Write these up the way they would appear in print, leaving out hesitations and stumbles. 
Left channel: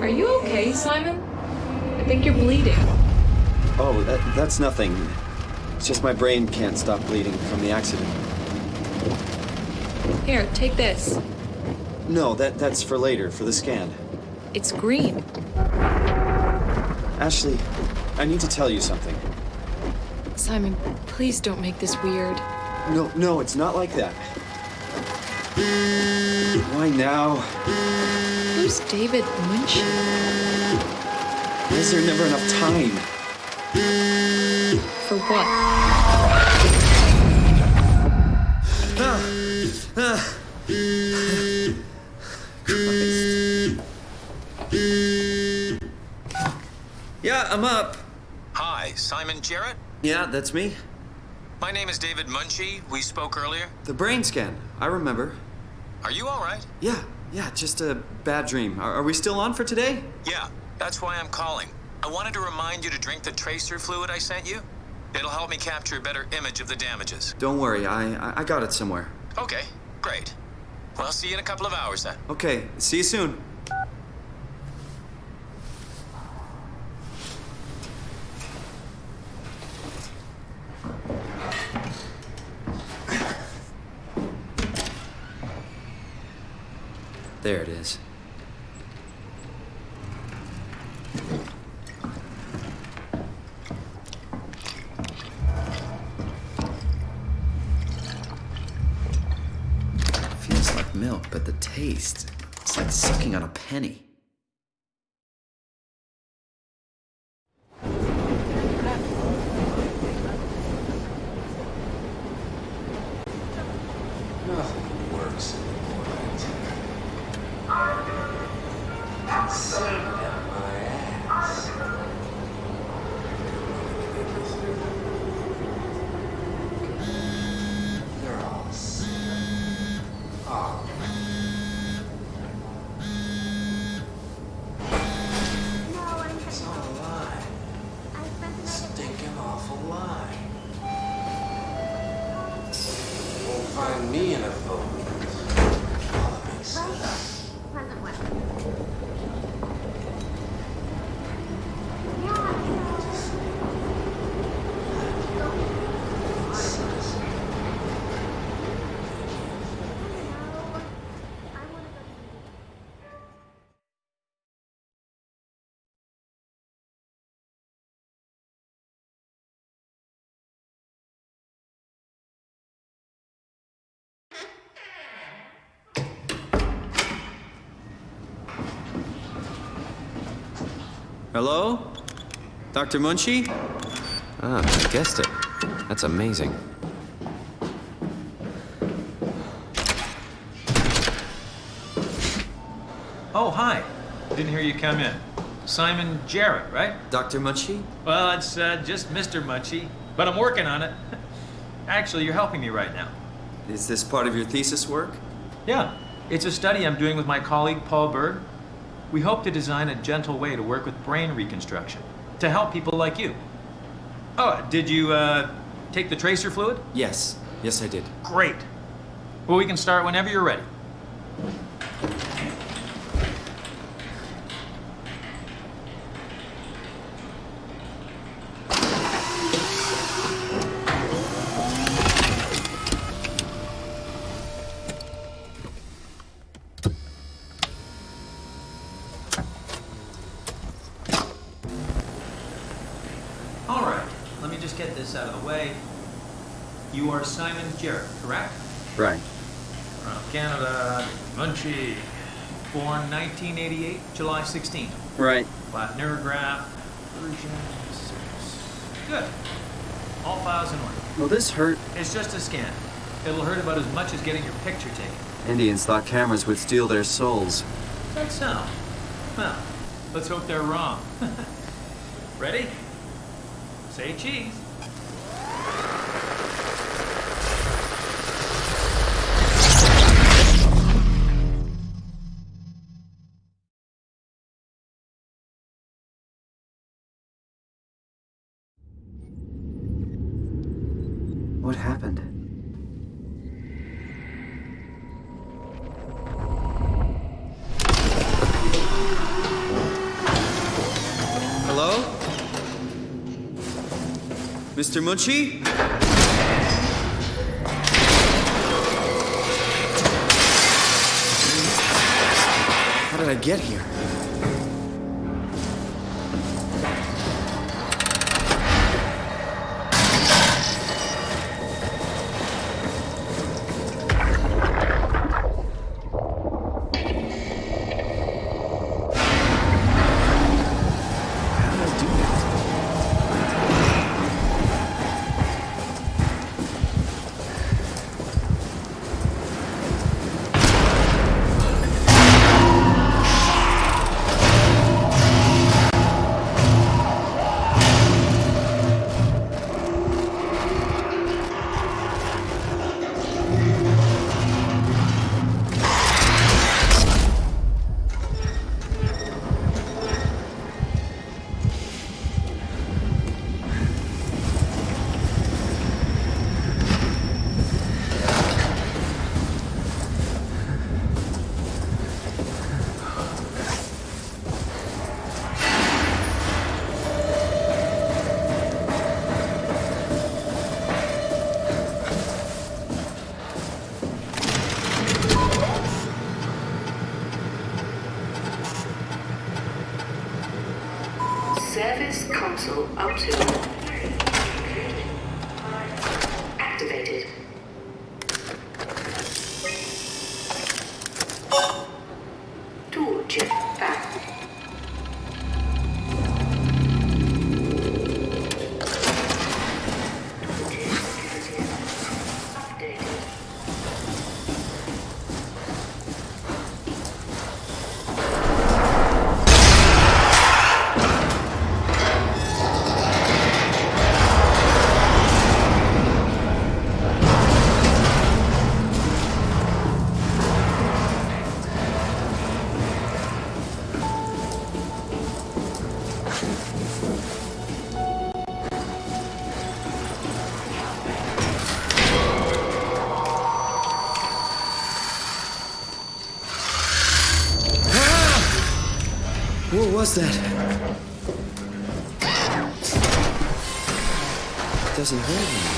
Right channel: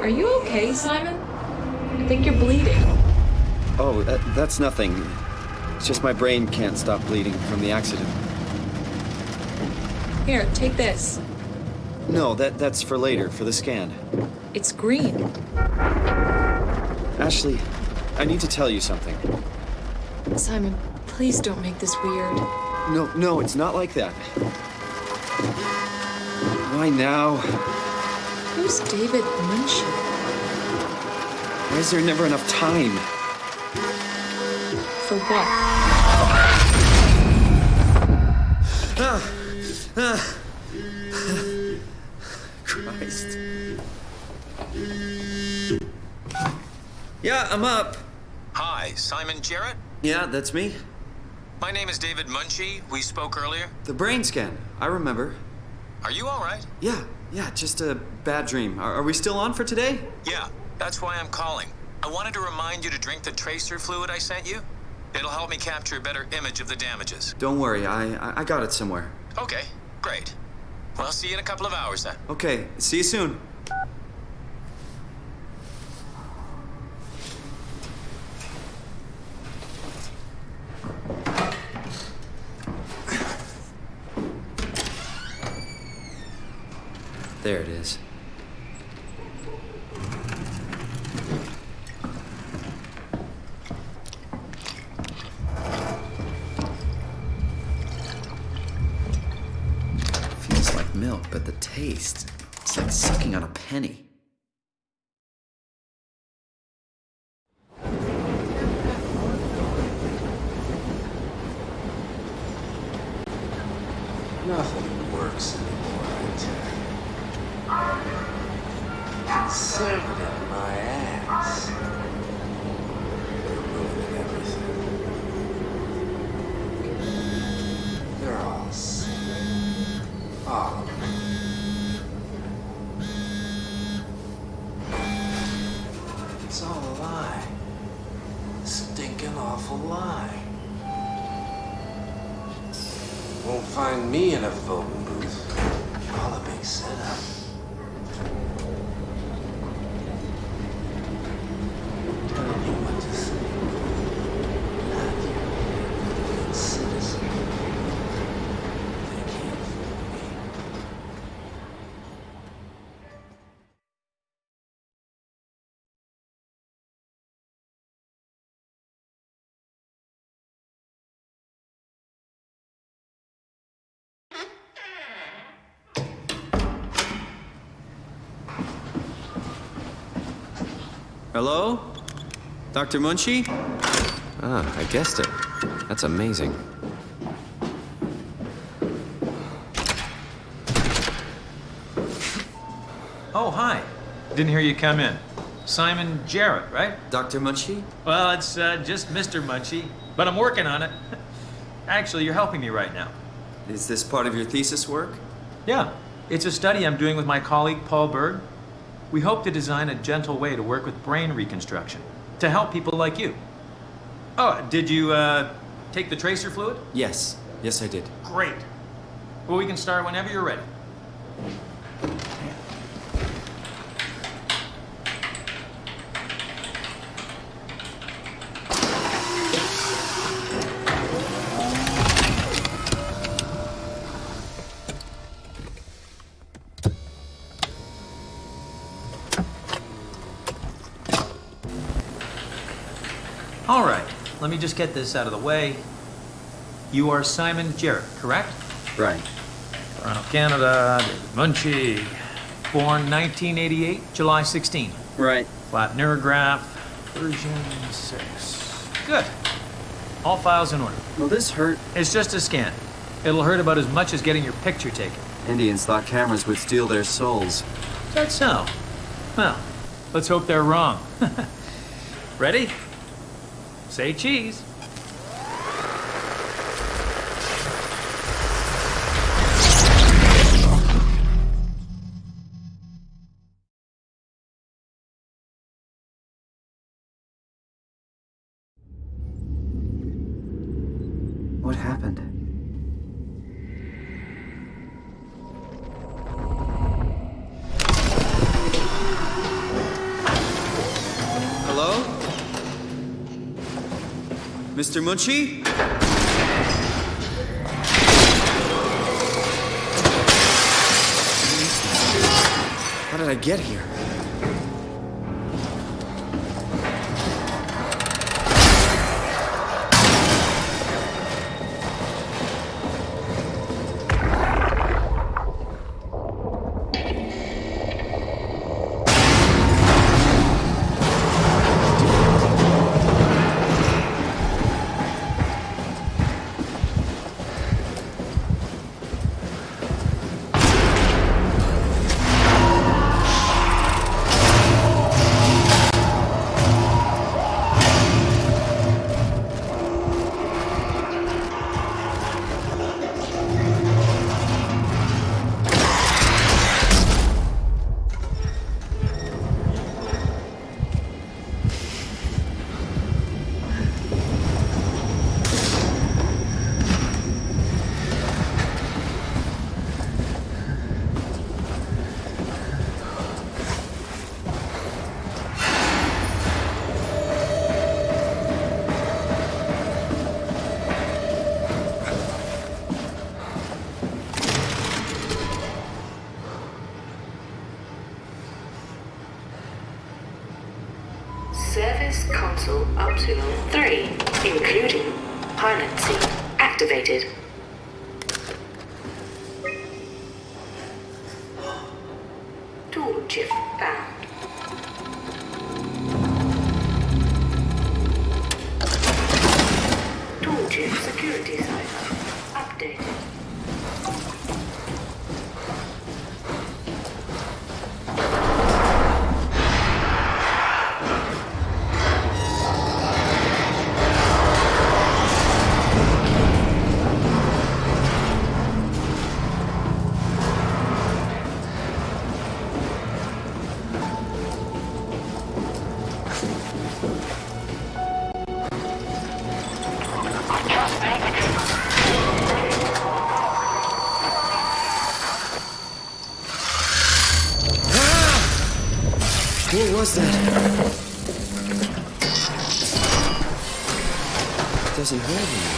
Are you okay, Simon? I think you're bleeding. Oh, that's nothing. It's just my brain can't stop bleeding from the accident. Here, take this. No, that's for later, for the scan. It's green. Ashley, I need to tell you something. Simon, please don't make this weird. No, it's not like that. Why now? Who's David Munchie? Why is there never enough time? For what? Christ. Yeah, I'm up. Hi, Simon Jarrett? Yeah, that's me. My name is David Munchie. We spoke earlier. The brain scan, I remember. Are you all right? Yeah, just a bad dream. Are we still on for today? Yeah, that's why I'm calling. I wanted to remind you to drink the tracer fluid I sent you. It'll help me capture a better image of the damages. Don't worry, I got it somewhere. Okay, great. Well, see you in a couple of hours then. Okay, see you soon. There it is. Feels like milk, but the taste, it's like sucking on a penny. Nothing works anymore, I tell you. Conservative, my ass. They're ruining everything. They're all sick. All of them. It's all a lie. Stinking awful lie. Won't find me in a voting booth. All a big setup. Telling you what to think. Not you. Citizen. They can't fool me. Hello? Dr. Munchie? Ah, I guessed it. That's amazing. Oh, hi. Didn't hear you come in. Simon Jarrett, right? Dr. Munchie? Well, it's just Mr. Munchie, but I'm working on it. Actually, you're helping me right now. Is this part of your thesis work? Yeah, it's a study I'm doing with my colleague Paul Berg. We hope to design a gentle way to work with brain reconstruction to help people like you. Oh, did you take the tracer fluid? Yes, I did. Great. Well, we can start whenever you're ready. All right, let me just get this out of the way. You are Simon Jarrett, correct? Right. Toronto, Canada, David Munchie. Born 1988, July 16. Right. Flat neurograph, version 6. Good. All files in order. Will this hurt? It's just a scan. It'll hurt about as much as getting your picture taken. Indians thought cameras would steal their souls. Is that so? Well, let's hope they're wrong. Ready? Say cheese. What happened? Hello? Mr. Munchie? How did I get here? Service console option 3, including pilot seat, activated. Tool chip found. Tool chip security cipher updated. What was that? It doesn't hurt anymore.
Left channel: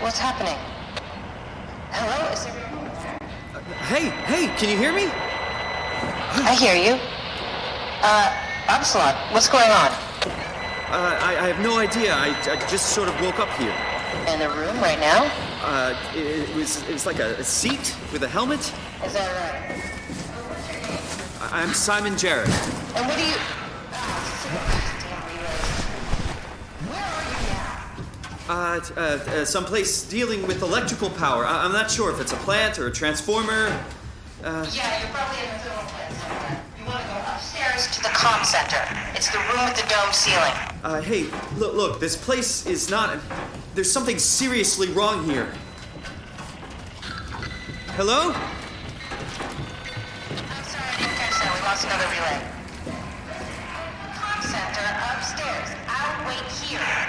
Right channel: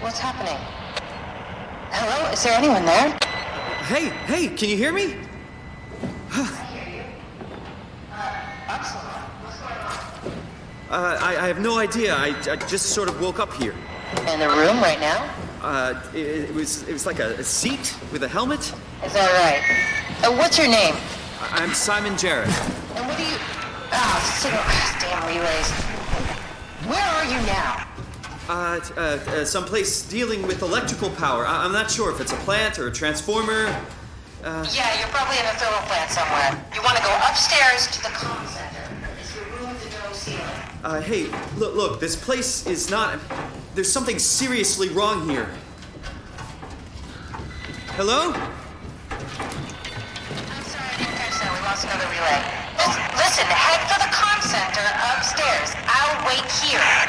What's happening? Hello? Is there anyone there? Hey, can you hear me? I hear you. Absalom, what's going on? I have no idea. I just sort of woke up here. In the room right now? It was like a seat with a helmet. Is that right? What's your name? I'm Simon Jarrett. And what do you... damn relays. Where are you now? Someplace dealing with electrical power. I'm not sure if it's a plant or a transformer. Yeah, you're probably in a thermal plant somewhere. You want to go upstairs to the comm center. It's the room with the dome ceiling. Hey, look, this place is not... There's something seriously wrong here. Hello? I'm sorry, I didn't catch that. We lost another relay. Just listen, head for the comm center upstairs. I'll wait here.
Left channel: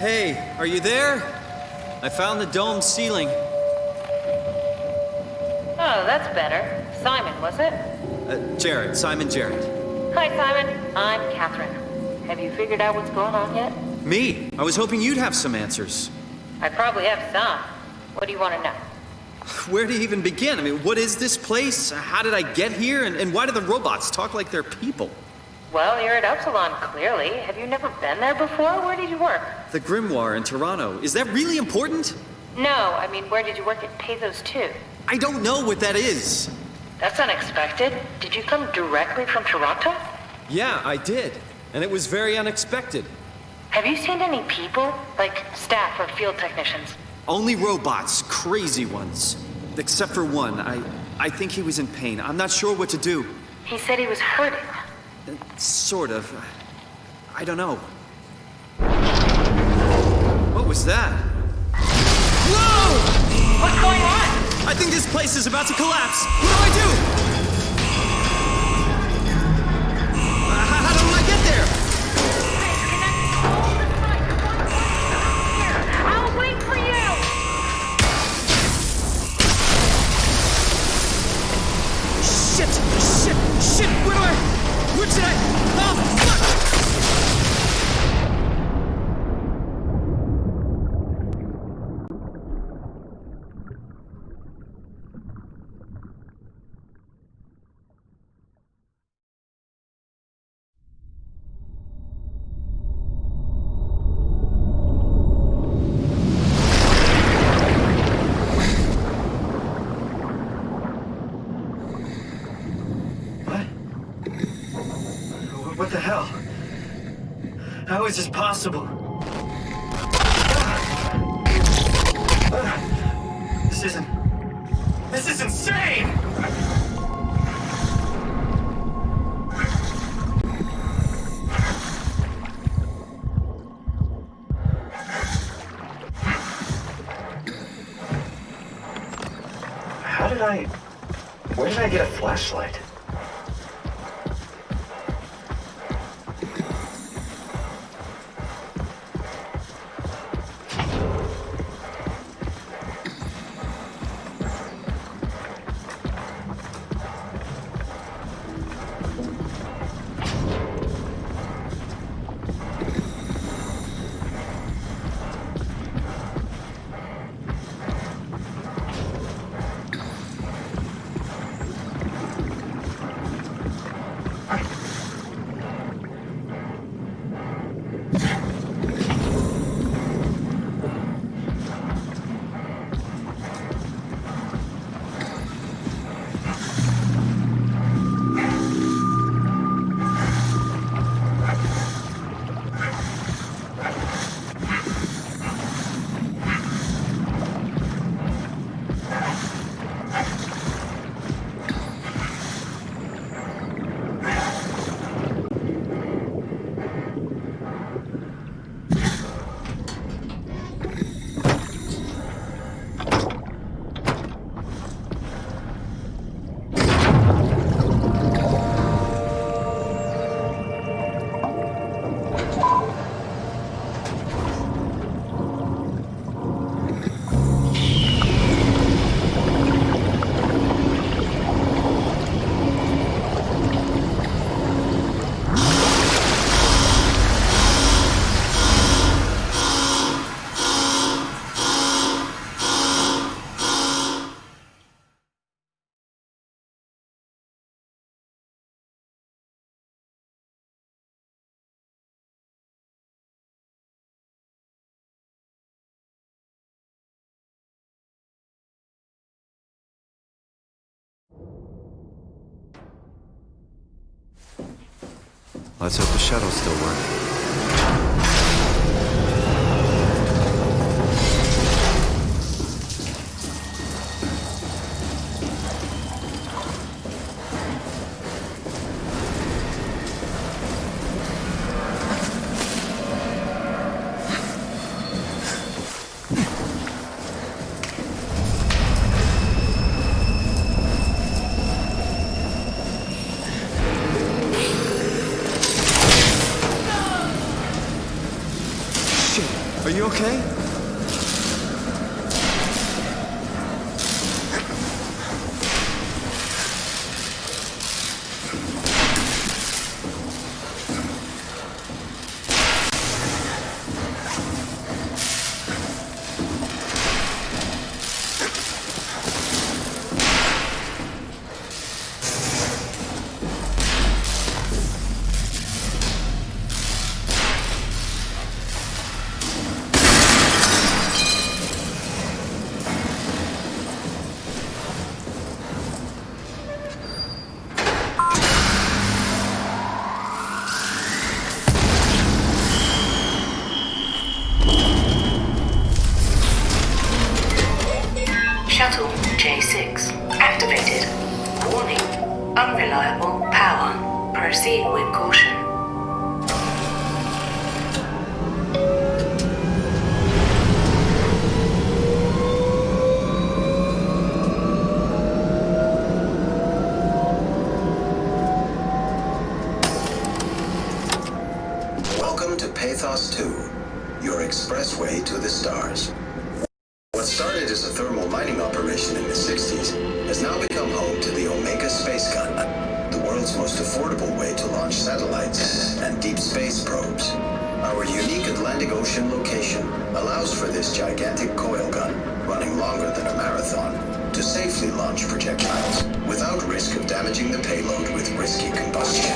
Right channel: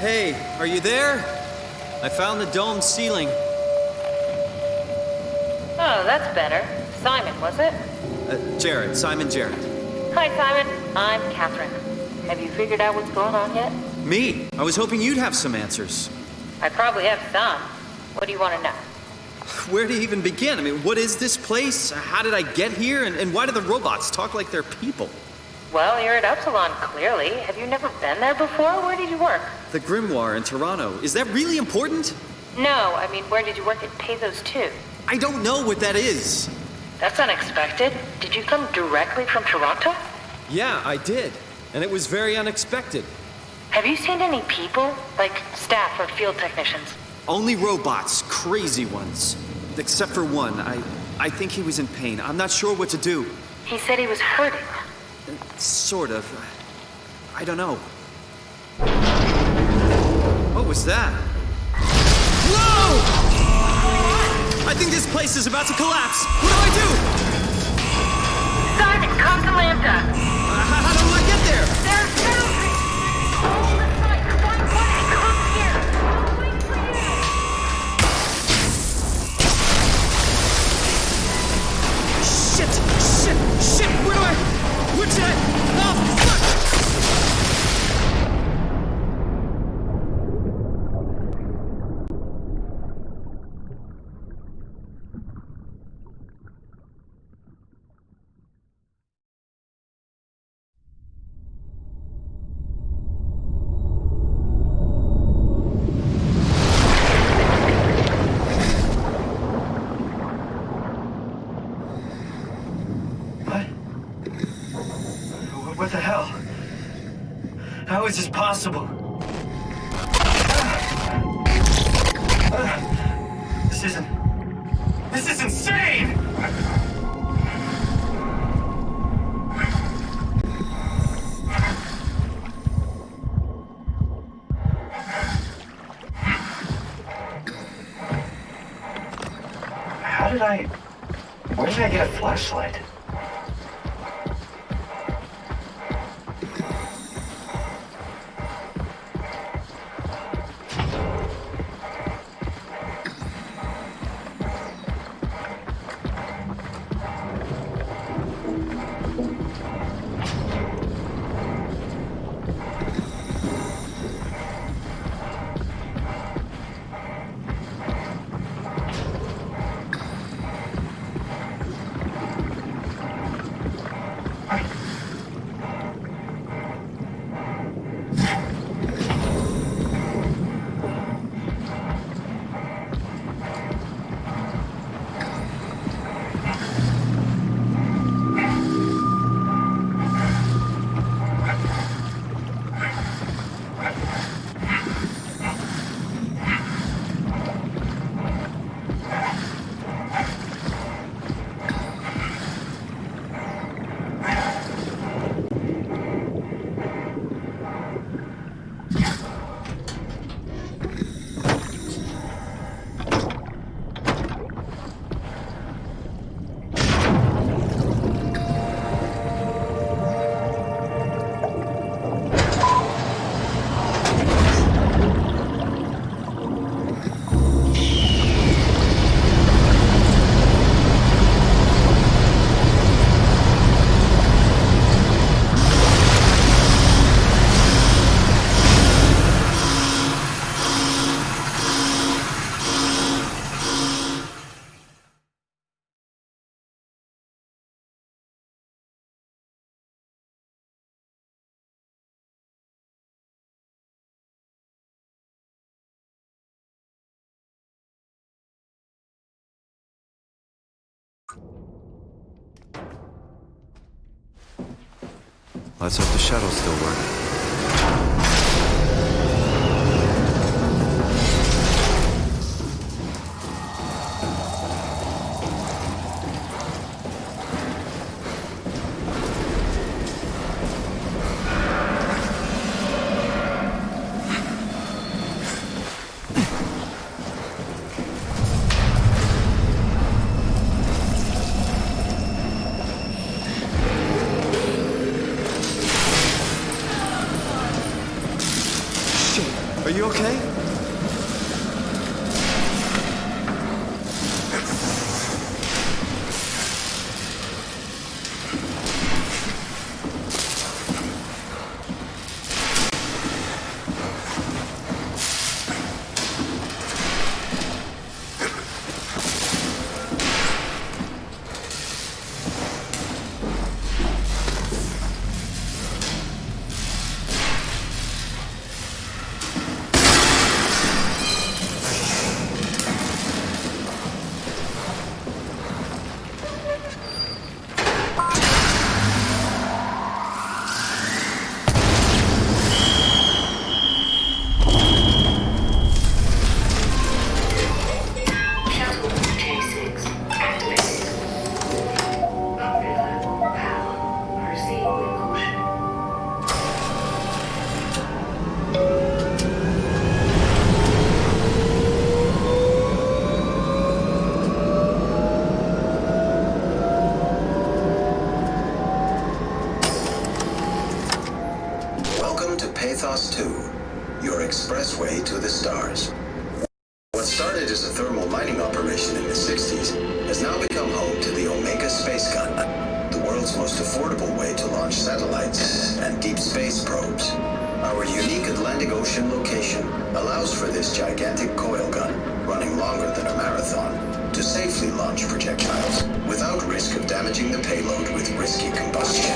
Hey, are you there? I found the dome ceiling. Oh, that's better. Simon, was it? Jarrett, Simon Jarrett. Hi, Simon. I'm Catherine. Have you figured out what's going on yet? Me? I was hoping you'd have some answers. I probably have some. What do you want to know? Where to even begin? I mean, what is this place? How did I get here? And why do the robots talk like they're people? Well, you're at Upsilon, clearly. Have you never been there before? Where did you work? The Grimoire in Toronto. Is that really important? No, I mean, where did you work at Pezos 2? I don't know what that is. That's unexpected. Did you come directly from Toronto? Yeah, I did. And it was very unexpected. Have you seen any people? Like staff or field technicians? Only robots, crazy ones. Except for one. I think he was in pain. I'm not sure what to do. He said he was hurting. Sort of. I don't know. What was that? Whoa! What's going on? I think this place is about to collapse. What do I do? Simon, come to Lambda. How do I get there? There's airplanes connecting all the sites. Find one and come here. I'll wait for you. Shit! Where should I? Oh, fuck! What the hell? How is this possible? This is insane! Where did I get a flashlight? Let's hope the shuttles still work. Shit, are you okay? Shuttle J6 activated. Warning. Unreliable power. Proceed with caution. Welcome to Pathos 2, your expressway to the stars. What started as a thermal mining operation in the 60s has now become home to the Omega Space Gun, the world's most affordable way to launch satellites and deep space probes. Our unique Atlantic Ocean location allows for this gigantic coil gun, running longer than a marathon, to safely launch projectiles without risk of damaging the payload with risky combustion.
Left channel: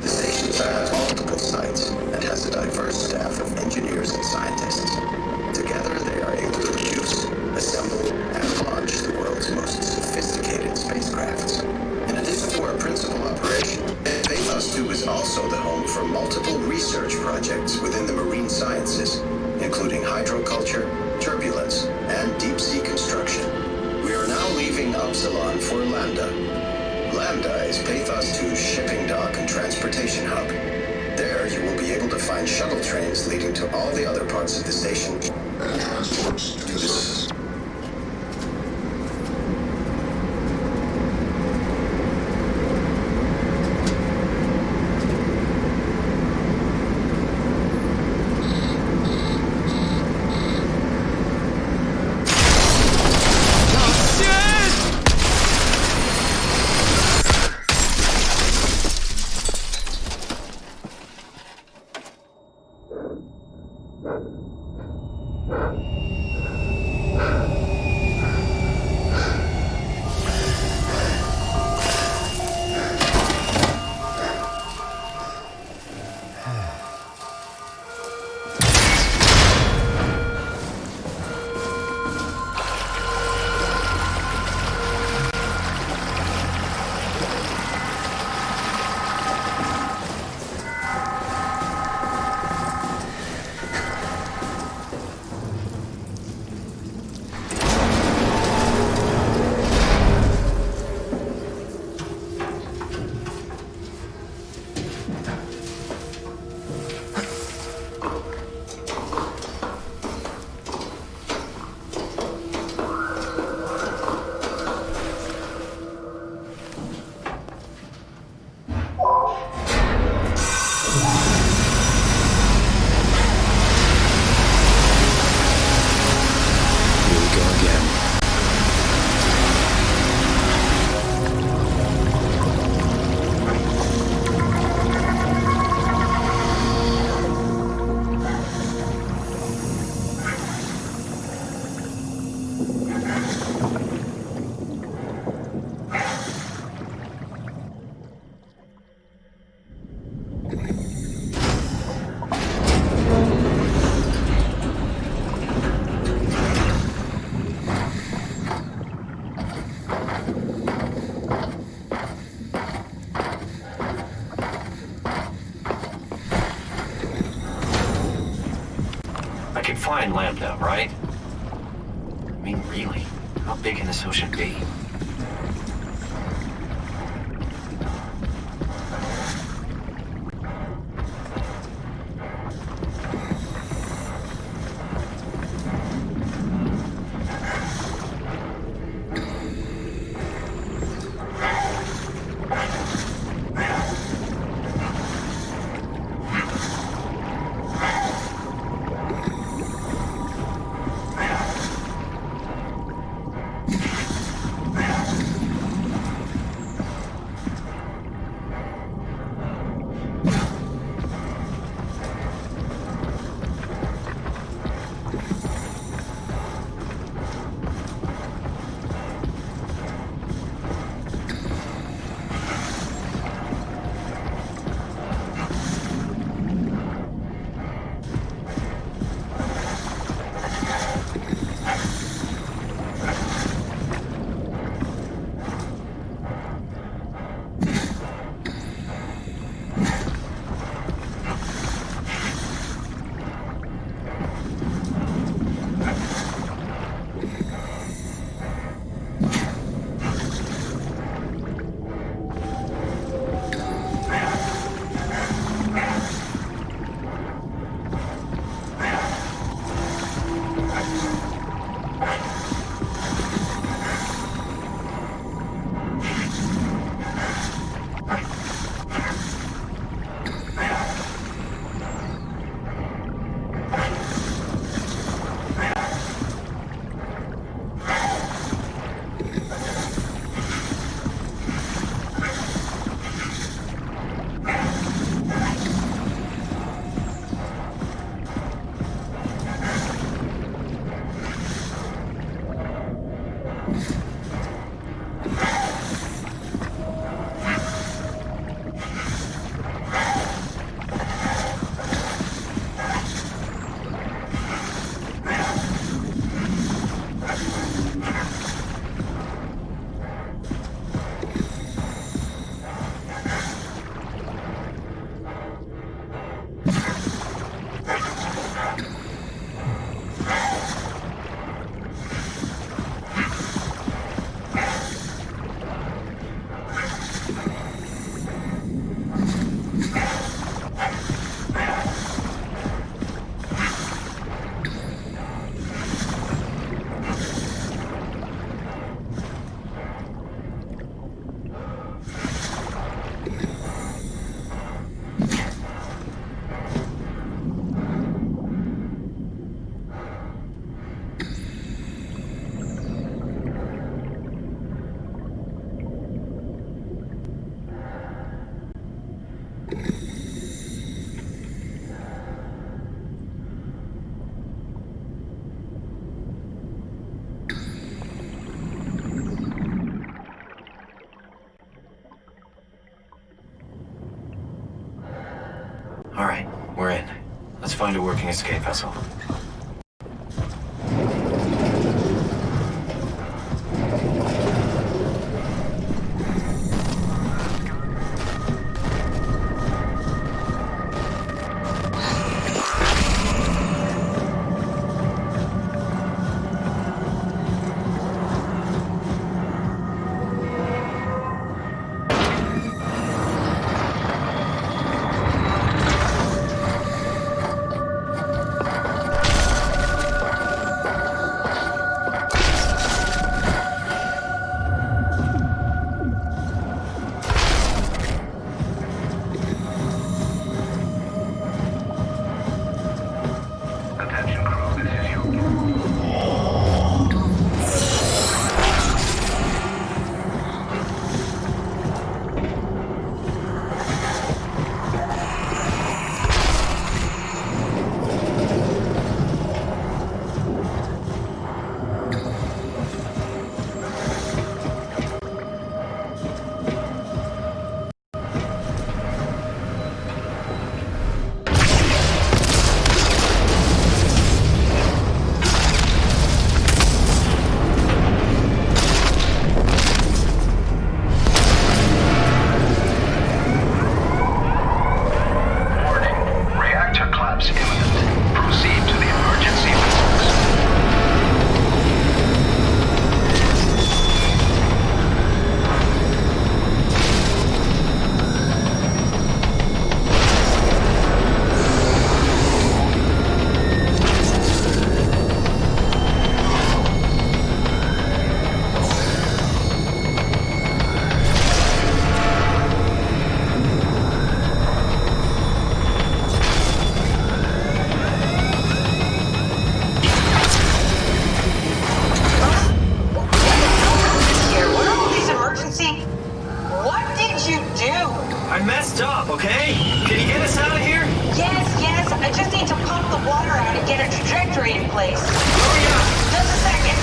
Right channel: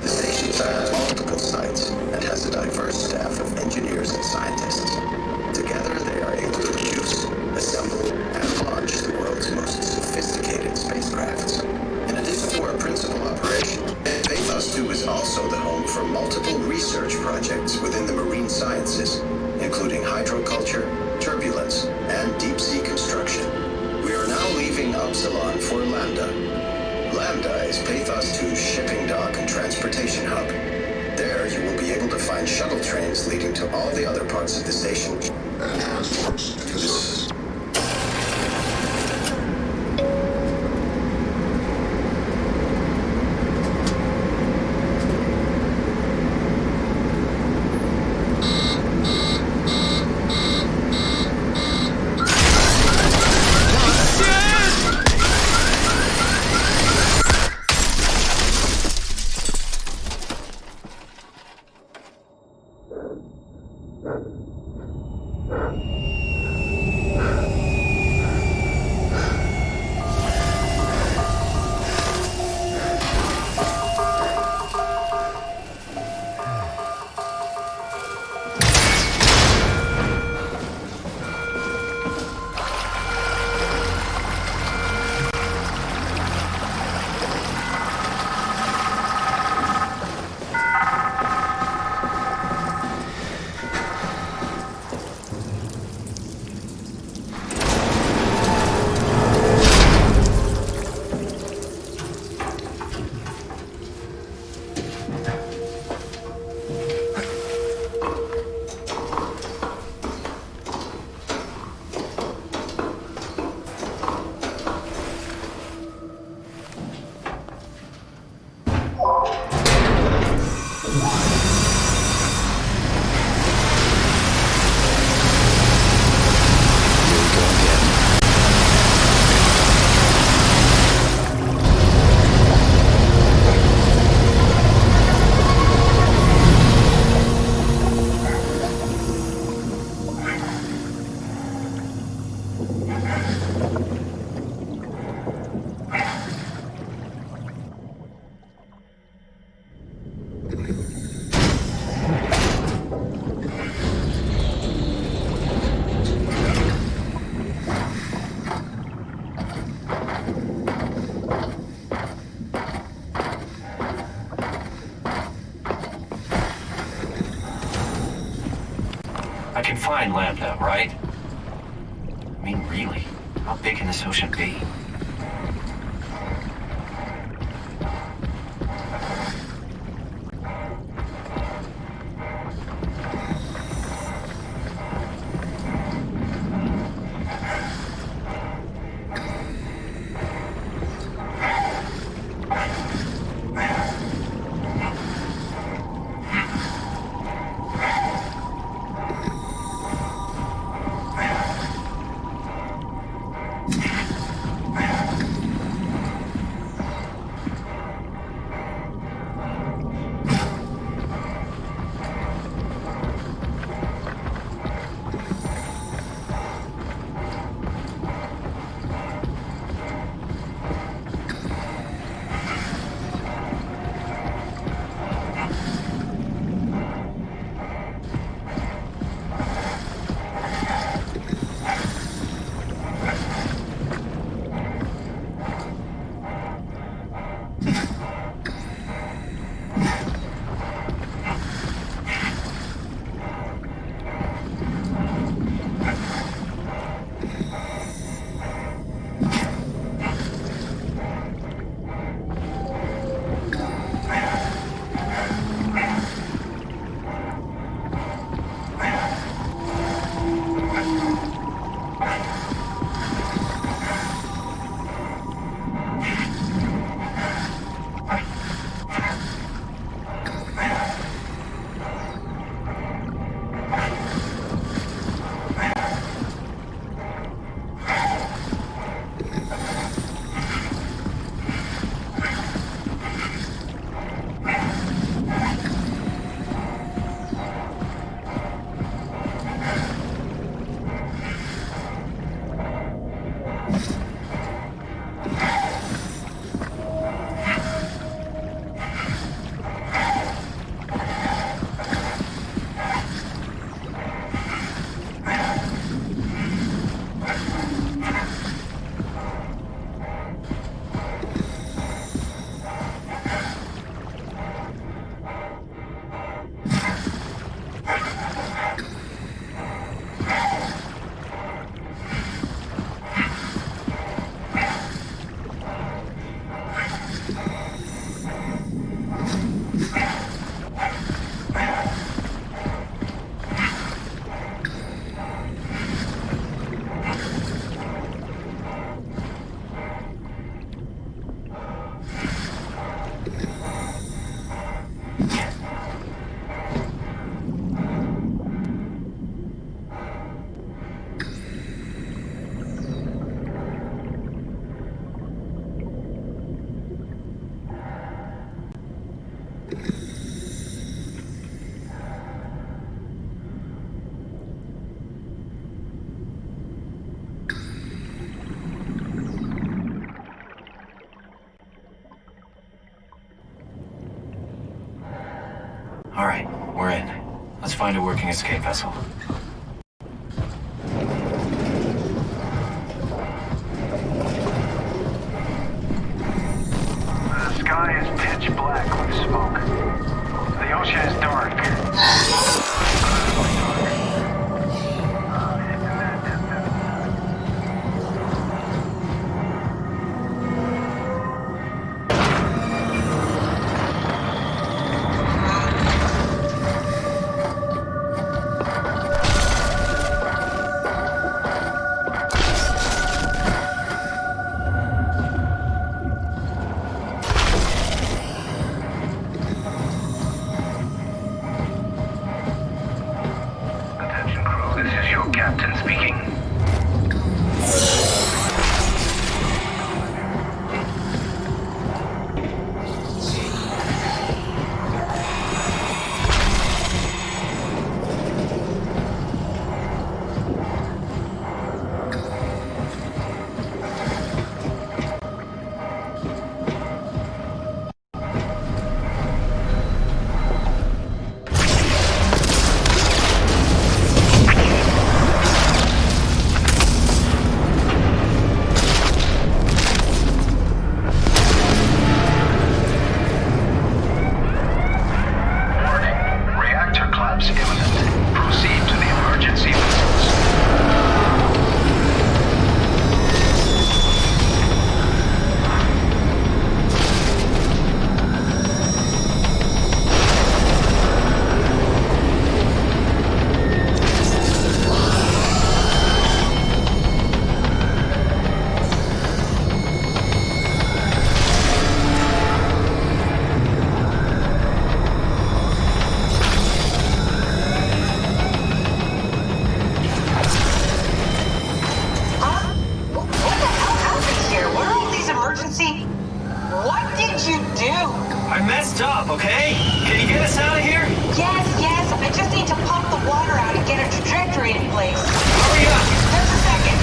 The station has multiple sites and has a diverse staff of engineers and scientists. Together, they are able to produce, assemble, and launch the world's most sophisticated spacecrafts. In addition to our principal operation, Pathos 2 is also the home for multiple research projects within the marine sciences, including hydroculture, turbulence, and deep-sea construction. We are now leaving Upsilon for Lambda. Lambda is Pathos 2's shipping dock and transportation hub. There, you will be able to find shuttle trains leading to all the other parts of the station and transports to the surface. can find Lambda, right? I mean, really, how big can this ocean be? All right, we're in. Let's find a working escape vessel. The sky is pitch black with smoke. The ocean is dark. get a trajectory in place. Hurry up! Just a second.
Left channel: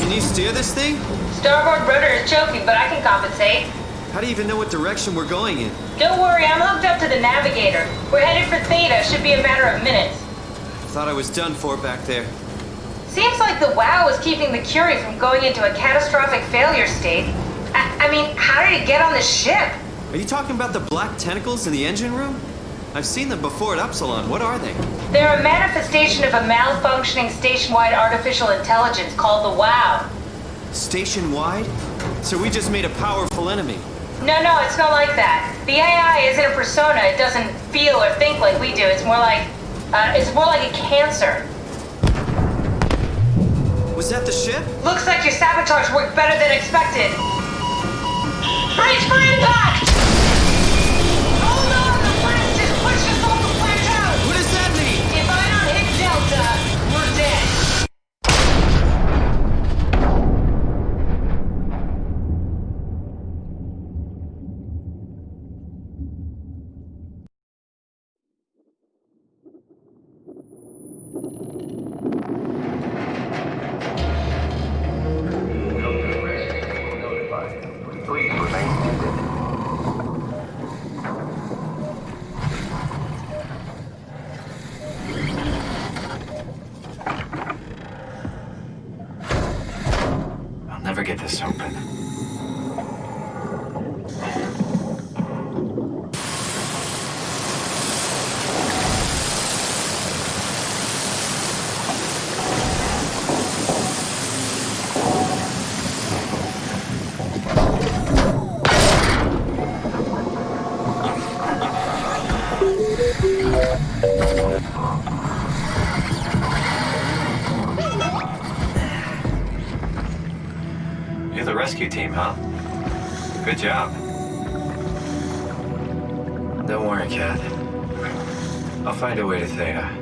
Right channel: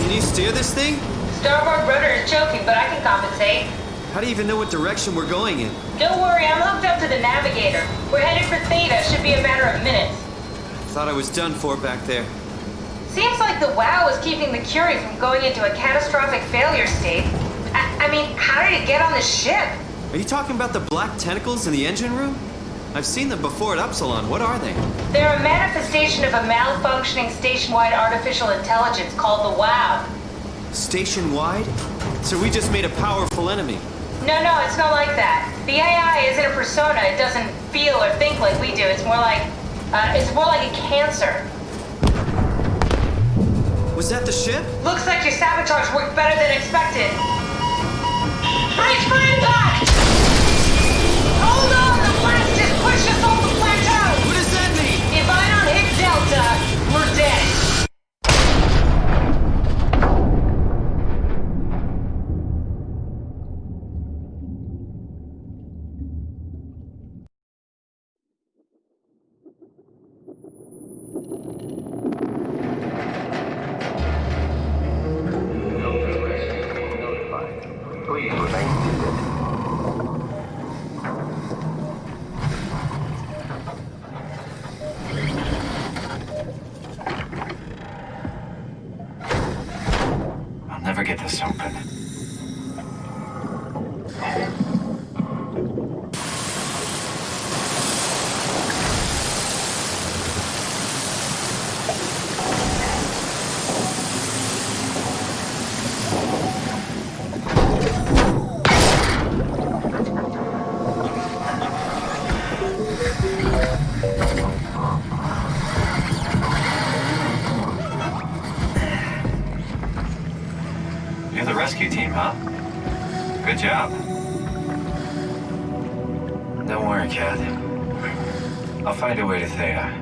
Can you steer this thing? Starboard rudder is choking, but I can compensate. How do you even know what direction we're going in? Don't worry, I'm hooked up to the navigator. We're headed for Theta. Should be a matter of minutes. Thought I was done for back there. Seems like the WOW is keeping the Curie from going into a catastrophic failure state. I mean, how did it get on the ship? Are you talking about the black tentacles in the engine room? I've seen them before at Upsilon. What are they? They're a manifestation of a malfunctioning station-wide artificial intelligence called the WOW. Station-wide? So we just made a powerful enemy. No, it's not like that. The AI isn't a persona. It doesn't feel or think like we do. It's more like a cancer. Was that the ship? Looks like your sabotage worked better than expected. Brace for impact! Hold on, the blast just pushed us off the plateau! What does that mean? If I don't hit Delta, we're dead. Please remain seated. I'll never get this open. You're the rescue team, huh? Good job. Don't worry, Kat. I'll find a way to Theta.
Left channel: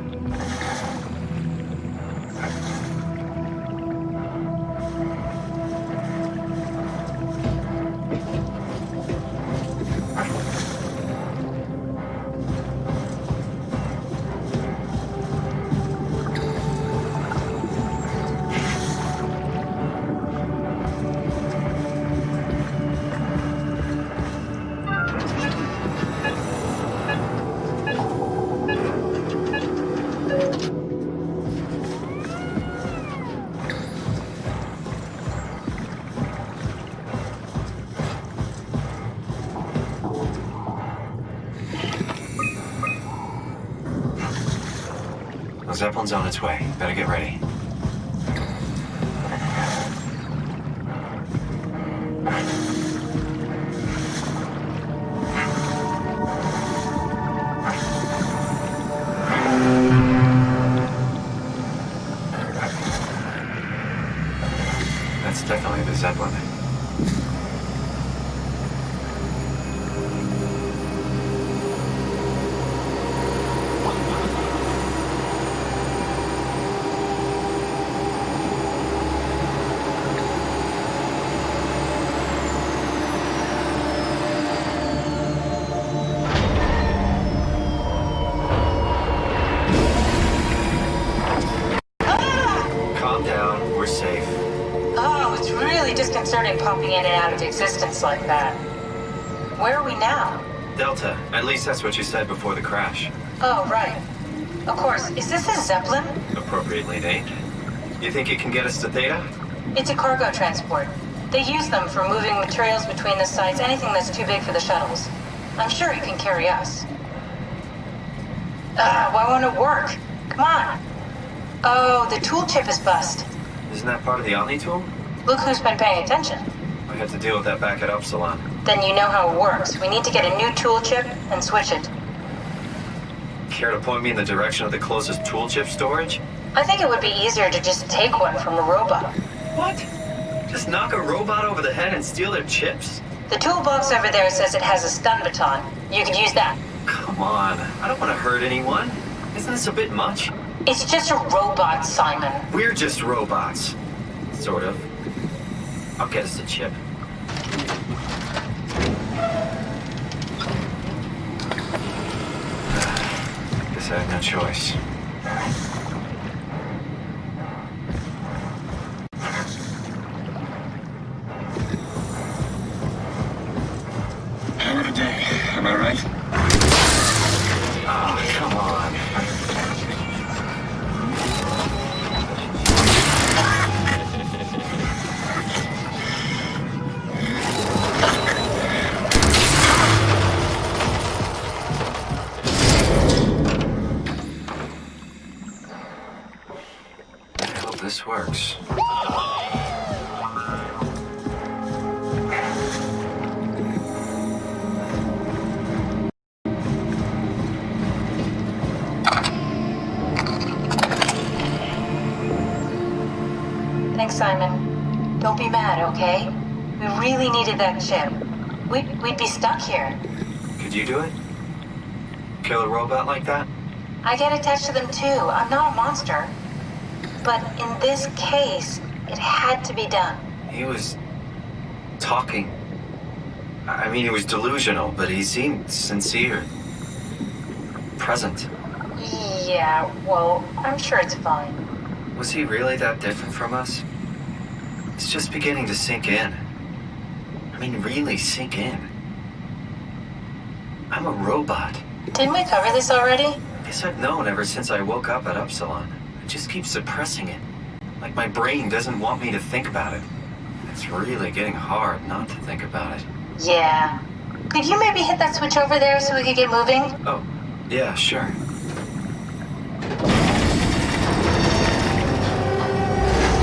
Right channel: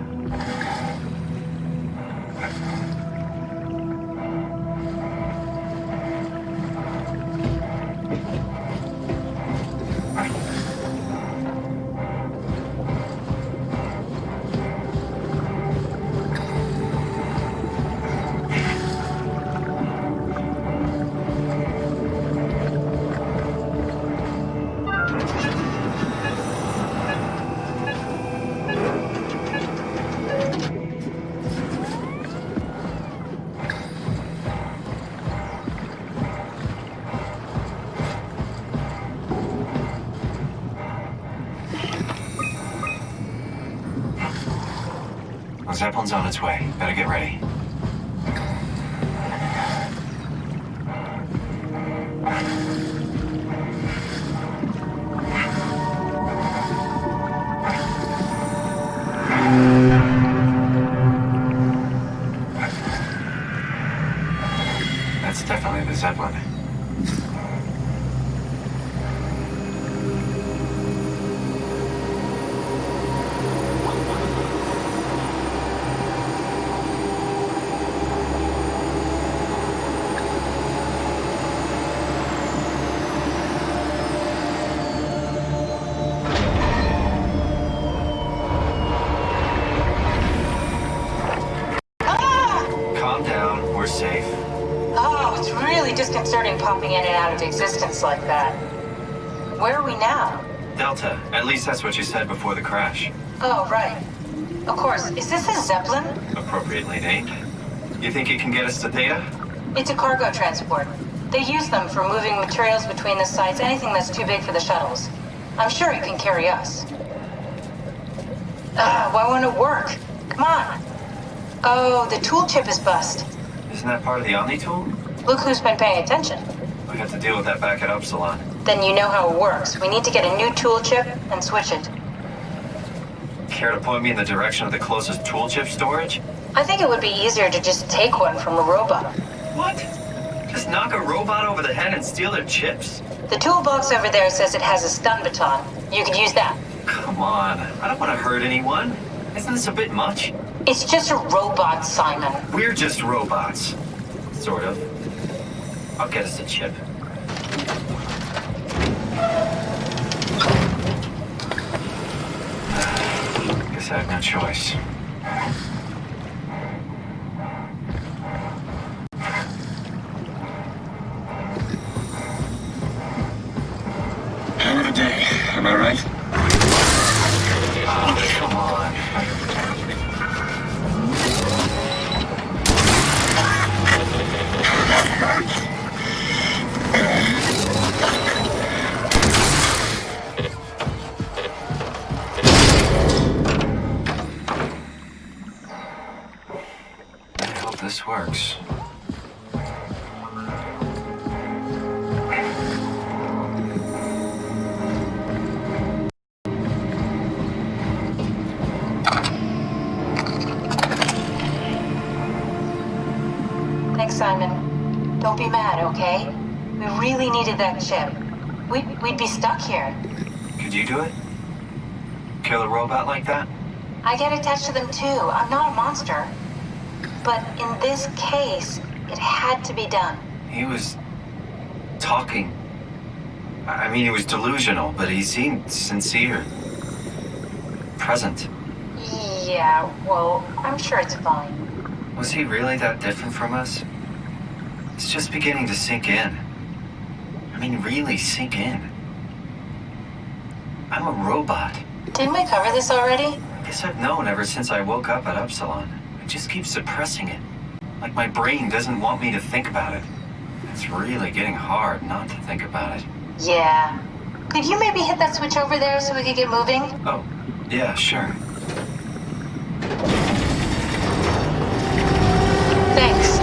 Zeppelin's on its way. Better get ready. That's definitely the Zeppelin. We're safe. Oh, it's really disconcerting popping in and out of existence like that. Where are we now? Delta. At least that's what you said before the crash. Oh, right. Of course. Is this a Zeppelin? Appropriately named. You think it can get us to Theta? It's a cargo transport. They use them for moving materials between the sites, anything that's too big for the shuttles. I'm sure it can carry us. Why won't it work? Come on. Oh, the tool chip is bust. Isn't that part of the Omni tool? Look who's been paying attention. We had to deal with that back at Upsilon. Then you know how it works. We need to get a new tool chip and switch it. Care to point me in the direction of the closest tool chip storage? I think it would be easier to just take one from a robot. What? Just knock a robot over the head and steal their chips? The toolbox over there says it has a stun baton. You could use that. Come Come on, I don't want to hurt anyone. Isn't this a bit much? It's just a robot, Simon. We're just robots. Sort of. I'll get us a chip. Guess I have no choice. Hammer day, am I right? Oh, come on. I hope this works. Thanks, Simon. Don't be mad, okay? We really needed that chip. We'd be stuck here. Could you do it? Kill a robot like that? I get attached to them too. I'm not a monster. But in this case, it had to be done. He was talking. I mean, he was delusional, but he seemed sincere. Present. Yeah, well, I'm sure it's fine. Was he really that different from us? It's just beginning to sink in. I mean, really sink in. I'm a robot. Didn't we cover this already? Guess I've known ever since I woke up at Upsilon. I just keep suppressing it. Like my brain doesn't want me to think about it. It's really getting hard not to think about it. Yeah. Could you maybe hit that switch over there so we could get moving? Oh, yeah, sure. Thanks.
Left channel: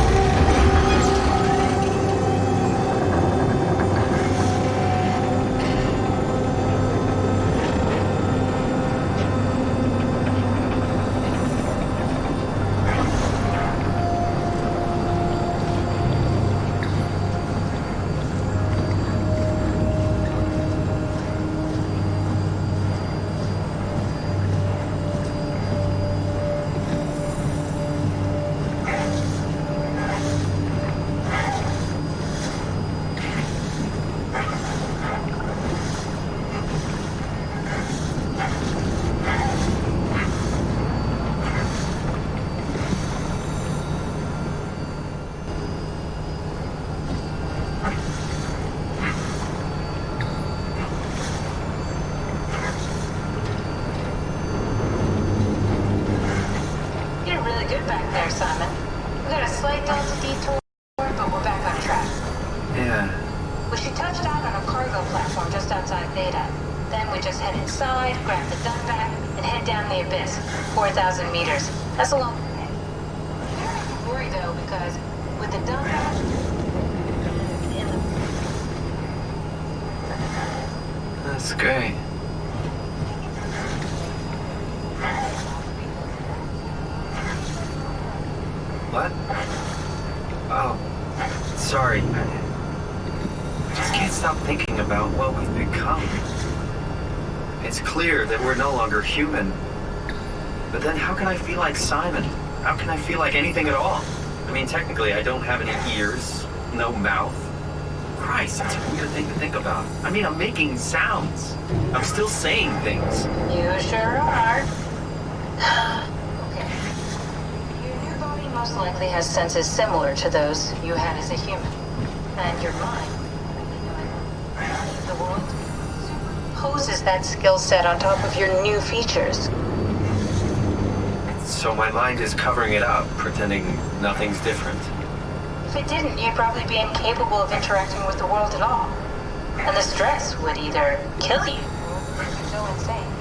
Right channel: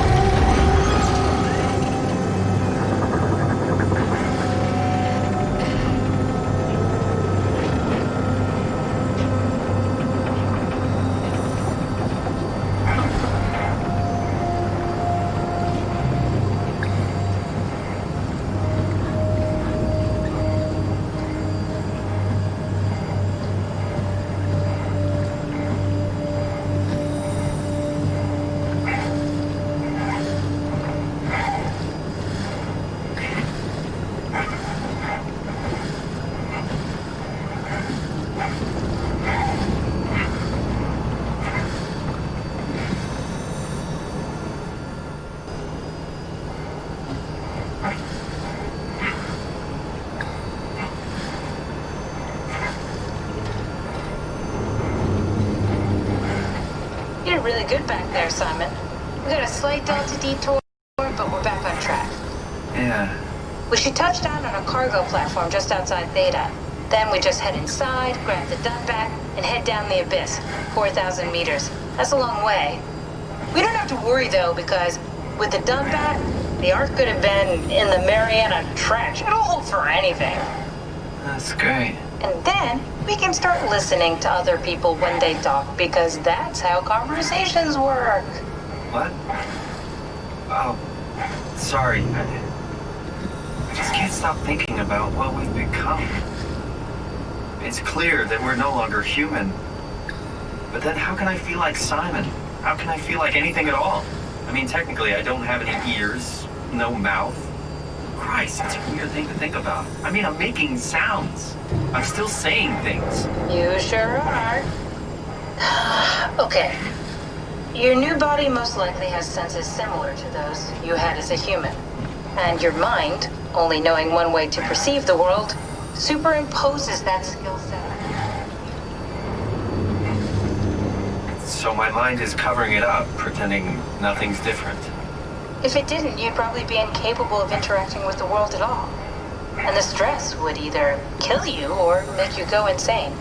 You did really good back there, Simon. We got a slight delta detour, but we're back on track. Yeah. We should touch down on a cargo platform just outside Theta. Then we just head inside, grab the dump back, and head down the abyss, 4,000 meters. That's a long way. We don't have to worry, though, because with the dump back, the Ark could have been in the Mariana Trench. It'll hold for anything. That's great. And then we can start listening to other people when they talk, because that's how conversations work. What? Oh, sorry. I just can't stop thinking about what we've become. It's clear that we're no longer human. But then how can I feel like Simon? How can I feel like anything at all? I mean, technically, I don't have any ears, no mouth. Christ, that's a weird thing to think about. I mean, I'm making sounds. I'm still saying things. You sure are. Okay. Your new body most likely has senses similar to those you had as a human. And your mind, only knowing one way to perceive the world, superimposes that skill set on top of your new features. So my mind is covering it up, pretending nothing's different. If it didn't, you'd probably be incapable of interacting with the world at all. And the stress would either kill you or make you go insane.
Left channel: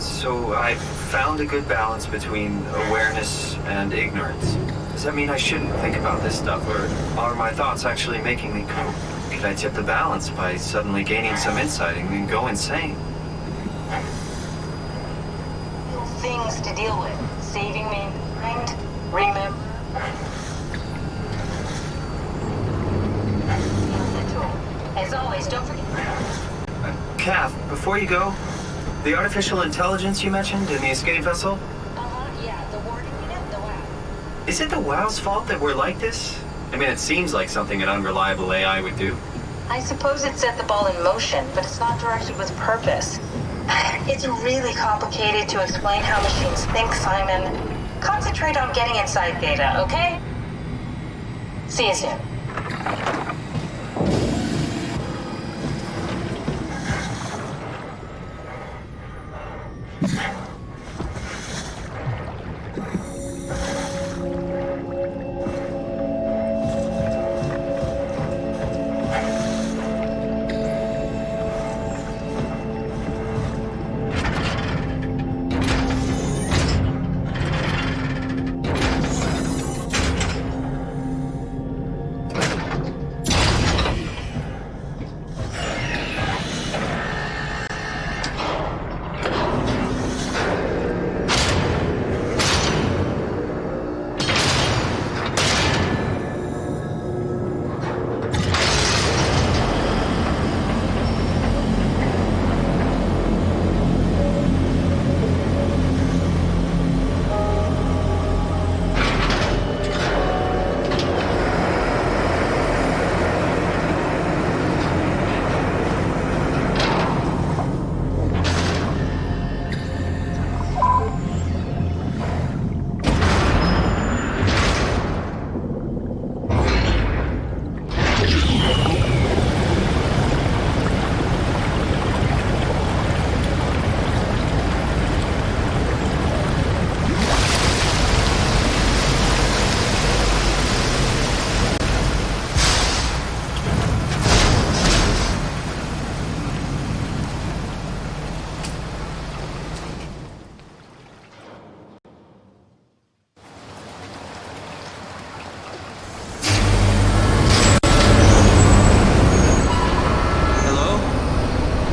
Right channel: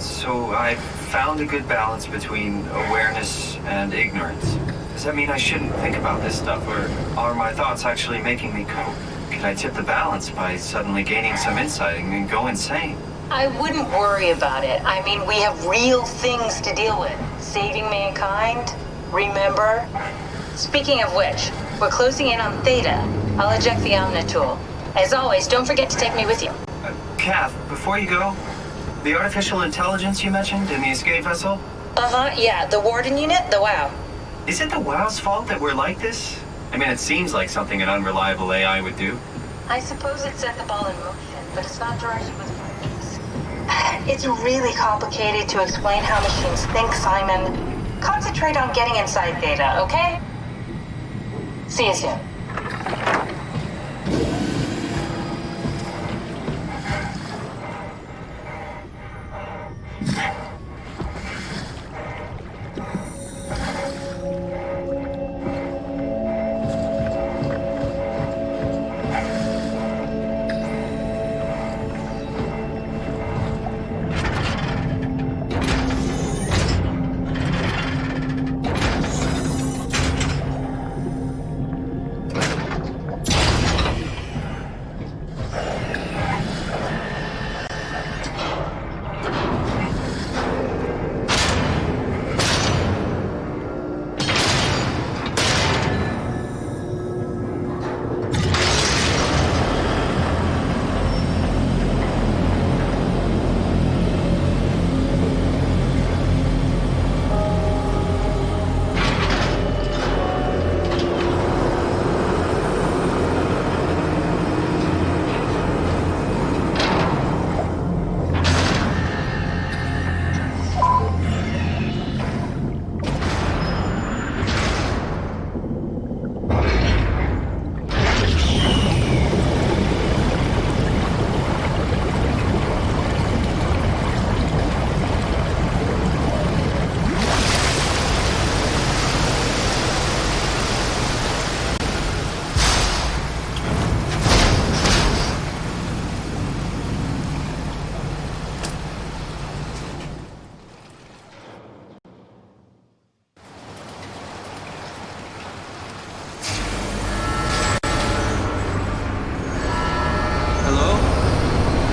So I've found a good balance between awareness and ignorance. Does that mean I shouldn't think about this stuff, or are my thoughts actually making me go? Could I tip the balance by suddenly gaining some insight and then go insane? I wouldn't worry about it. I mean, we have real things to deal with. Saving mankind, remember? Speaking of which, we're closing in on Theta. I'll eject the Omnitool. As always, don't forget to take me with you. Kath, before you go, The artificial intelligence you mentioned in the escape vessel? Uh-huh, yeah, the Warden unit, the WOW. Is it the WOW's fault that we're like this? I mean, it seems like something an unreliable AI would do. I suppose it set the ball in motion, but it's not directed with purpose. It's really complicated to explain how machines think, Simon. Concentrate on getting inside Theta, okay? See you soon.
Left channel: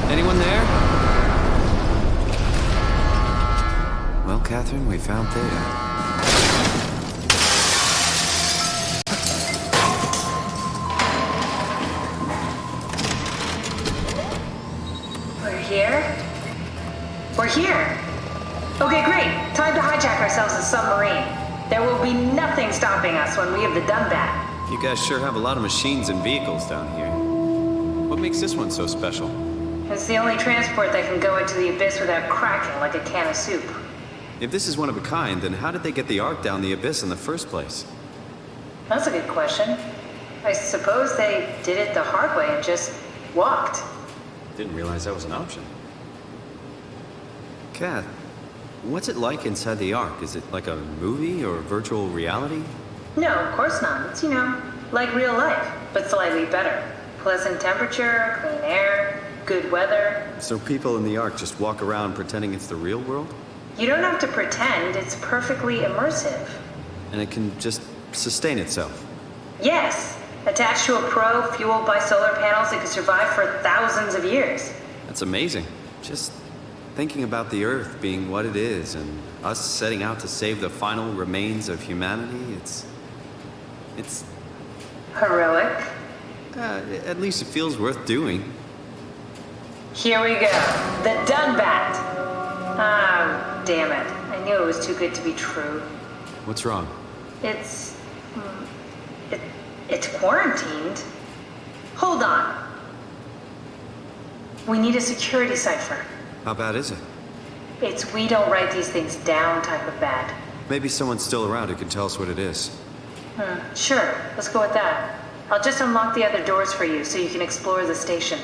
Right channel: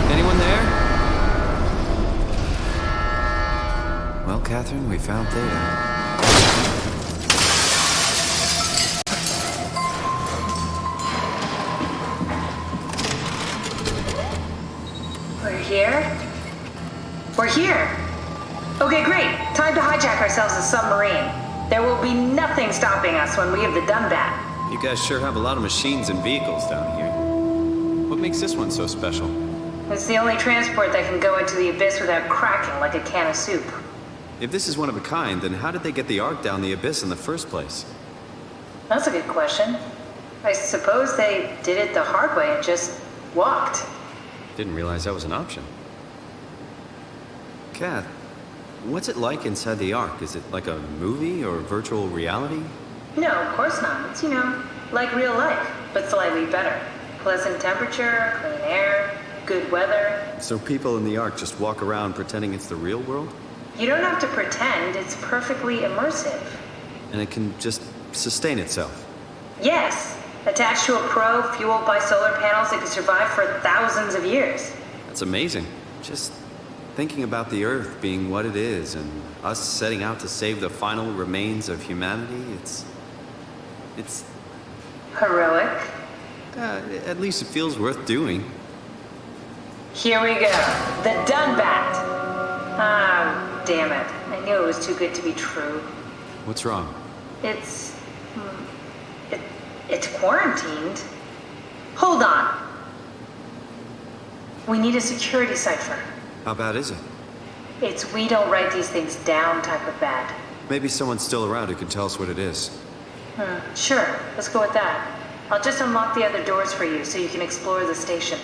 Anyone there? Well, Catherine, we found Theta. We're here? We're here! Okay, great. Time to hijack ourselves a submarine. There will be nothing stopping us when we have the Dunbat. You guys sure have a lot of machines and vehicles down here. What makes this one so special? It's the only transport that can go into the abyss without cracking like a can of soup. If this is one of a kind, then how did they get the Ark down the abyss in the first place? That's a good question. I suppose they did it the hard way and just walked. Didn't realize that was an option. Kath, what's it like inside the Ark? Is it like a movie or virtual reality? No, of course not. It's, like real life, but slightly better. Pleasant temperature, clean air, good weather. So people in the Ark just walk around pretending it's the real world? You don't have to pretend, it's perfectly immersive. And it can just sustain itself? Yes. Attached to a probe fueled by solar panels, it could survive for thousands of years. That's amazing. Just thinking about the Earth being what it is and us setting out to save the final remains of humanity, it's... Heroic? At least it feels worth doing. Here we go. The Dunbat! Ah, damn it. I knew it was too good to be true. What's wrong? It's quarantined. Hold on. We need a security cipher. How bad is it? It's we don't write these things down type of bad. Maybe someone's still around who can tell us what it is. Sure, let's go with that. I'll just unlock the other doors for you so you can explore the station.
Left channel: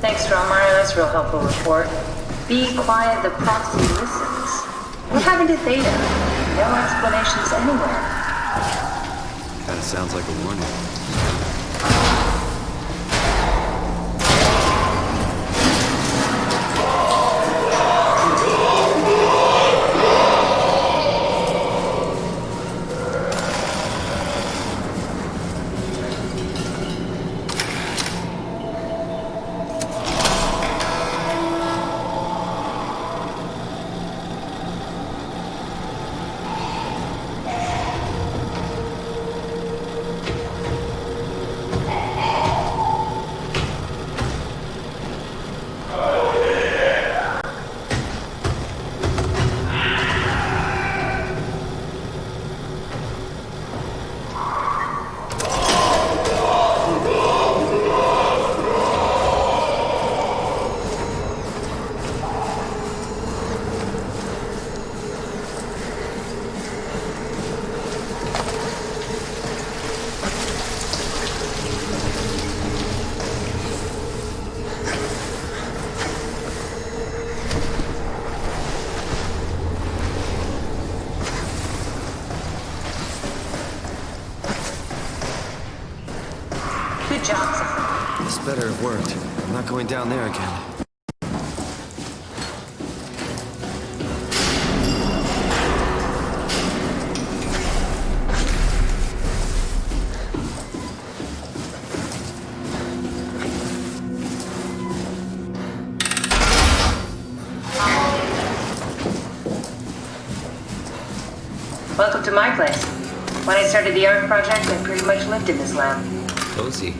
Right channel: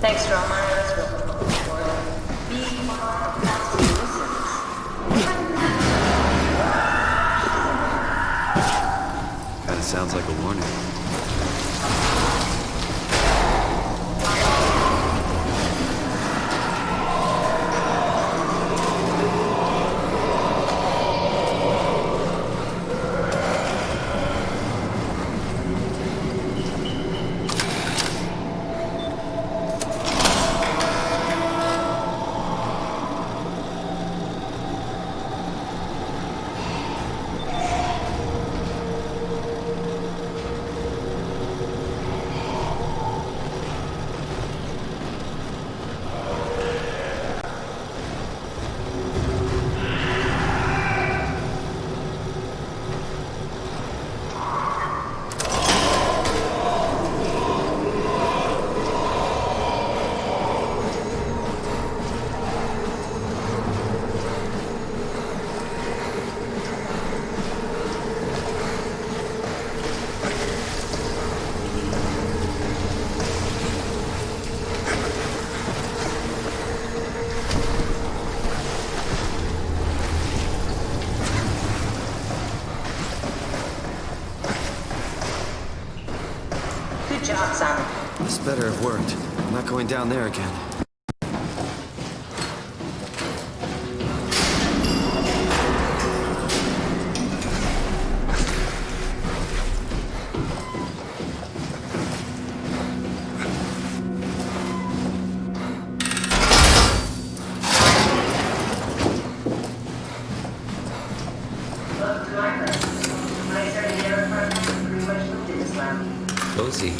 Thanks, Dromar. That's a real helpful report. Be quiet, the proxy listens. What happened to Theta? No explanations anywhere. Kinda sounds like a warning. better have worked. I'm not going down there again. Welcome to my place. When I started the art project, I pretty much lived in this lab. Cozy.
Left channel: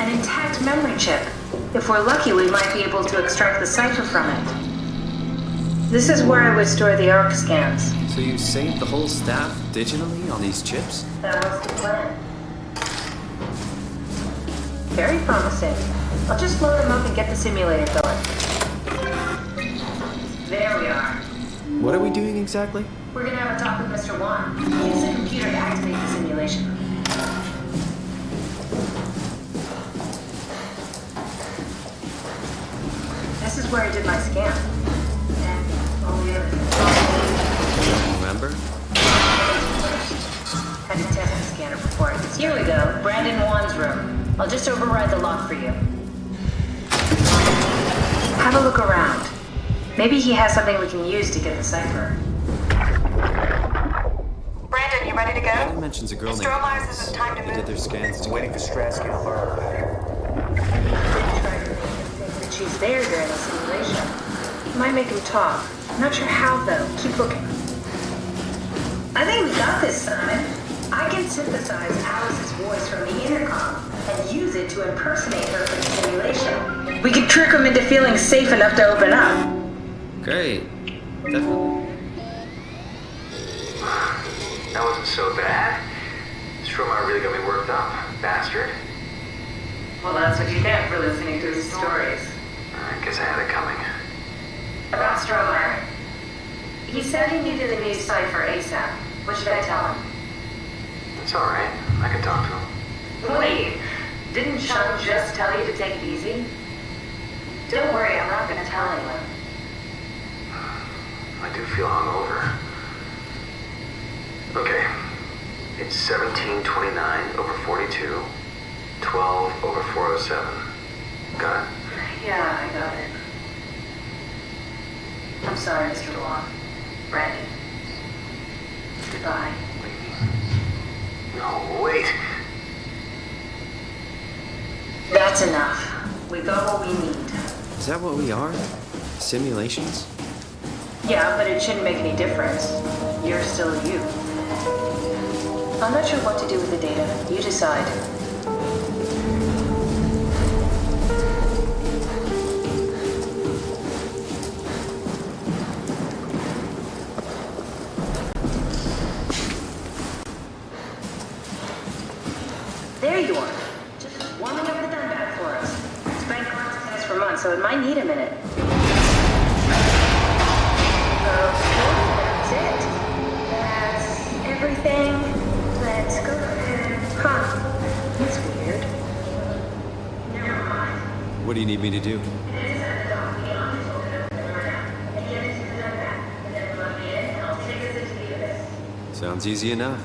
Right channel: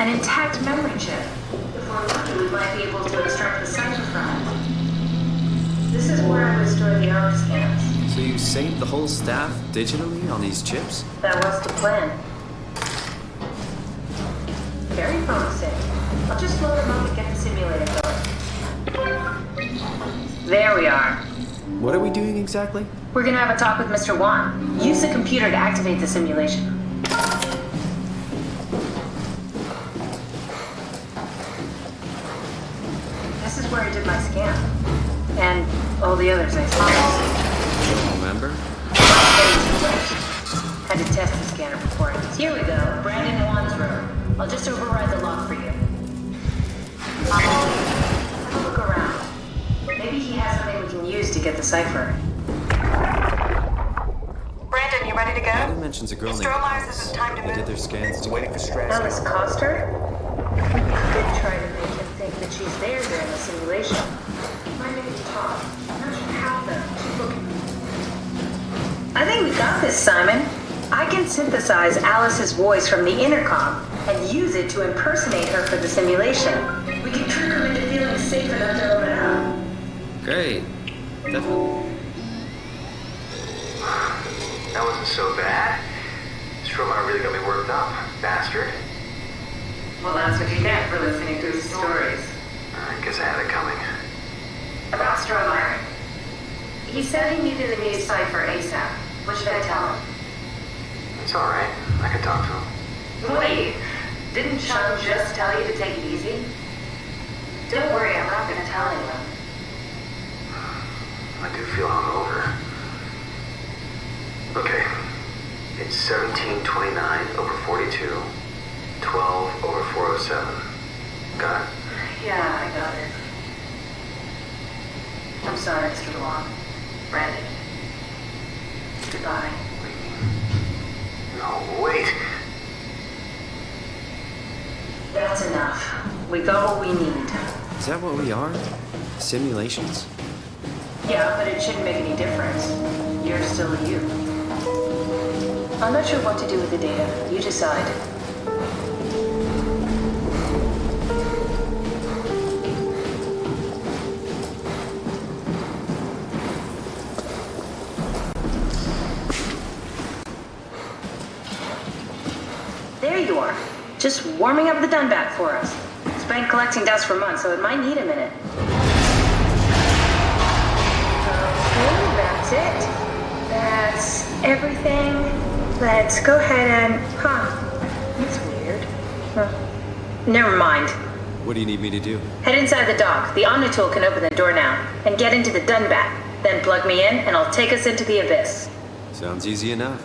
An intact memory chip. If we're lucky, we might be able to extract the cipher from it. This is where I would store the ARC scans. So you saved the whole staff digitally on these chips? That was the plan. Very promising. I'll just load them up and get the simulator going. There we are. What are we doing exactly? We're gonna have a talk with Mr. Wan. Use the computer to activate the simulation. This is where I did my scan. And all the others I saw. You don't remember? Had to test the scanner before it. Here we go. Brandon Wan's room. I'll just override the lock for you. Have a look around. Maybe he has something we can use to get the cipher. Brandon, you ready to go? Brandon mentions a girl named Strohmeyer's Alice. says it's time to They move. did their scans together. Waiting for stress. Alice Coster? We could try to make him think that she's there during the simulation. Might make him talk. I'm not sure how, though. Keep looking. I think we got this, Simon. I can synthesize Alice's voice from the intercom and use it to impersonate her for the simulation. We could trick him into feeling safe enough to open up. Great. Definitely. That wasn't so bad. Strohmeyer really got me worked up. Bastard. Well, that's what you get for listening to his stories. I guess I had it coming. About Strohmeyer. He said he needed a new cipher ASAP. What should I tell him? It's alright. I can talk to him. Wait, didn't Sean just tell you to take it easy? Don't worry, I'm not gonna tell anyone. I do feel hungover. Okay. It's 1729 over 42, 12 over 407. Got it? Yeah, I got it. I'm sorry, Mr. Wong. Brandon. Goodbye. No, wait. That's enough. We got what we need. Is that what we are? Simulations? Yeah, but it shouldn't make any difference. You're still you. I'm not sure what to do with the data. You decide. There you are. Just warming up the Dunbat for us. It's been collecting dust for months, so it might need a minute. Okay, that's it. That's everything. Let's go ahead and... That's weird. Never mind. What do you need me to do? Head inside the dock. The Omnitool can open the door now. And get into the Dunbat. Then plug me in, and I'll take us into the Abyss. Sounds easy enough.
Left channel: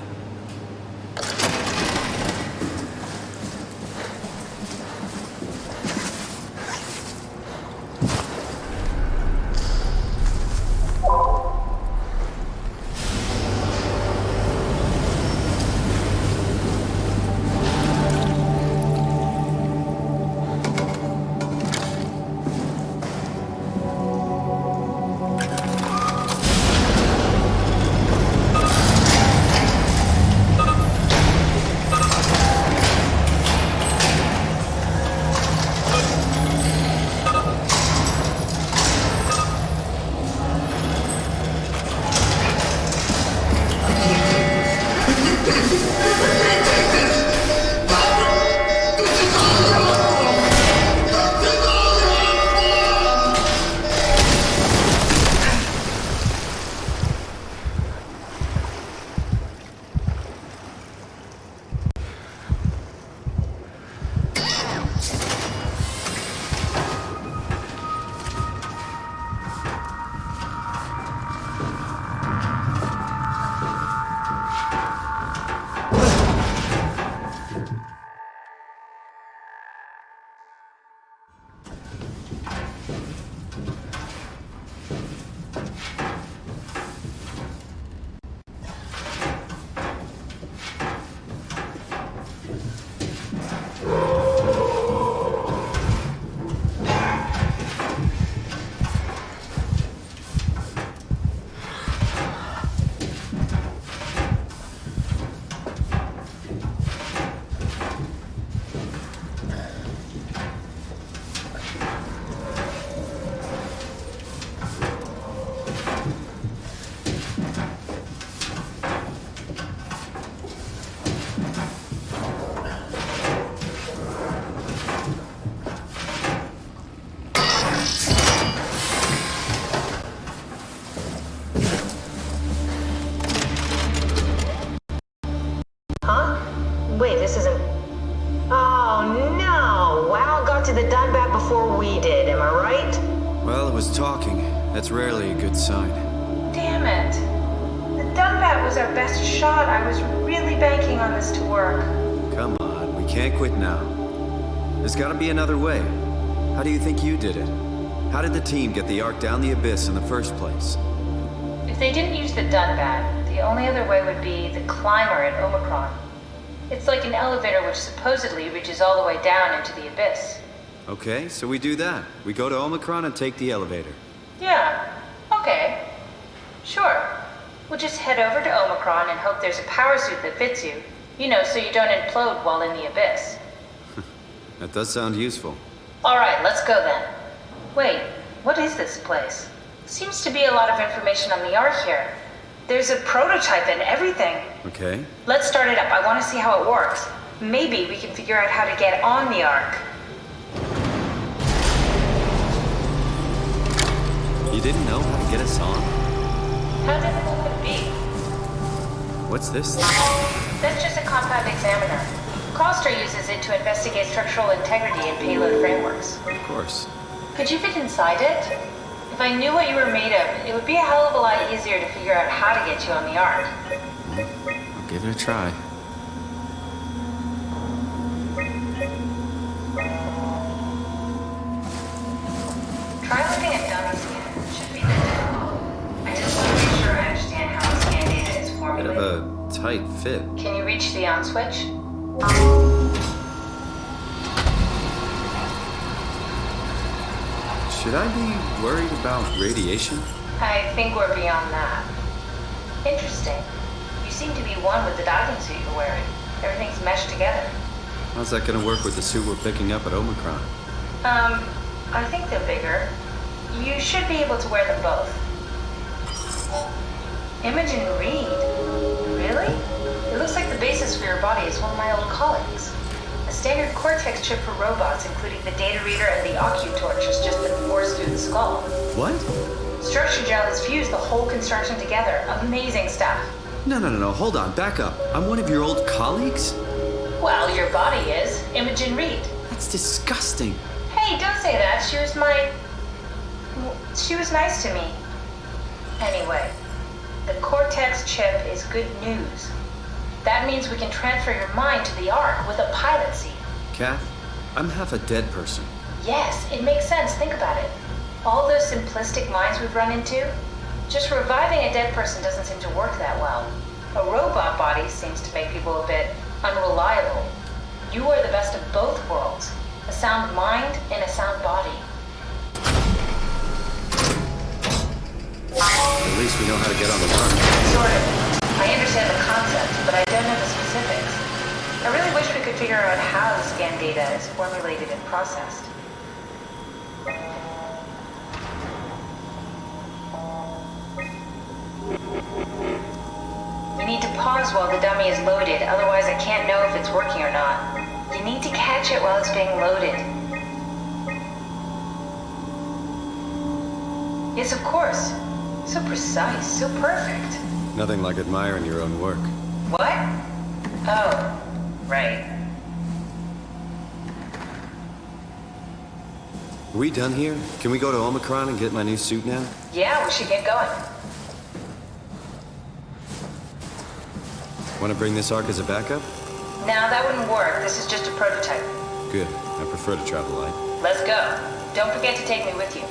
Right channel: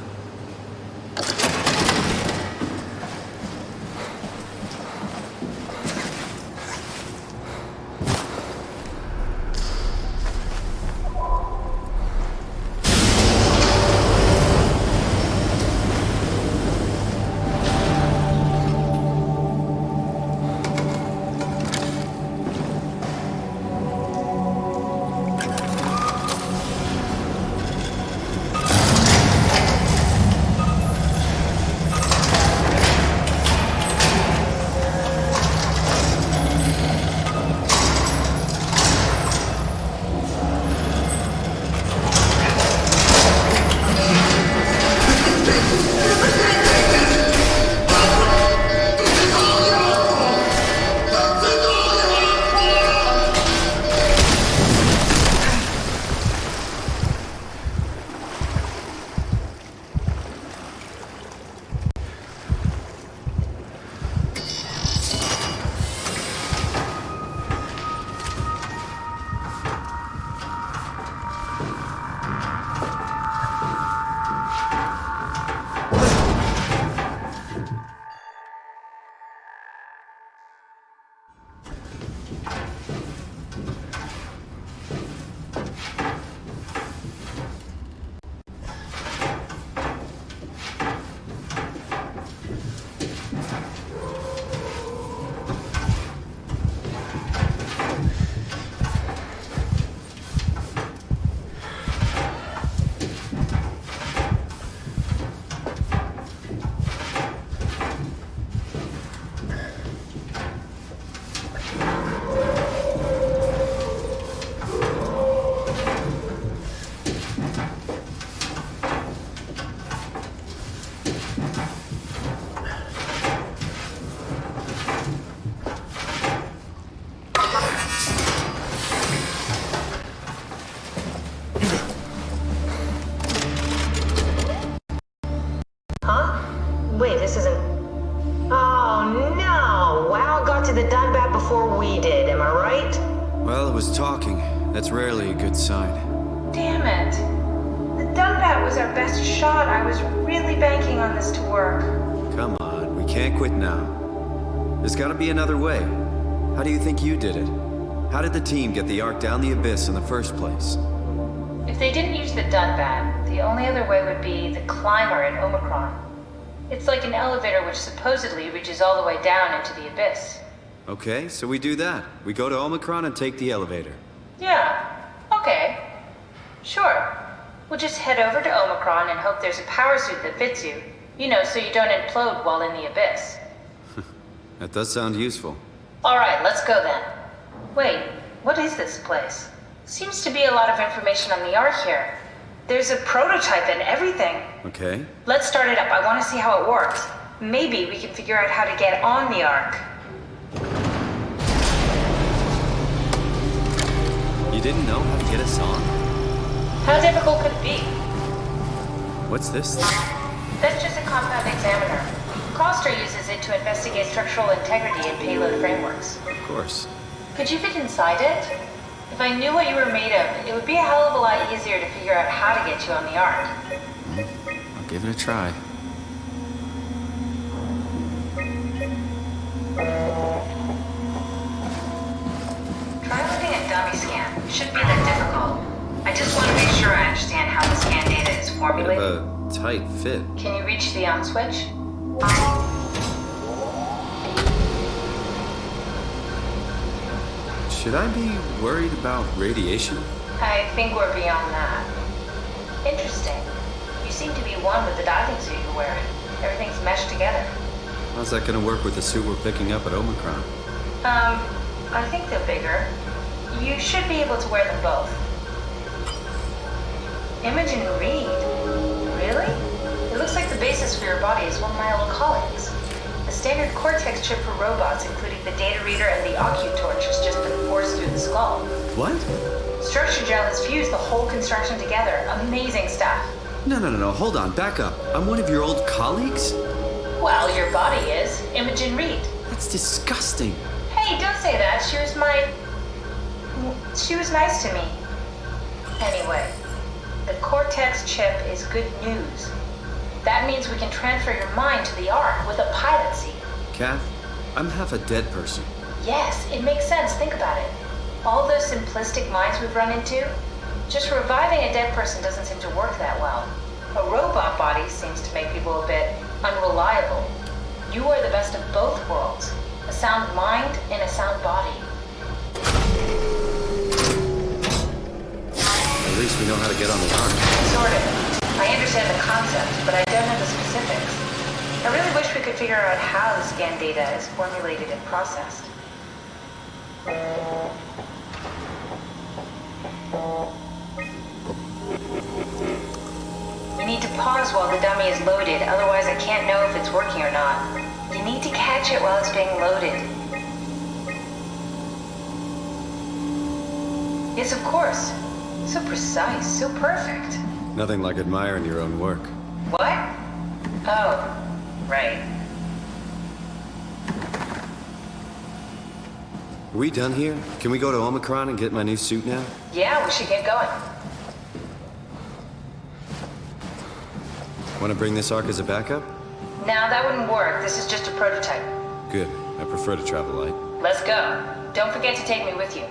am I right? Well, it was talking. That's rarely a good sign. Damn it. The Dunbat was our best shot. I was really banking on this to work. Come on, we can't quit now. There's gotta be another way. How do you think you did it? How did the team get the Ark down the abyss in the first place? If they didn't use the Dunbat, the only other way would be the climber at Omicron. It's like an elevator which supposedly reaches all the way down into the abyss. Okay, so we do that. We go to Omicron and take the elevator. Yeah, okay. Sure. We'll just head over to Omicron and hope there's a power suit that fits you. You know, so you don't implode while in the abyss. That does sound useful. Alright, let's go then. Wait, what is this place? Seems to be a lot of information on the Ark here. There's a prototype and everything. Okay. Let's start it up. I want to see how it works. Maybe we can figure out how to get on the Ark. You didn't know how to get us on? How difficult could it be? What's this? That's just a compound examiner. Coster uses it to investigate structural integrity in payload frameworks. Of course. Could you fit inside it? If I knew what you were made of, it would be a hell of a lot easier to figure out how to get you on the Ark. I'll give it a try. Try loading a dummy scan. It shouldn't be that difficult. I just want to make sure I understand how the scan data is Bit formulated. of a tight fit. Can you reach the on switch? Should I be worried about radiation? I think we're beyond that. Interesting. You seem to be one with the diving suit you're wearing. Everything's meshed together. How's that gonna work with the suit we're picking up at Omicron? I think they're bigger. You should be able to wear them both. Imogen Reed? Really? It looks like the basis for your body is one of my old colleagues. A standard Cortex chip for robots, including the data reader and the OcuTorch, has just been forced through the skull. What? Structure gel has fused the whole construction together. Amazing stuff. No, hold on, back up. I'm one of your old colleagues? Well, your body is. Imogen Reed. That's disgusting. Hey, don't say that. She was nice to me. Anyway, the Cortex chip is good news. That means we can transfer your mind to the Ark with a pilot seat. Kath, I'm half a dead person. Yes, it makes sense. Think about it. All those simplistic minds we've run into, just reviving a dead person doesn't seem to work that well. A robot body seems to make people a bit unreliable. You are the best of both worlds. A sound mind and a sound body. At least we know how to get on the Ark. Sort of. I understand the concept, but I don't know the specifics. I really wish we could figure out how the scan data is formulated and processed. You need to pause while the dummy is loaded, otherwise I can't know if it's working or not. You need to catch it while it's being loaded. Yes, of course. So precise, so perfect. Nothing like admiring your own work. What? Oh, right. Are we done here? Can we go to Omicron and get my new suit now? Yeah, we should get going. Want to bring this Ark as a backup? No, that wouldn't work. This is just a prototype. Good. I prefer to travel light. Let's go. Don't forget to take me with you.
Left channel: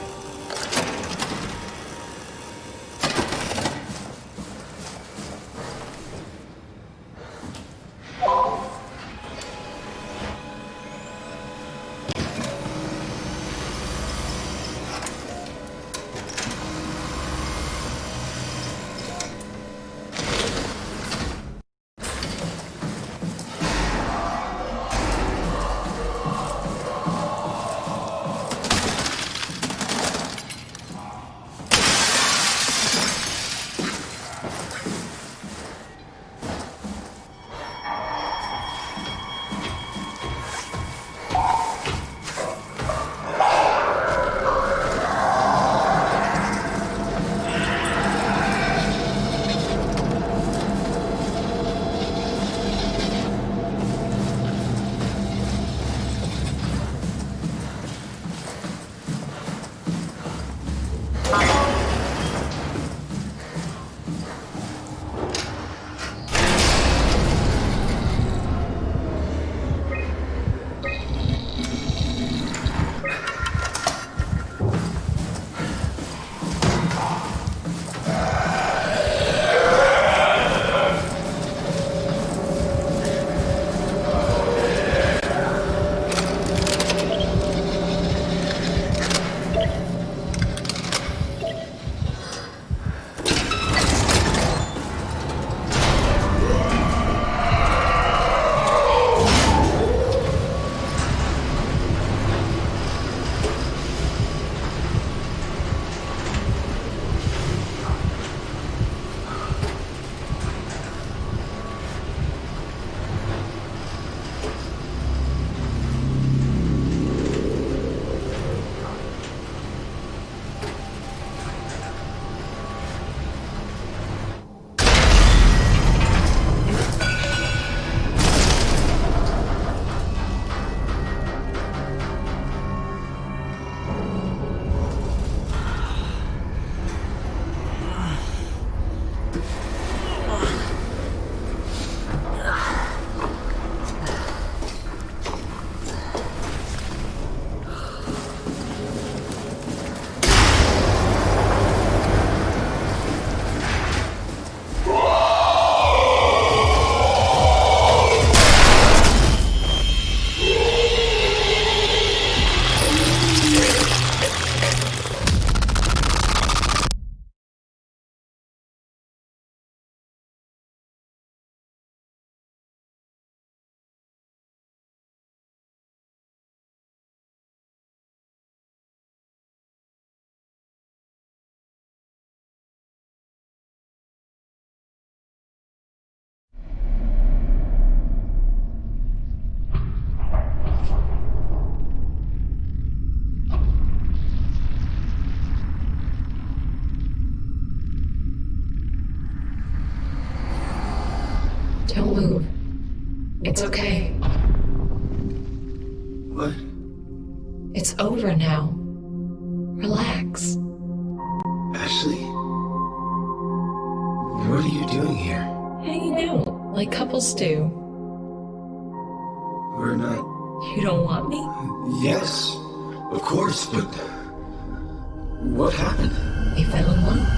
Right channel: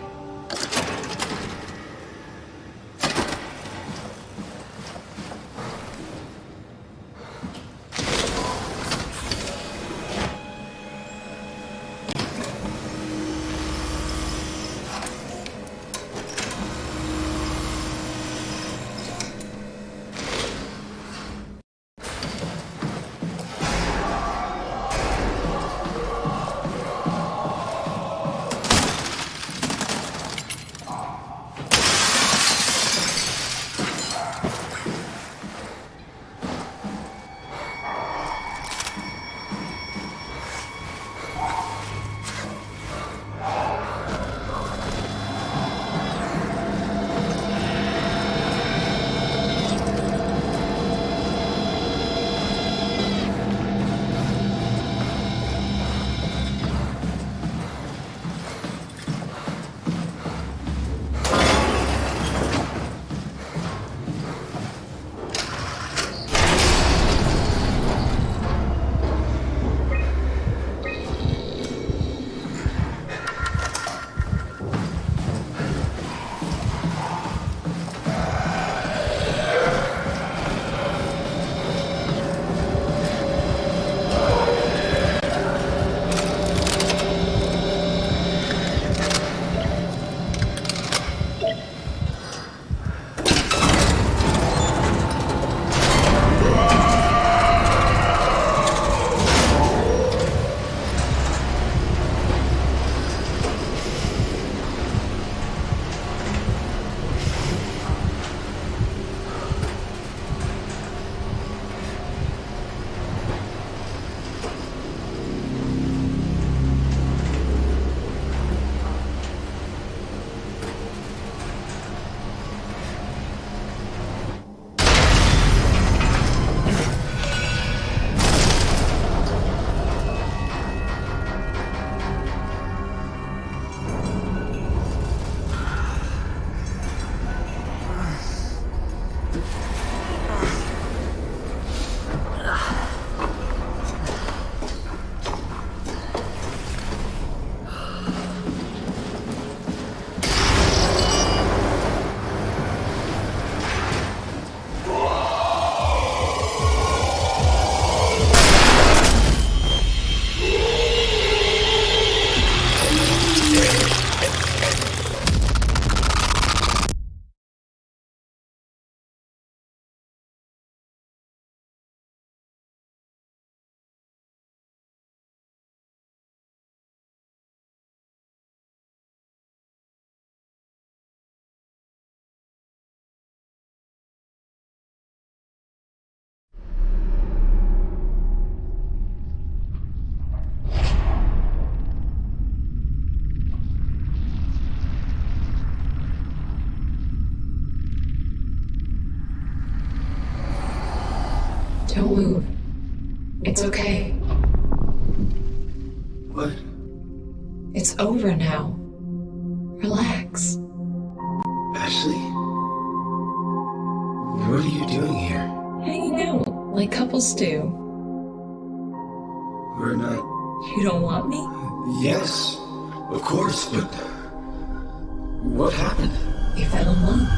Don't move. It's okay. What? It's over now. Relax. Ashley? What are you doing here? Hanging out like couples do. We're not... You don't want me? Yes, of course, but... What happened? We fell in love.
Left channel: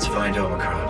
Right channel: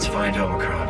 Let's find Omicron.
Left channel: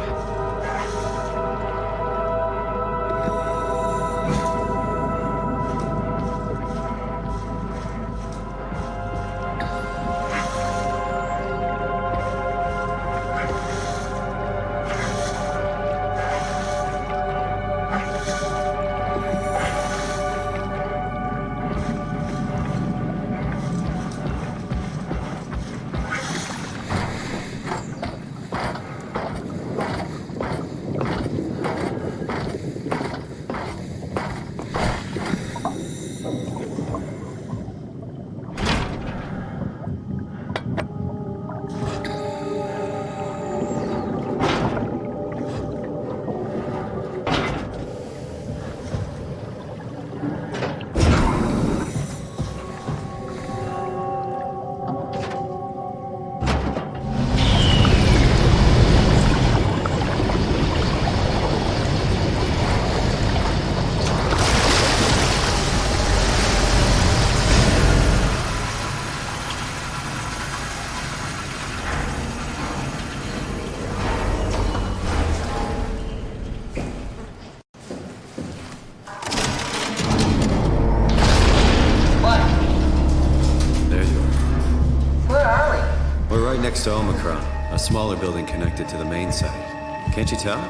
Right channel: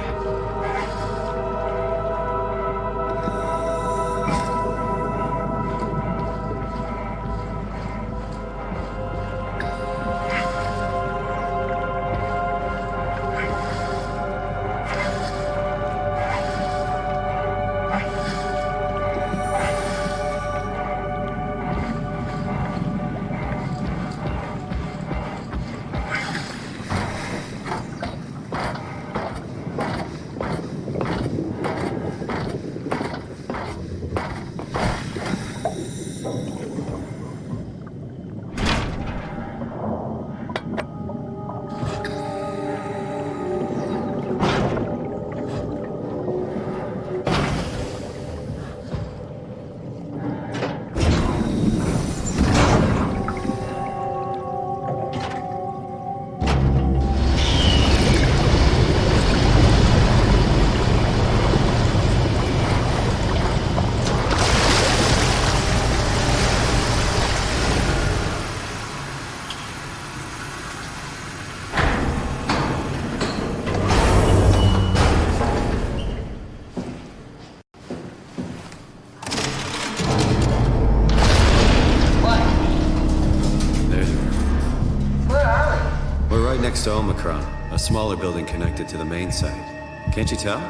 next to Omicron, a smaller building connected to the main site. Can't you tell?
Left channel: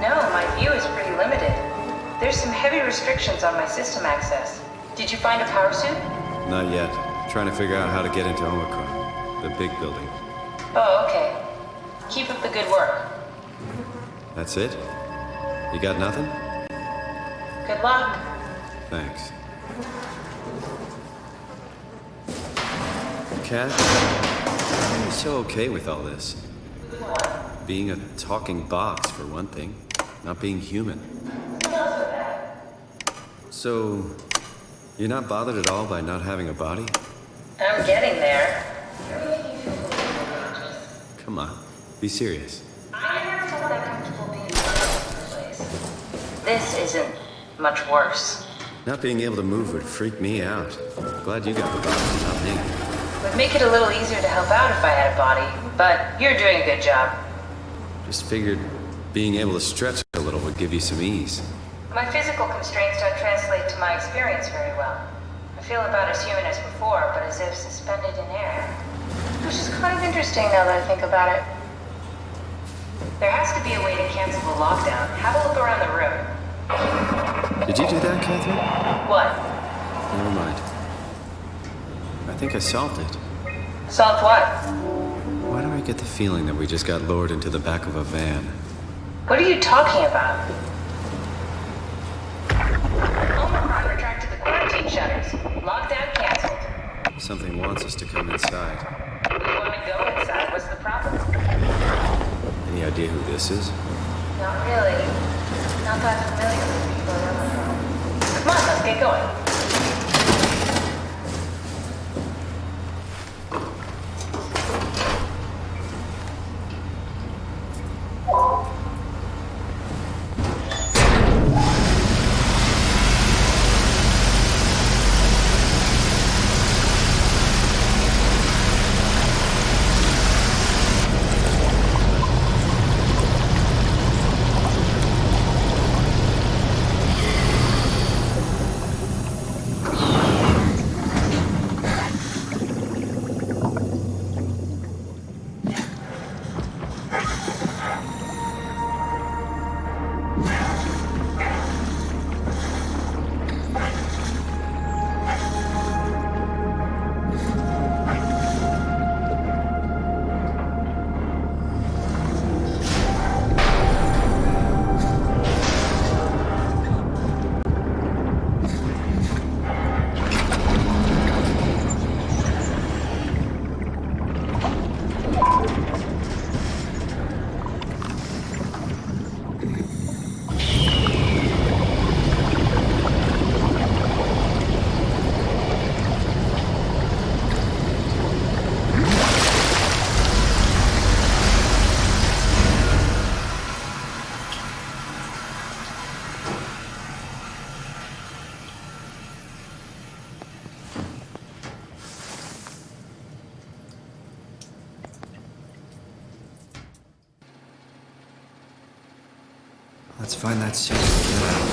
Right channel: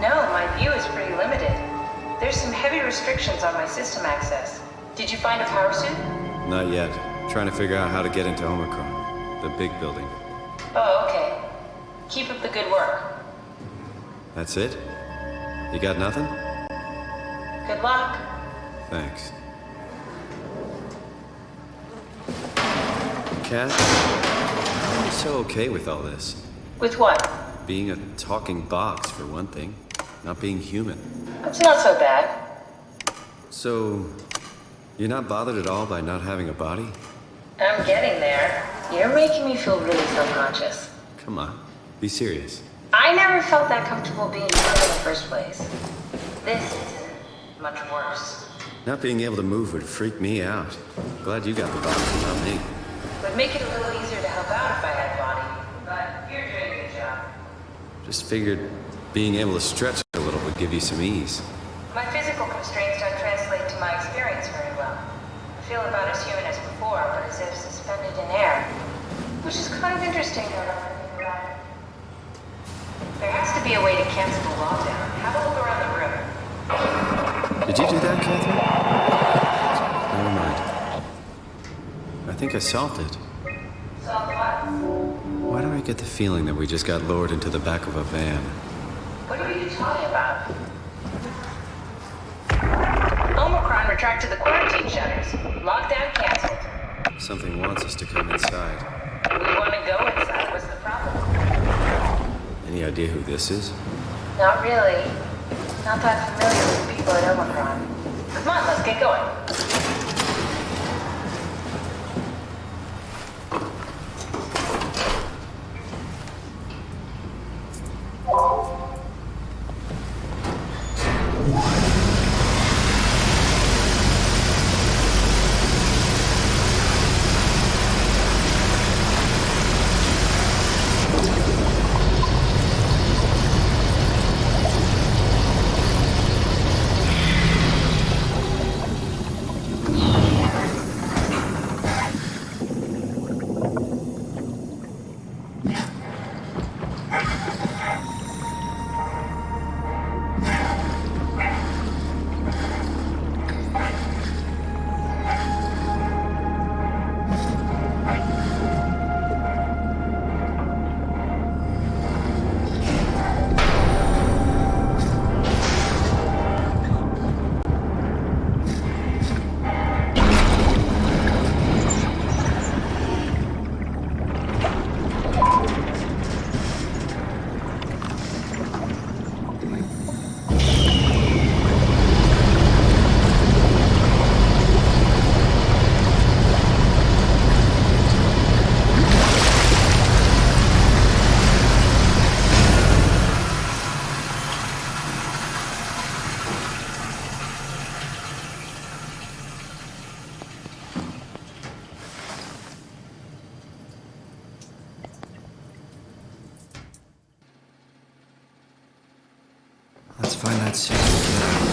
No, my view is pretty limited. There's some heavy restrictions on my system access. Did you find a power suit? Not yet. Trying to figure out how to get into Omicron, the big building. Oh, okay. Keep up the good work. That's it? You got nothing? Good luck. Thanks. Kat, how are you so okay with all this? With what? Being a talking box, for one thing. Not being human. It's not so bad. So, you're not bothered at all by not having a body? I'm getting there. You're making me feel really self-conscious. Come on, be serious. I never felt that comfortable being human in the first place. This isn't much worse. Not being able to move would freak me out. Glad you got the body, not me. Would make it a little easier to help out if I had a body, but you're doing a good job. Just figured being able to stretch a little would give you some ease. My physical constraints don't translate to my experience very well. I feel about as human as before, but as if suspended in air. Which is kind of interesting now that I think about it. There has to be a way to cancel the lockdown. Have a look around the room. Did you do that, Catherine? What? Never mind. I think I solved it. Solved what? Why do I get the feeling that we just got lured into the back of a van? What are you talking about? Omicron retracted the quarantine shutters. Lockdown canceled. Something wants us to come inside. We want to go inside. What's the problem? Any idea who this is? Not really. Not that familiar with the people at Omicron. Come on, let's get going. Let's find that suit and get out.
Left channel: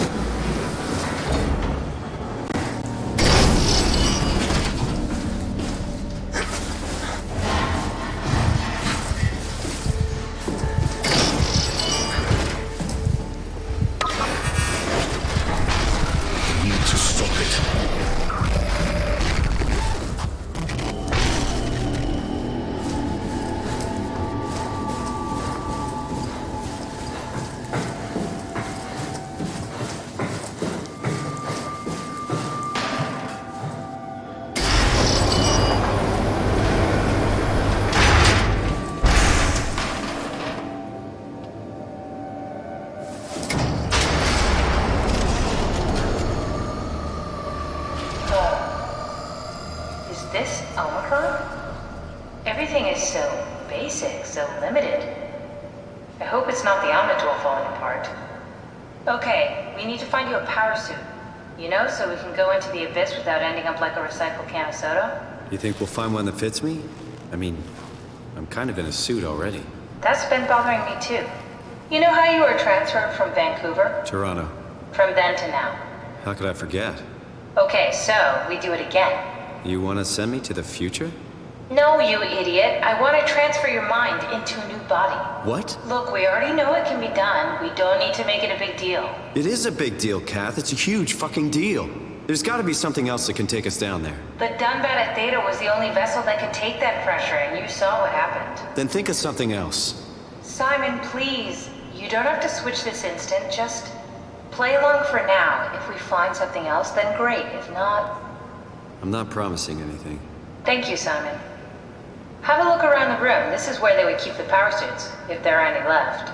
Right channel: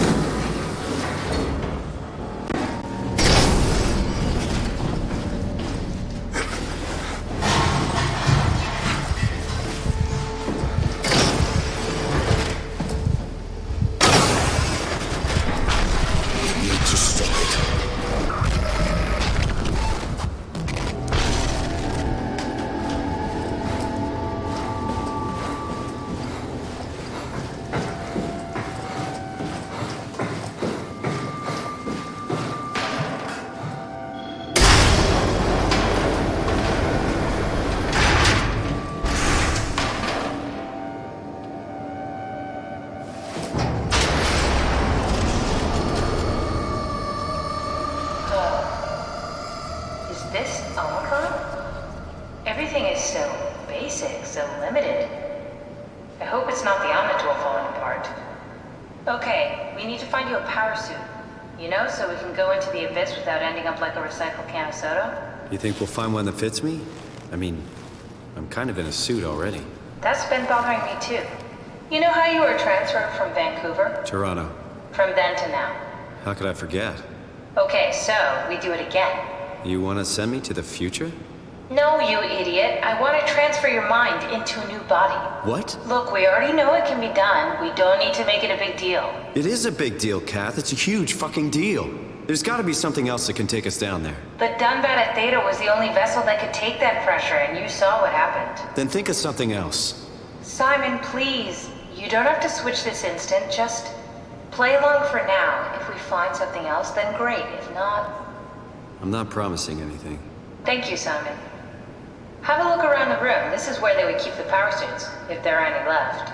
Is this Omicron? Everything is so basic, so limited. I hope it's not the Omnitool falling apart. Okay, we need to find you a power suit. You know, so we can go into the abyss without ending up like a recycled can of soda. You think we'll find one that fits me? I mean, I'm kind of in a suit already. That's been bothering me too. You know how you were transferred from Vancouver? Toronto. From then to now. How could I forget? Okay, so we do it again. You want to send me to the future? No, you idiot. I want to transfer your mind into a new body. What? Look, we already know it can be done. We don't need to make it a big deal. It is a big deal, Kath. It's a huge fucking deal. There's gotta be something else that can take us down there. The Dunbat at Theta was the only vessel that could take that pressure, and you saw what happened. Then think of something else. Simon, please. You don't have to switch this instant. Just play along for now. If we find something else, then great. If not... I'm not promising anything. Thank you, Simon. Have a look around the room. This is where they would keep the power suits, if there are any left.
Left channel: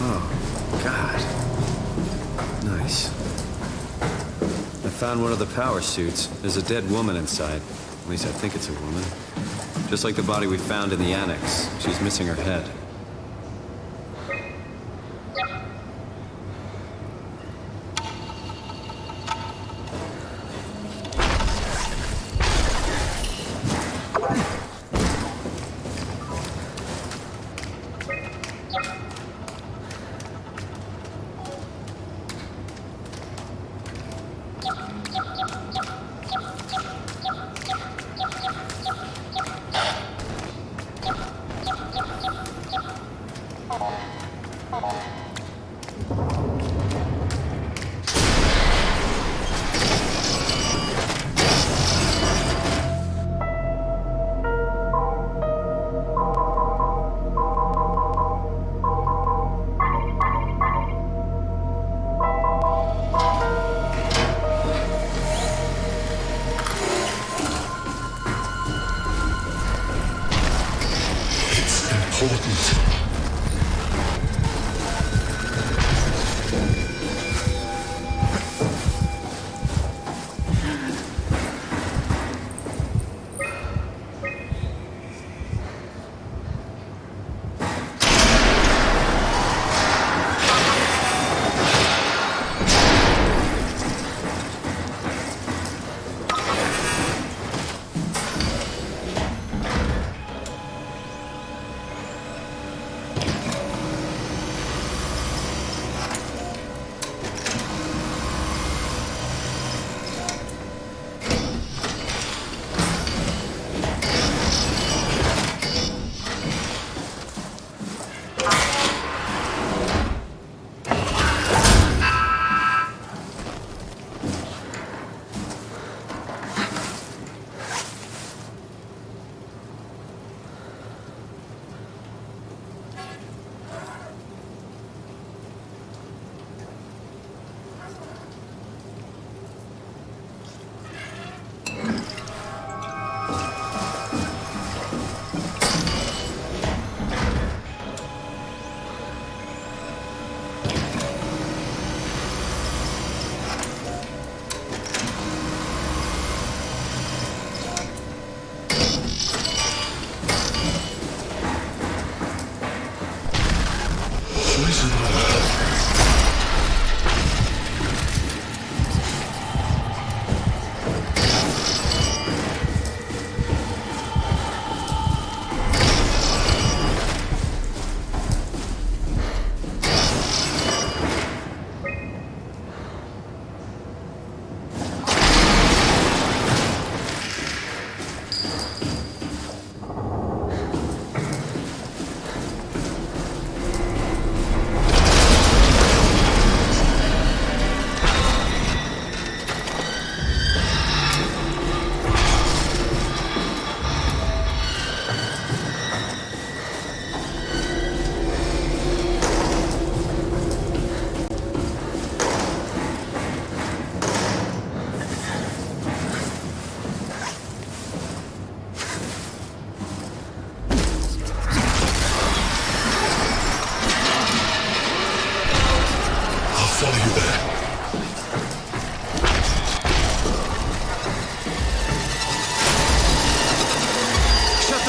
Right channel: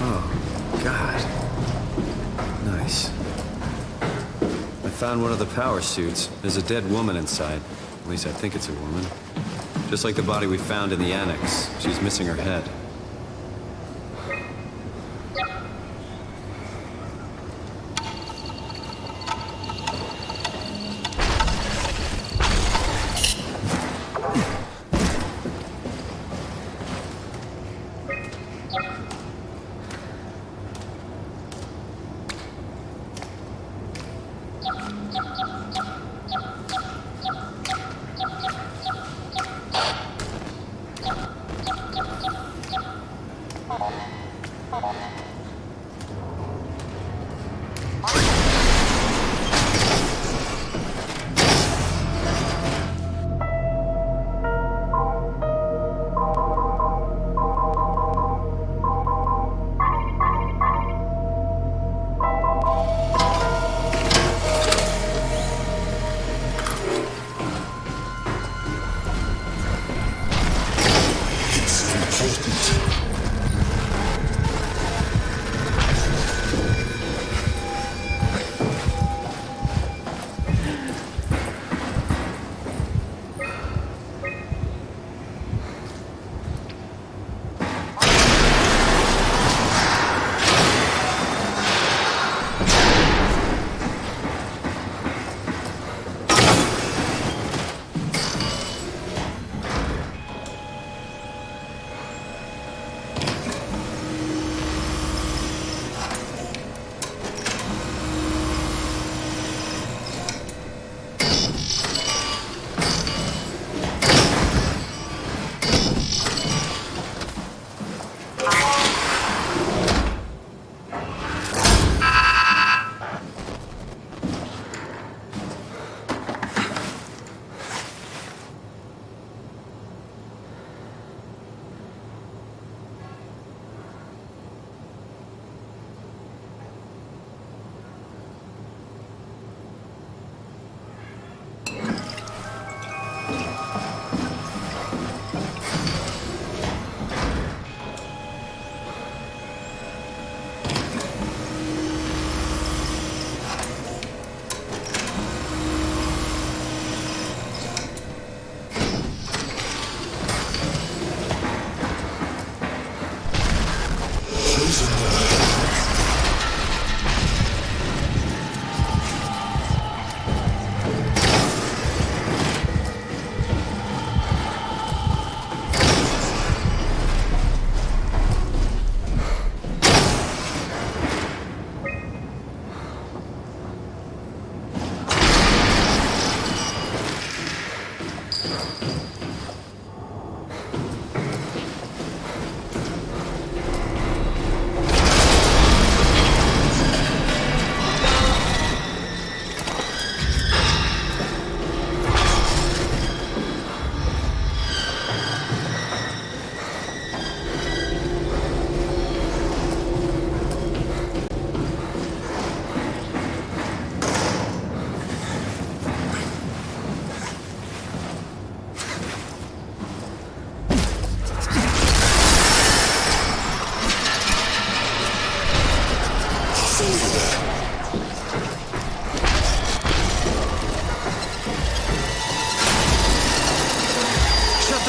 Oh, God. Nice. I found one of the power suits. There's a dead woman inside. At least I think it's a woman. Just like the body we found in the annex. She's missing her head.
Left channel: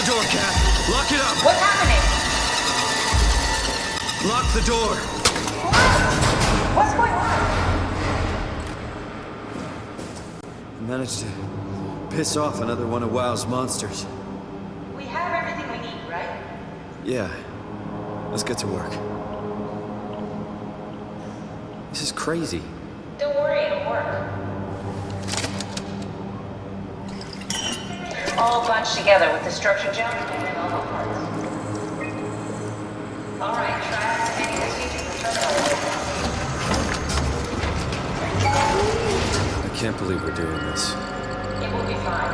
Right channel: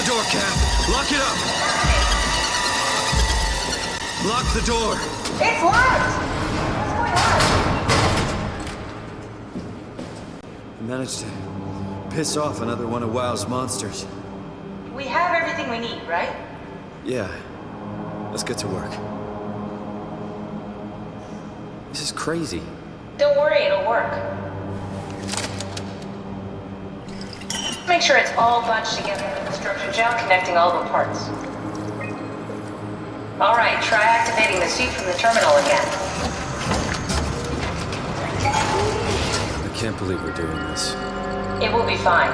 door, Cap. Lock it up. What's happening? Lock the door. It's locked. What's going on? I managed to piss off another one of WoW's monsters. We have everything we need, right? Yeah. Let's get to work. This is crazy. Don't worry, it'll work. Make sure it's all bunched together with the structure gel connecting all the parts. All right, try activating the suit from the terminal again. I can't believe we're doing this. It will be fine.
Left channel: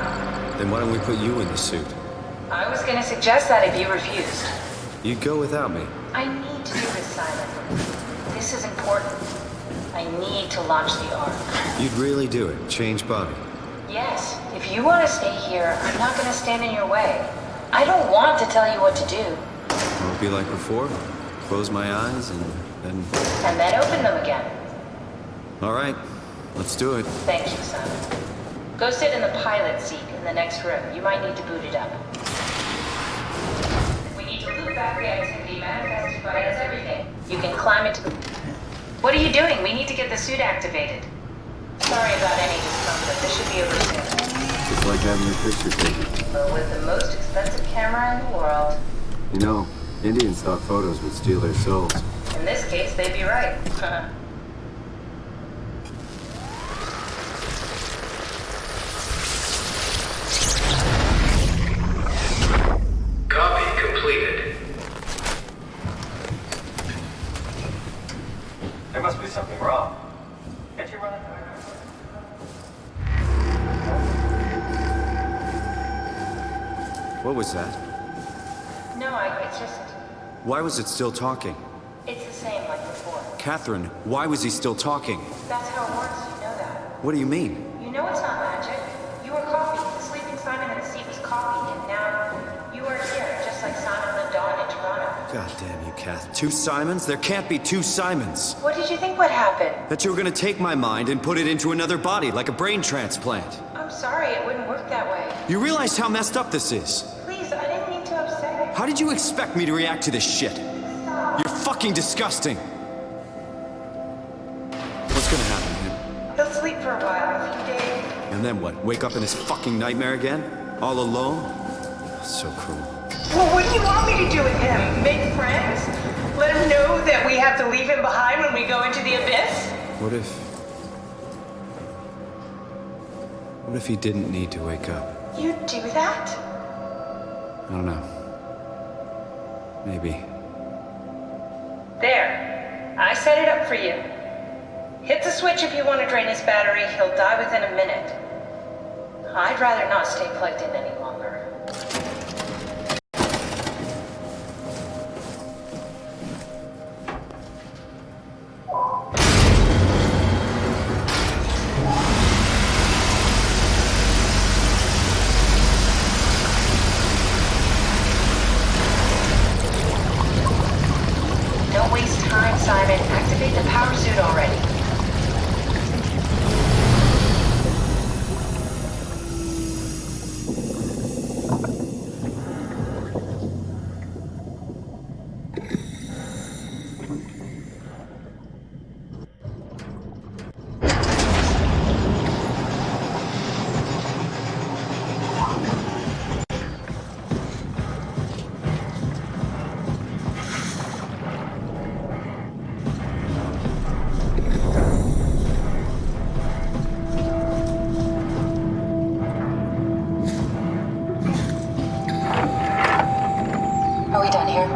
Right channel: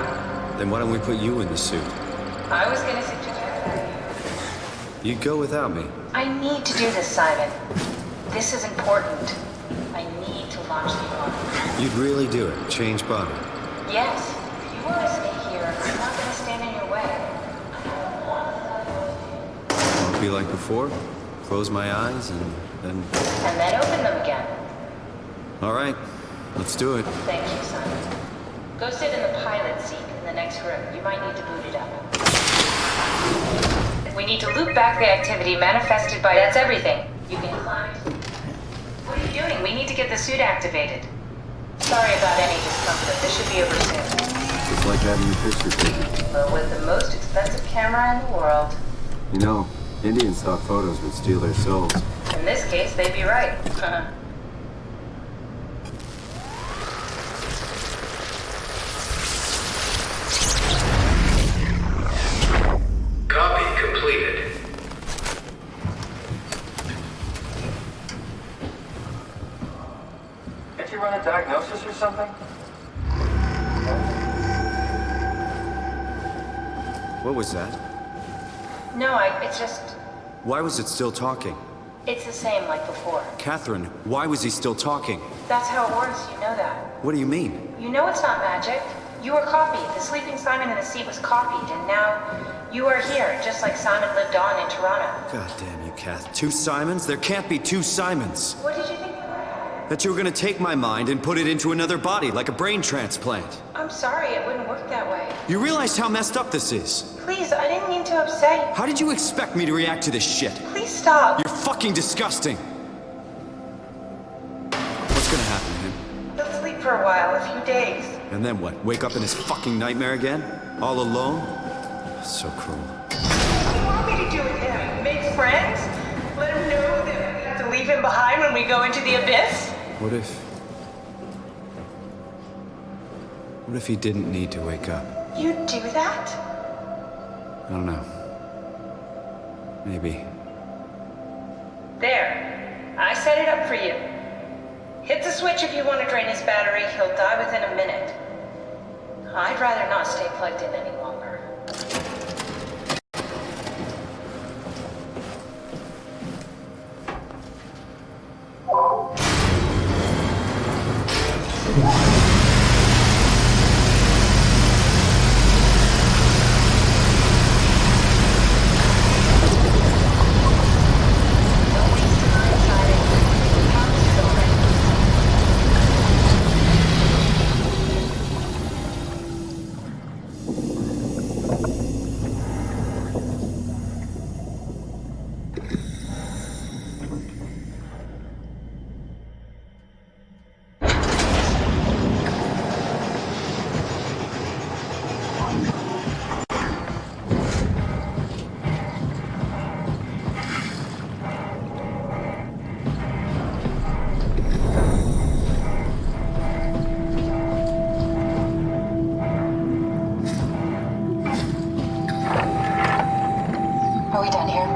Then why don't we put you in the suit? I was gonna suggest that if you refused. You'd go without me. I need to do this, Simon. This is important. I need to launch the Ark. You'd really do it? Change body? Yes. If you want to stay here, I'm not gonna stand in your way. I don't want to tell you what to do. Won't it be like before? Close my eyes and then... And then open them again. All right. Let's do it. Thank you, Simon. Go sit in the pilot seat in the next room. You might need to boot it up. We need to loop back the activity manifested by... That's everything. You can climb it... What are you doing? We need to get the suit activated. Sorry about any discomfort. This should be over soon. It's like having your picture taken. Well, with the most expensive camera in the world. You know, Indian stock photos would steal their souls. In this case, they'd be right. Copy completed. There must be something wrong. Can't you run a diagnosis or something? What was that? No, it's just... Why was it still talking? It's the same like before. Catherine, why was he still talking? That's how it works, you know that. What do you mean? You know it's not magic. You were copied. The sleeping Simon in the seat was copied, and now you are here, just like Simon lived on in Toronto. God damn you, Kath. 2 Simons? There can't be 2 Simons. What did you think would happen? That you were gonna take my mind and put it into another body, like a brain transplant. I'm sorry, it wouldn't work that way. You realize how messed up this is? Please, I didn't mean to upset you. How did you expect me to react to this shit? Please stop. You're fucking disgusting. What's gonna happen to him? He'll sleep for a while, a few days. And then what? Wake up in his fucking nightmare again? All alone? So cruel. Well, what do you want me to do with him? Make friends? Let him know that we have to leave him behind when we go into the abyss? What if he didn't need to wake up? You'd do that? I don't know. Maybe. There. I set it up for you. Hit the switch if you want to drain his battery. He'll die within a minute. I'd rather not stay plugged in any longer. Don't waste time, Simon. Activate the power suit already. Are we done here?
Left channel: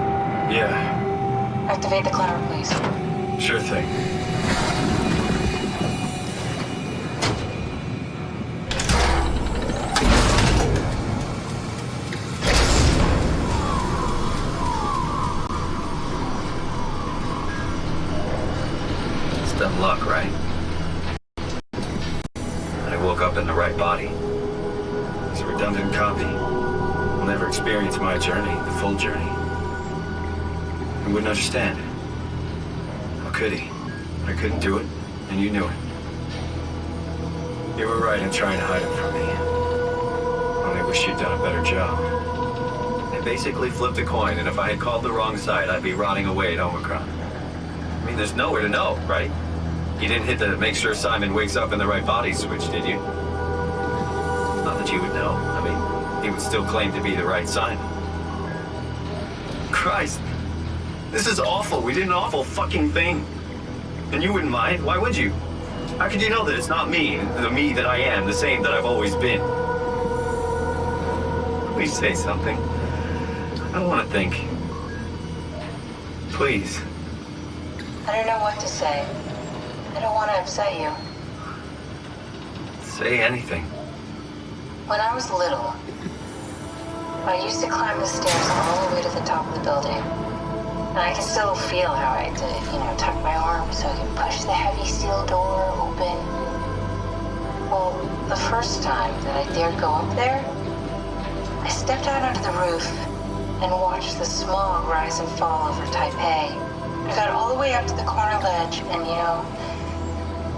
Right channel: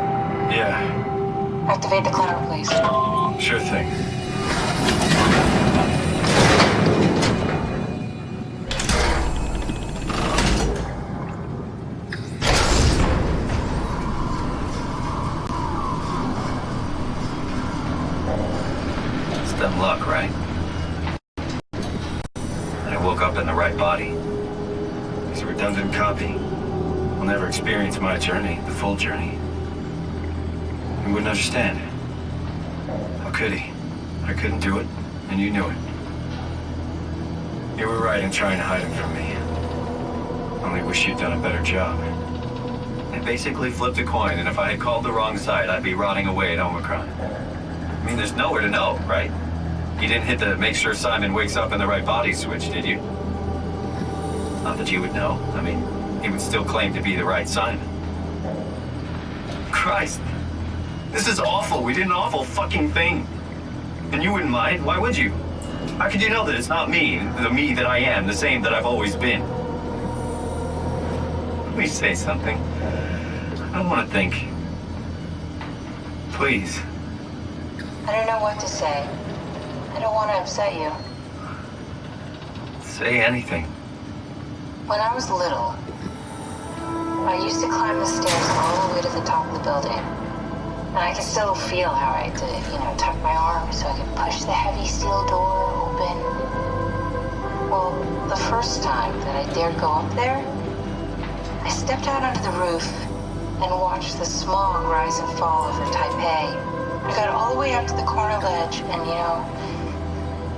Yeah, Activate the climber, please. sure thing. It's dumb luck, right? I woke up in the right body. He's a redundant copy. He'll never experience my journey, the full journey. He wouldn't understand. How could he? I couldn't do it, and you knew it. You were right in trying to hide him from me. Only wish you'd done a better job. I basically flipped a coin, and if I had called the wrong side, I'd be rotting away at Omicron. I mean, there's nowhere to know, right? You didn't hit the make sure Simon wakes up in the right body switch, did you? Not that you would know. I mean, he would still claim to be the right Simon. Christ. This is awful. We did an awful fucking thing. And you wouldn't mind? Why would you? How could you know that it's not me, the me that I am, the same that I've always been? Please say something. I don't want to think. Please. I don't know what to say. I don't want to upset you. Say anything. When I was little, I used to climb the stairs all the way to the top of the building. And I can still feel how I had to, tuck my arm so I could push the heavy steel door open. Well, the first time that I dared go up there, I stepped out onto the roof and watched the smog rise and fall over Taipei. I got all the way up to the corner ledge and,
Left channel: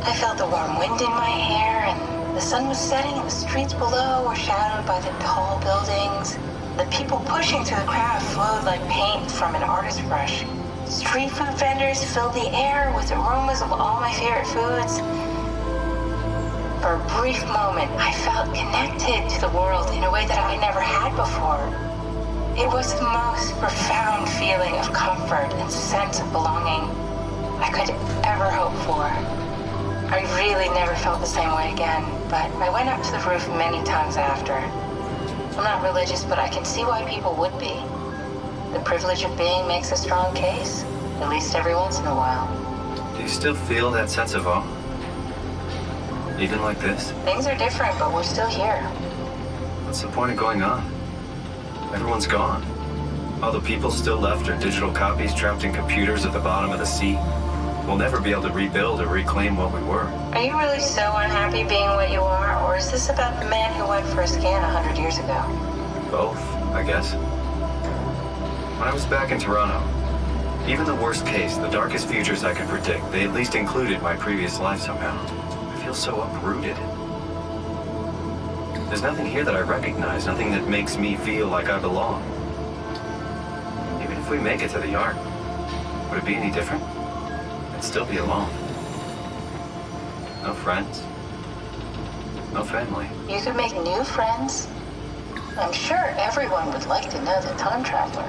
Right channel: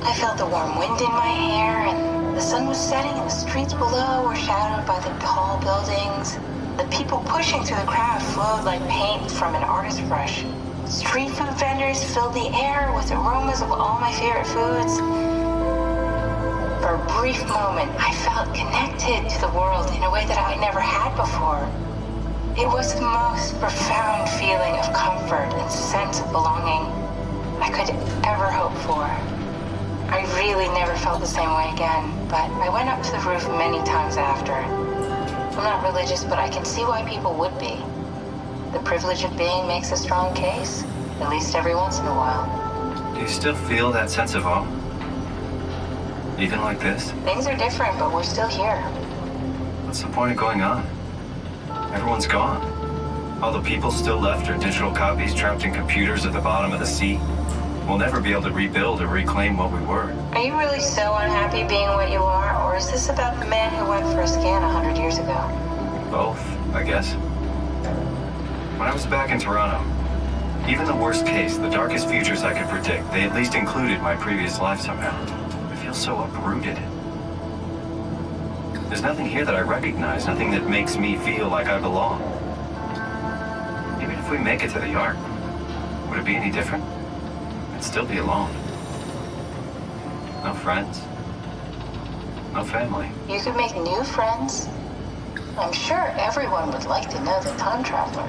I felt the warm wind in my hair and the sun was setting and the streets below were shadowed by the tall buildings. The people pushing through the crowd flowed like paint from an artist's brush. Street food vendors filled the air with aromas of all my favorite foods. For a brief moment, I felt connected to the world in a way that I never had before. It was the most profound feeling of comfort and sense of belonging I could ever hope for. I really never felt the same way again, but I went up to the roof many times after. I'm not religious, but I can see why people would be. The privilege of being makes a strong case, at least every once in a while. Do you still feel that sense of awe? Even like this? Things are different, but we're still here. What's the point of going on? Everyone's gone. All the people still left are digital copies trapped in computers at the bottom of the sea. We'll never be able to rebuild or reclaim what we were. Are you really so unhappy being what you are, or is this about the man who went for a scan 100 years ago? Both, I guess. When I was back in Toronto, even the worst case, the darkest futures I could predict, they at least included my previous life somehow. I feel so uprooted. There's nothing here that I recognize, nothing that makes me feel like I belong. Even if we make it to the Ark, would it be any different? I'd still be alone. No friends. No family. You could make new friends. I'm sure everyone would like to know the time traveler.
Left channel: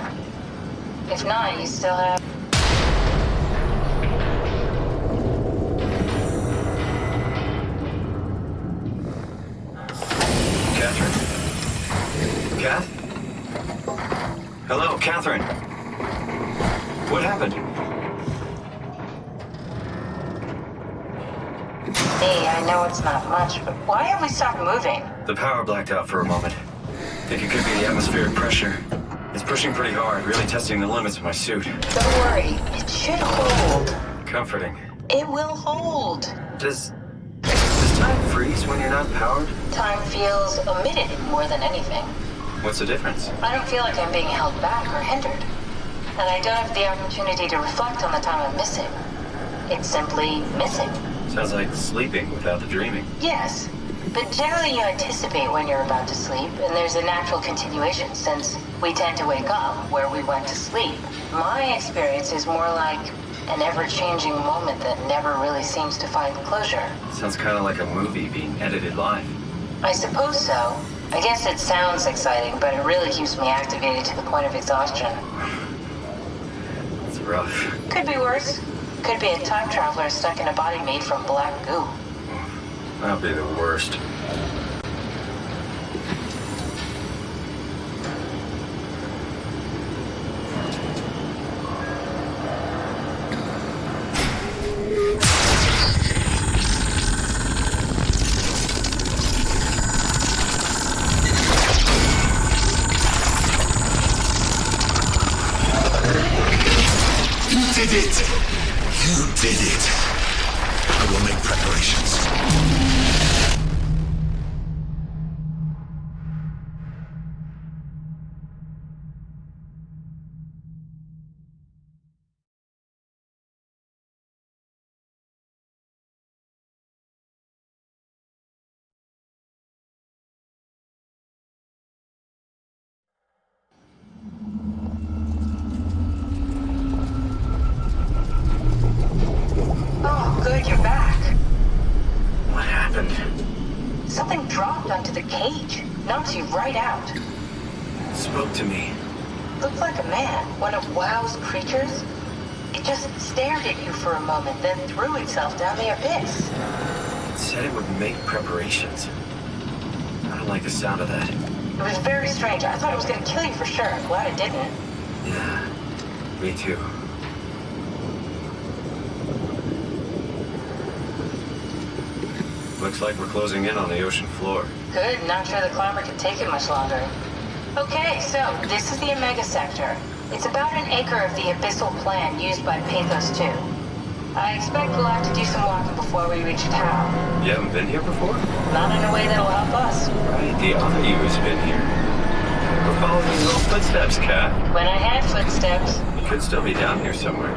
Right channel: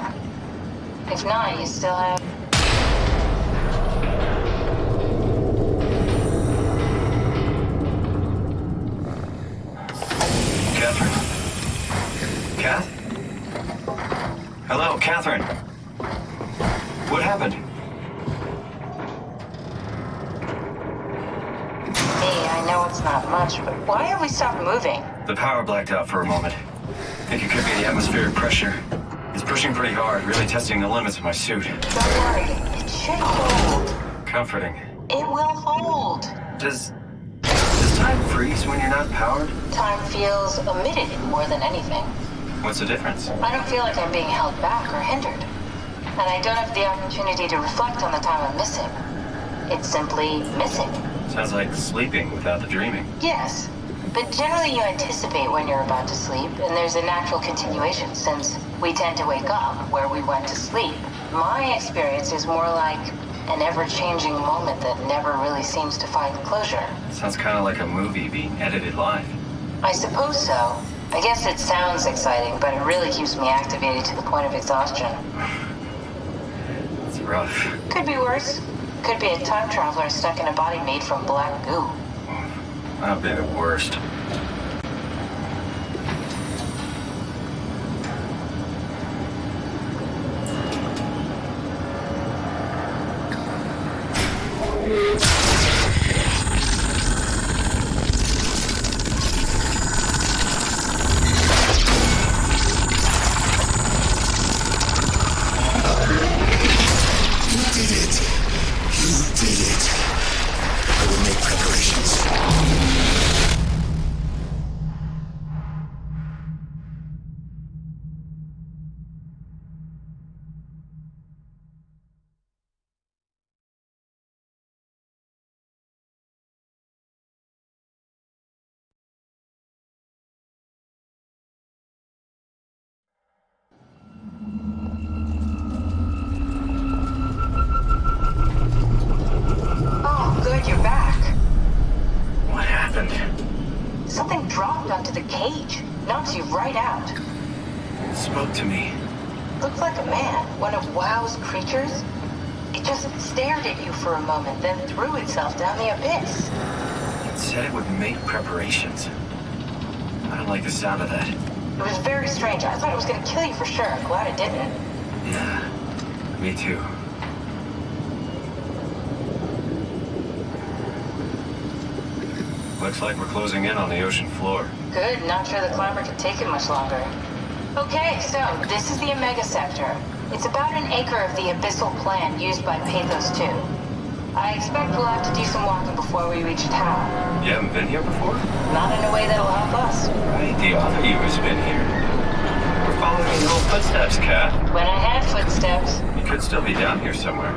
If not, you still have... Catherine? Kath? Hello, Catherine. What happened? Hey, I know it's not much, but why have we stopped moving? The power blacked out for a moment. Think it could be the atmospheric pressure. It's pushing pretty hard, really testing the limits of my suit. Don't worry, it should hold. Comforting. It will hold. Does time freeze when you're not powered? Time feels omitted more than anything. What's the difference? I don't feel like I'm being held back or hindered. And I don't have the opportunity to reflect on the time I'm missing. It's simply missing. Sounds like sleeping without the dreaming. Yes, but generally you anticipate when you're about to sleep, and there's a natural continuation since we tend to wake up where we went to sleep. My experience is more like an ever-changing moment that never really seems to find closure. Sounds kind of like a movie being edited live. I suppose so. I guess it sounds exciting, but it really keeps me activated to the point of exhaustion. It's rough. Could be worse. Could be a time traveler stuck in a body made from black goo. That'd be the worst. You're back. What happened? Something dropped onto the cage. Knocks you right out. spoke to me. Looked like a man, one of WoW's creatures. It just stared at you for a moment, then threw itself down the abyss. It said it would make preparations. I don't like the sound of that. It was very strange. I thought it was gonna kill you for sure. I'm glad it didn't. Yeah, me too. Looks like we're closing in on the ocean floor. Good, not sure the climber could take it much longer. Okay, so this is the Omega Sector. It's about an acre of the abyssal plan used by Pathos 2. I expect we'll have to do some walking before we reach town. You haven't been here before? Not in a way that'll help us. Right, the other you has been here. We're following your little footsteps, Kat. When I had footsteps. You could still be down here somewhere,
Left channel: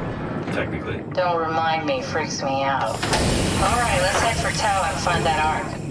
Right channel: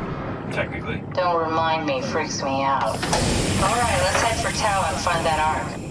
technically. Don't remind me, freaks me out. Alright, let's head for Tau and find that ark.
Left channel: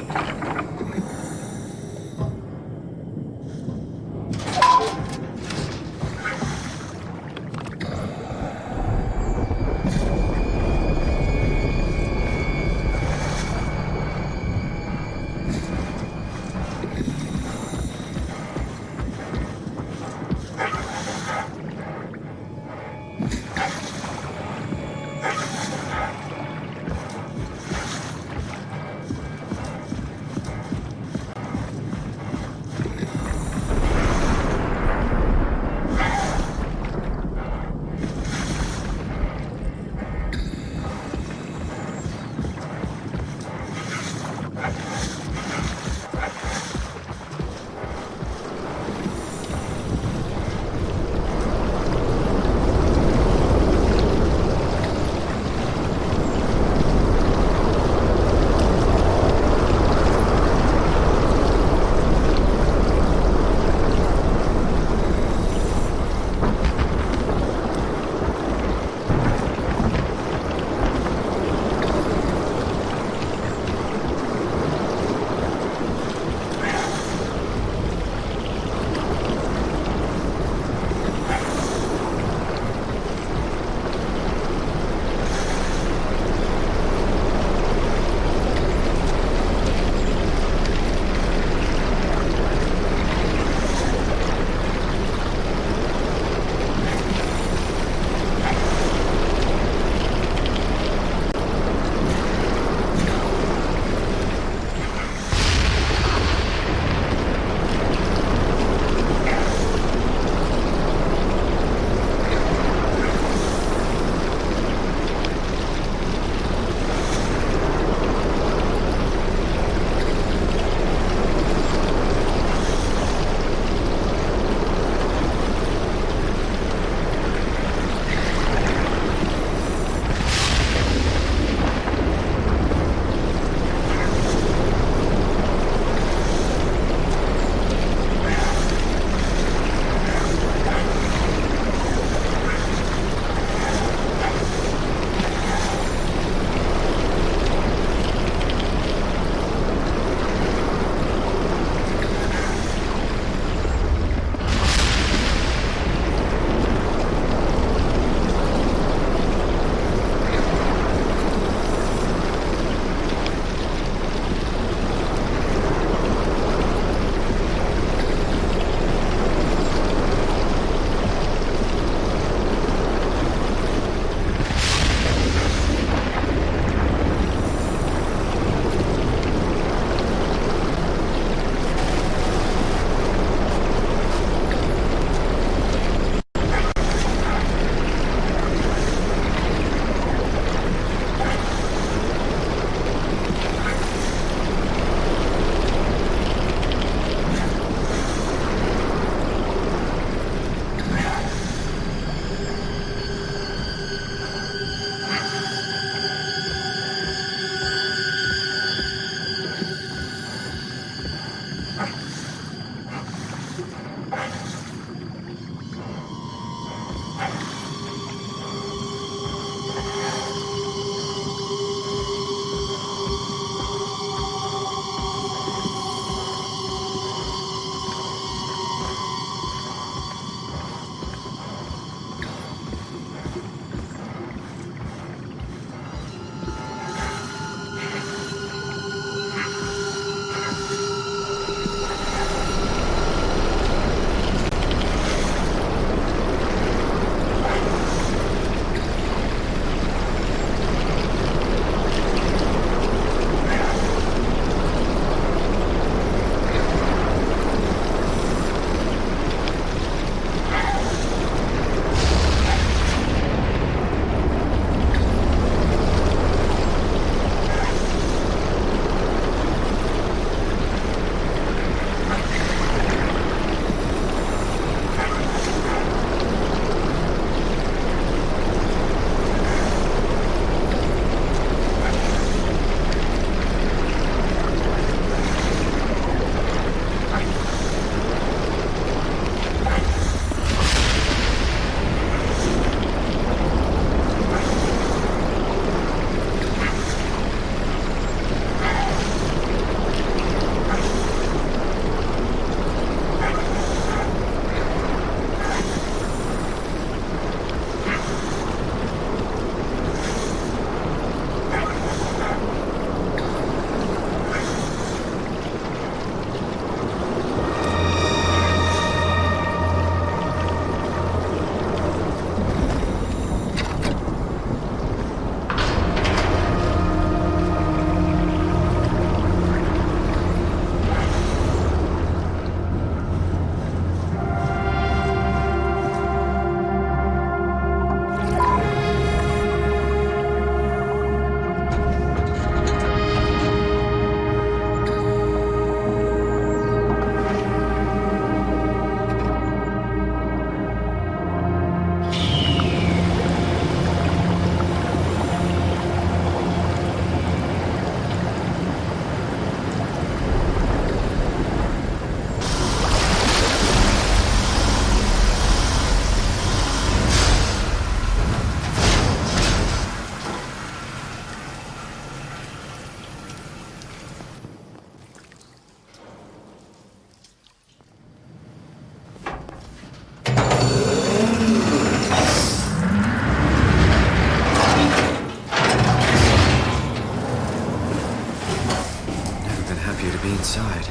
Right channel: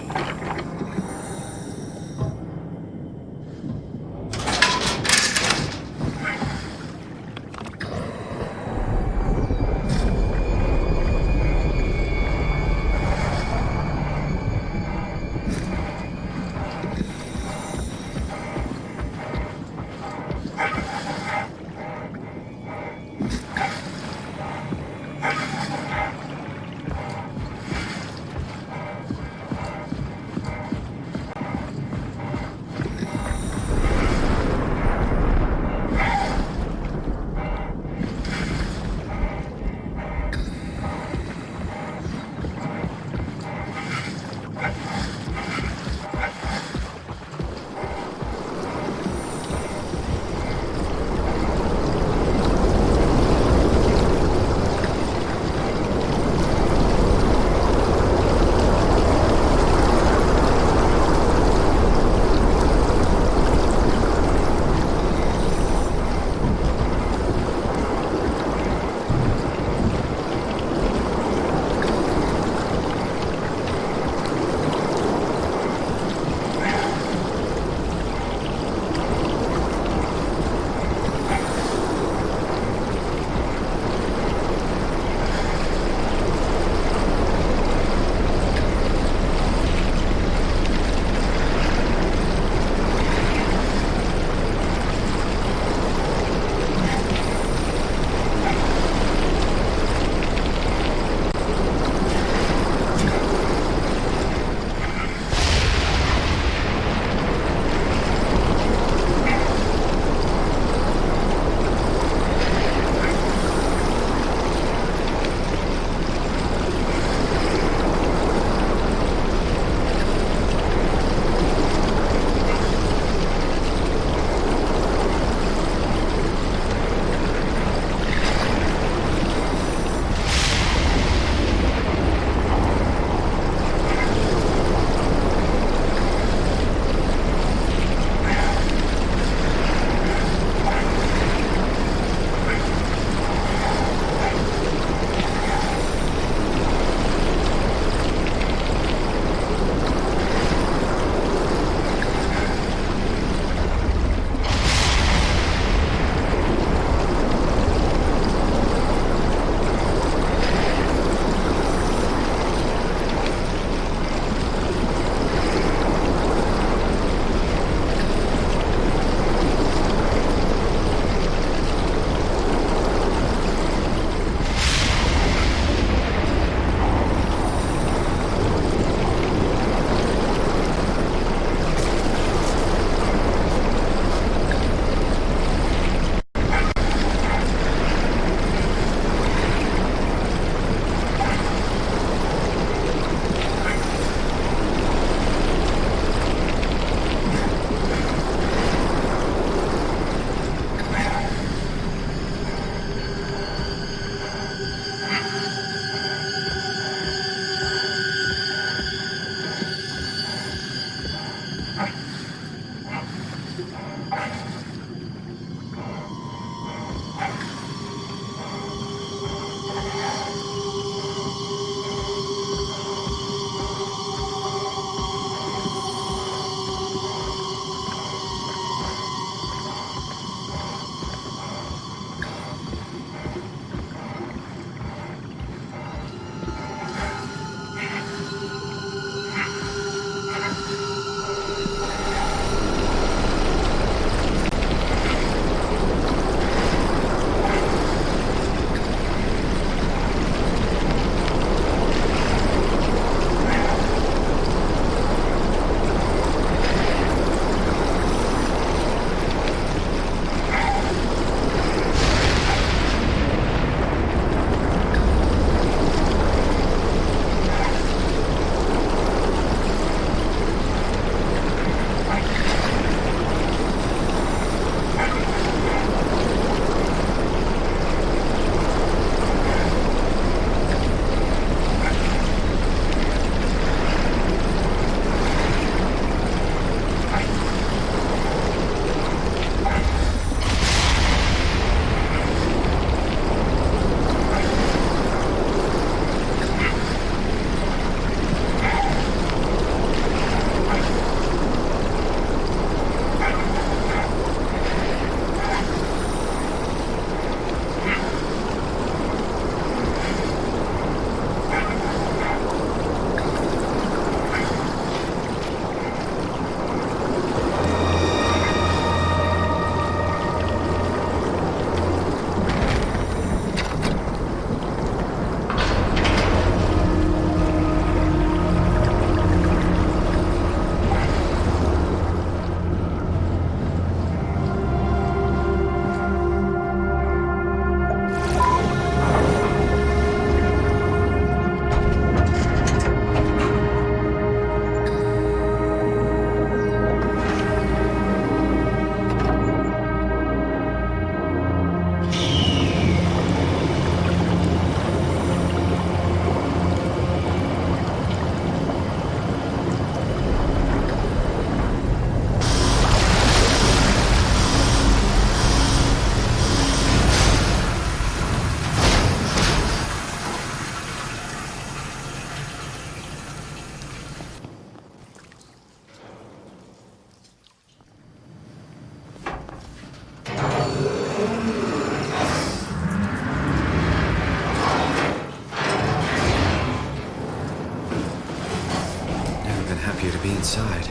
appear to be inside.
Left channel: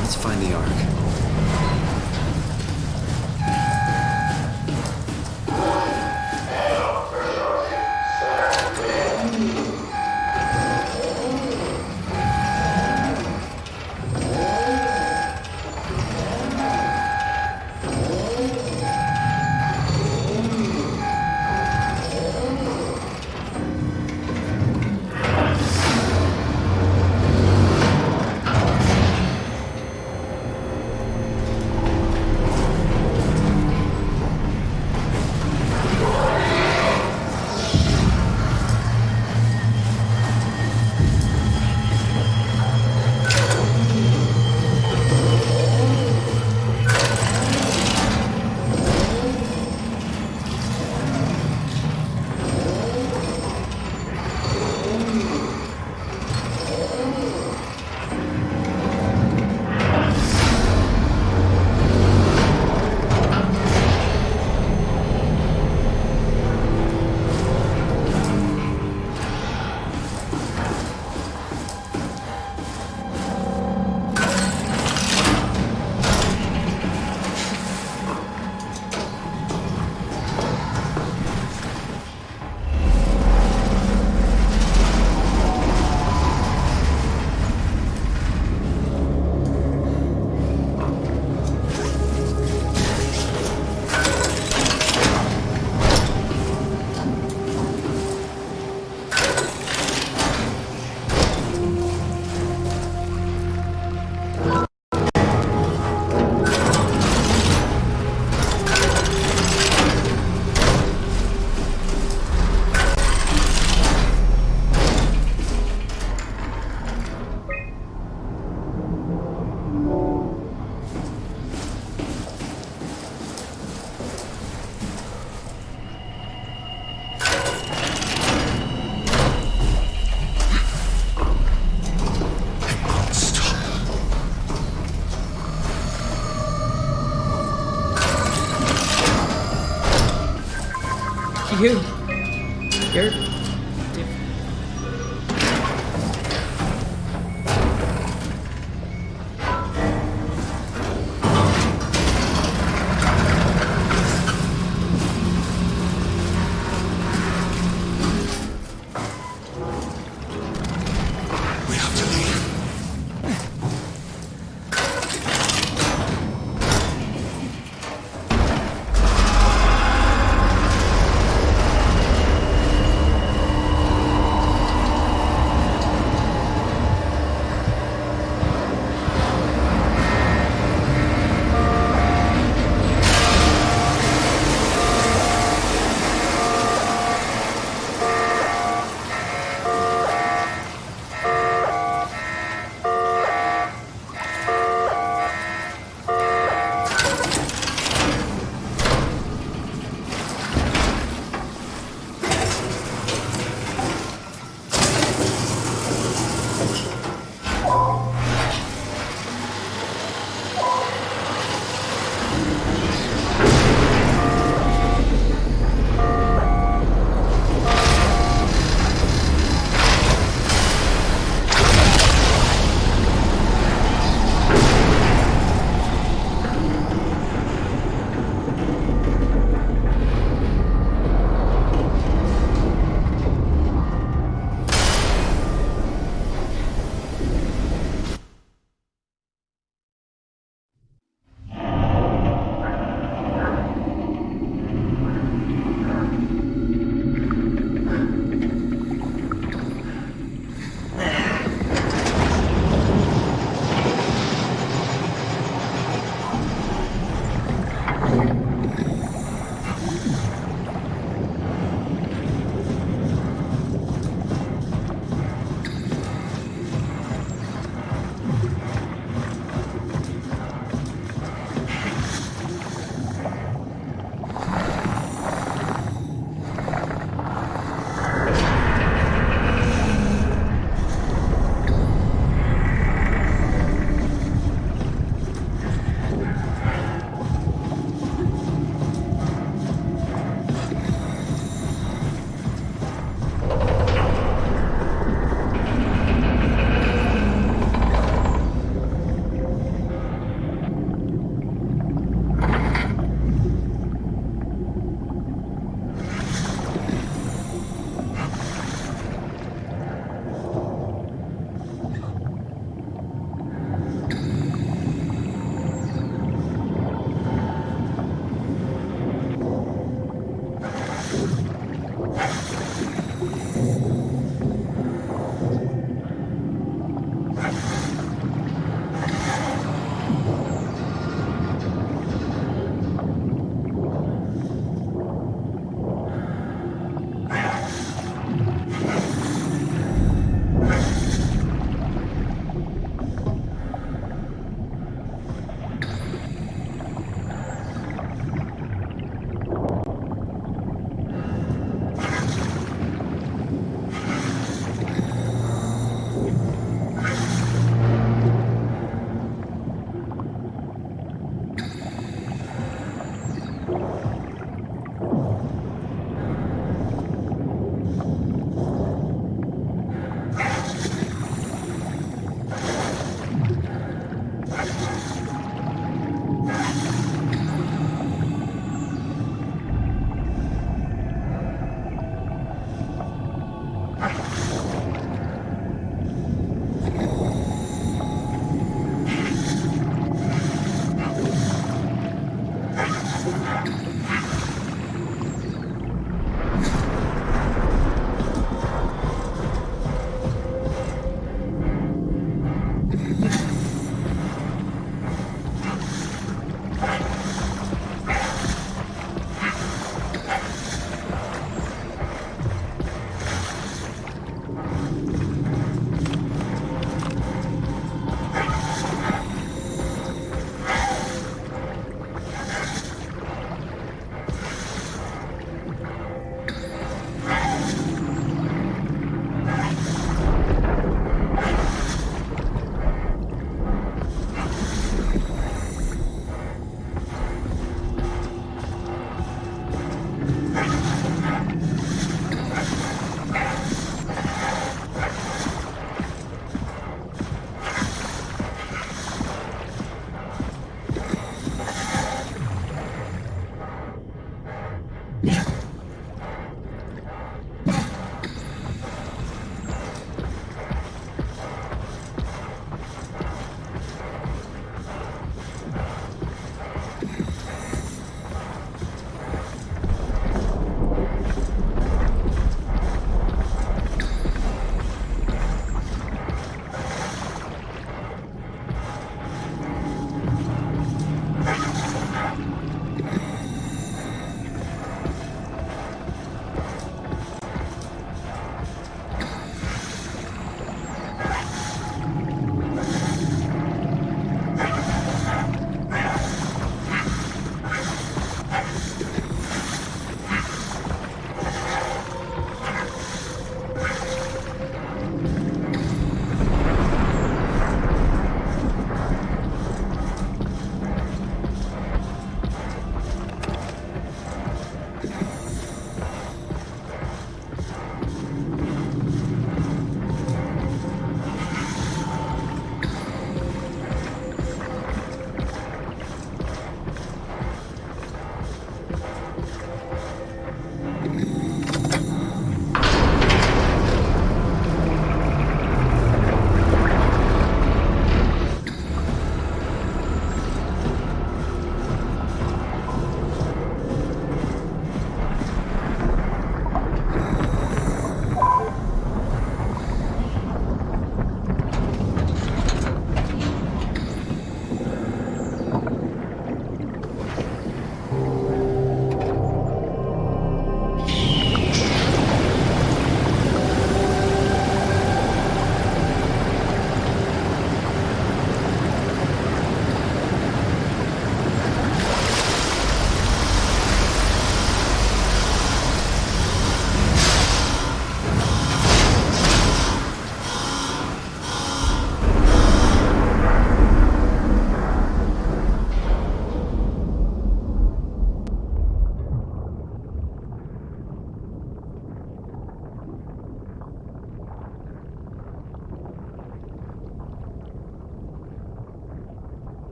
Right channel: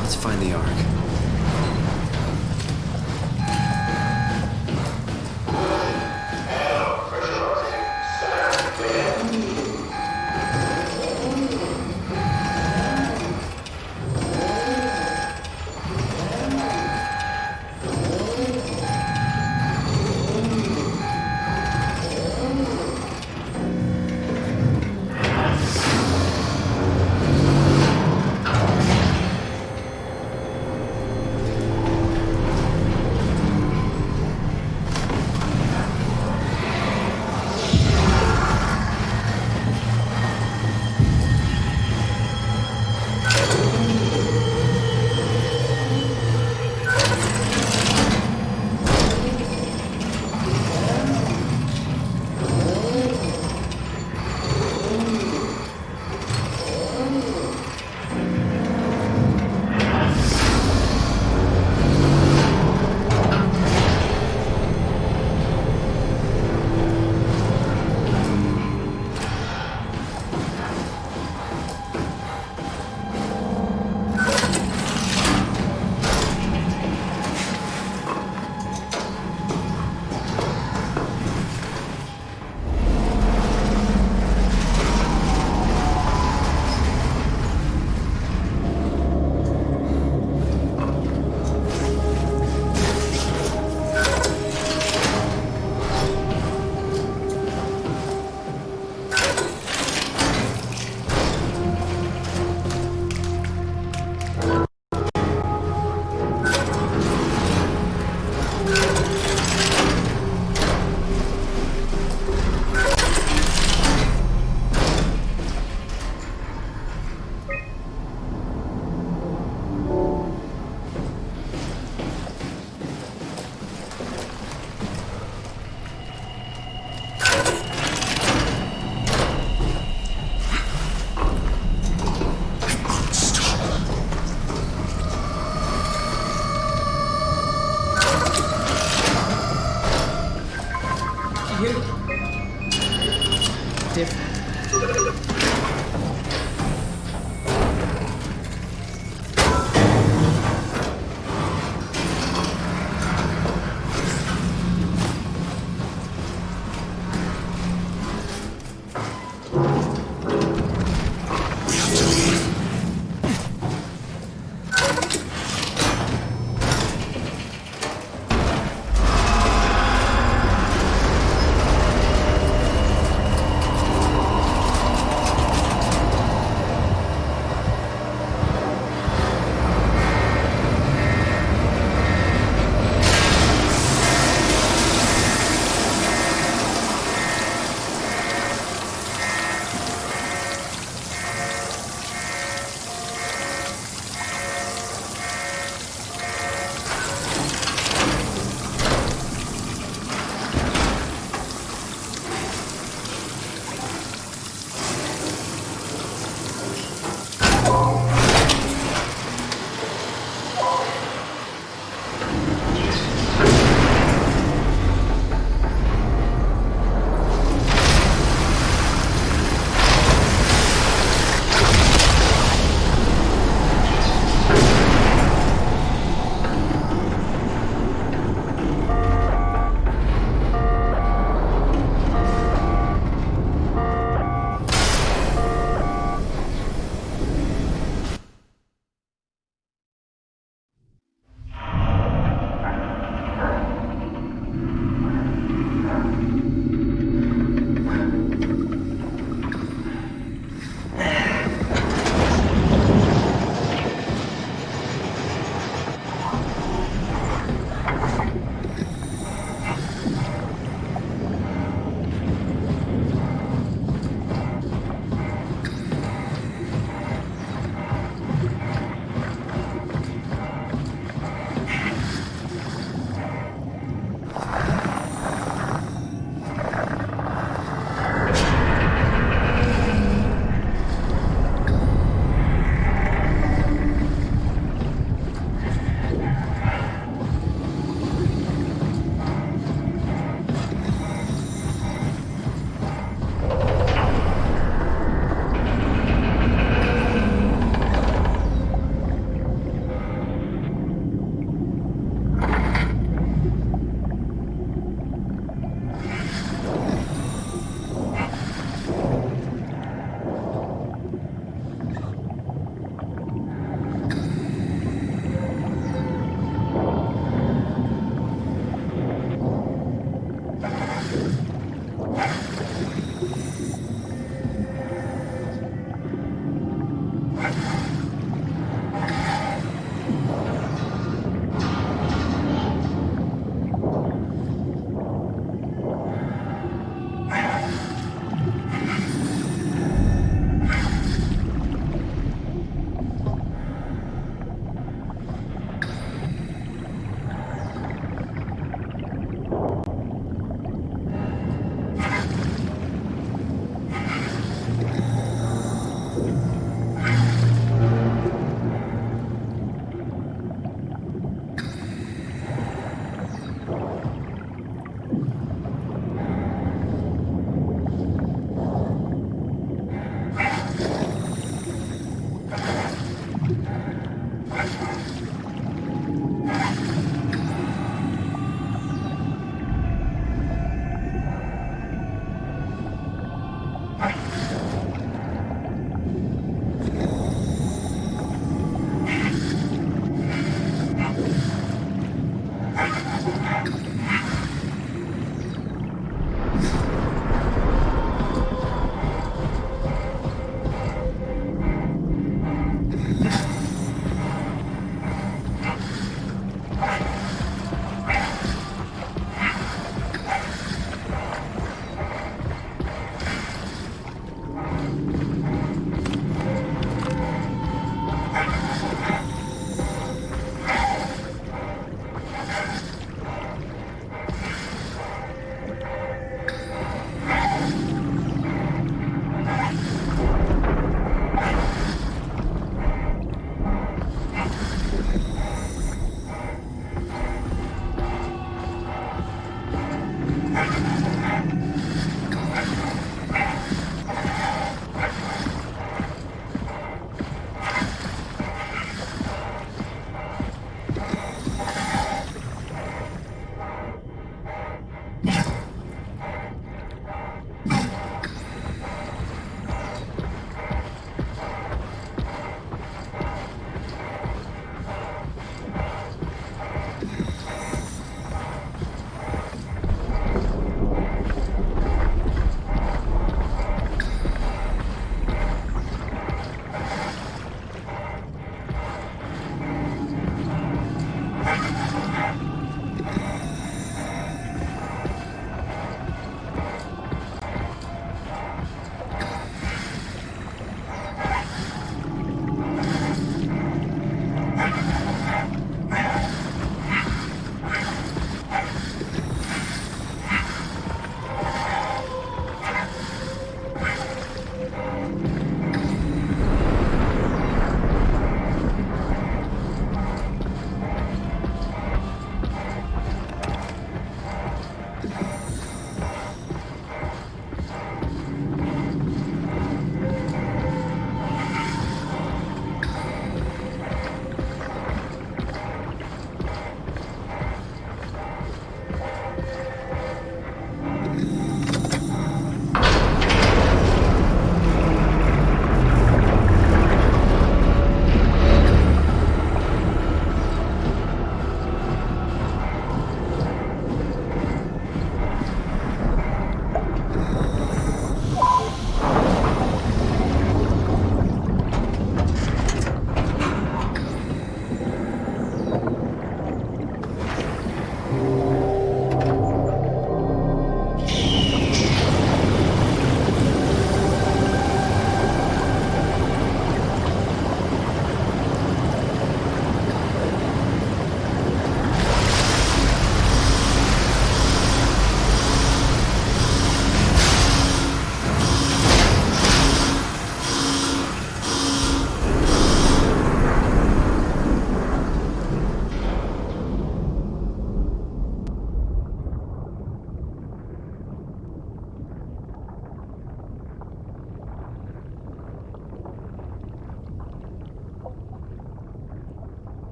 Let's find the Ark. You're different.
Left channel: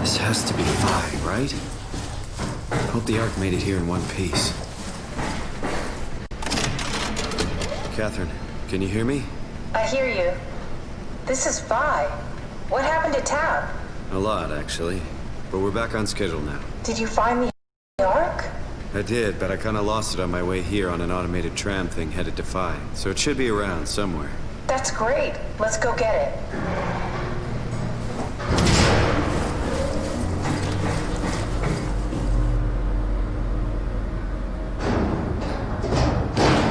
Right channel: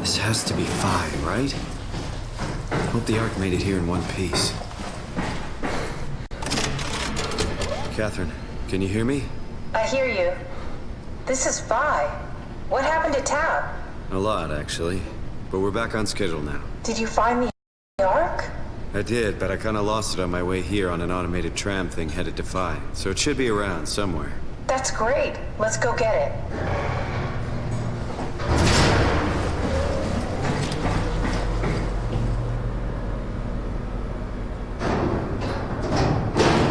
This has to be Phi, right? Hope the Ark made it here in one piece. Catherine, can you hear me? I hear you. This is Phi. What happened to Tab? A lot, actually. But we're back on schedule now. Did you find the Ark? I did, but I kinda lost it on my way here on an automated tram thing headed to Phi. So it should be around somewhere. That's great. Let's go get it.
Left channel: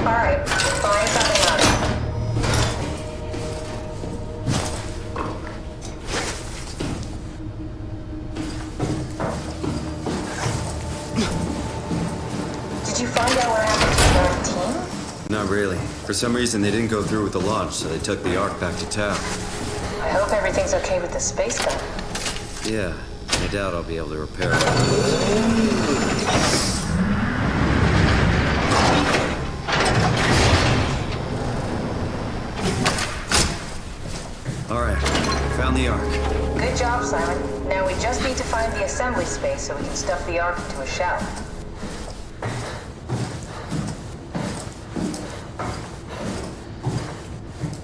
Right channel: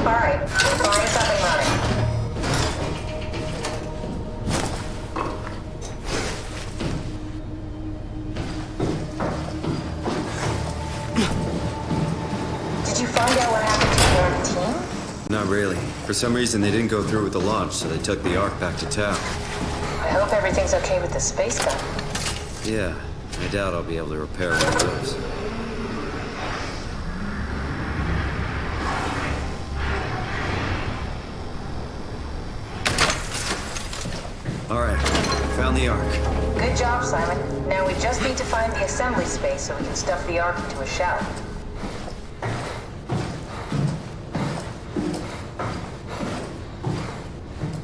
All right, find something on it. Did you find out what happened to the Ark team? Not really. For some reason, they didn't go through with the launch, so they took the Ark back to town. I hope everything's okay with the space gun. Yeah, I doubt I'll be able to repair one of those. All right, found the Ark. Good job, Simon. Now we just need to find the assembly space so we can stuff the Ark into a shell.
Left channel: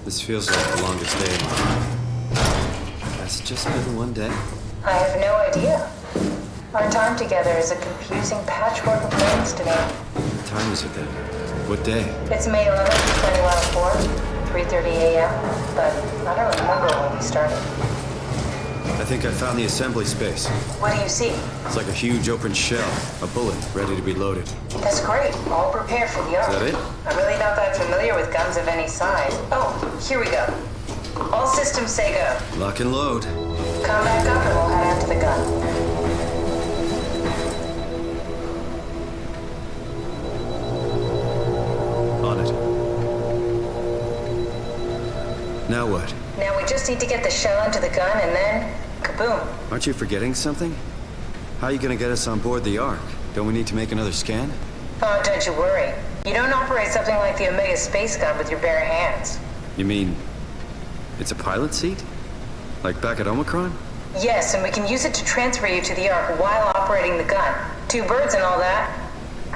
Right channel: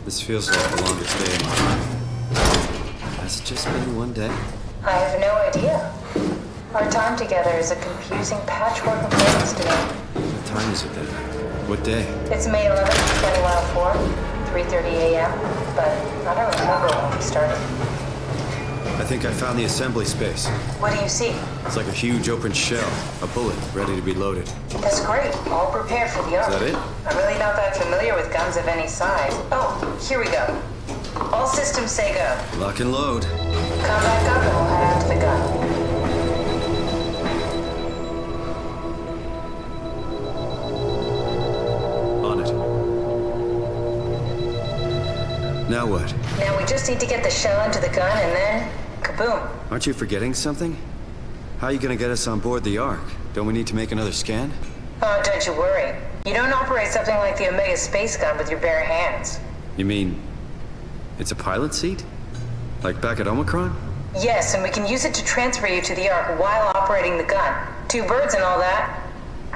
This feels like the longest day of my life. Has it just been one day? I have no idea. Our time together is a confusing patchwork of things to me. What time is it then? What day? It's May 11th, 2104, 3:30 a.m., but I don't remember when we started. I think I found the assembly space. What do you see? It's like a huge open shell, a bullet ready to be loaded. That's great. All prepared for the Ark. Is that it? I'm really not that familiar with guns of any size. Oh, here we go. All systems say go. Lock and load. Come back up and we'll head out to the gun. On it. Now what? Now we just need to get the shell into the gun and then, kaboom. Aren't you forgetting something? How are you gonna get us on board the Ark? Don't we need to make another scan? Oh, don't you worry. You don't operate something like the Omega space gun with your bare hands. You mean, it's a pilot seat? Like back at Omicron? Yes, and we can use it to transfer you to the Ark while operating the gun. 2 birds and all that.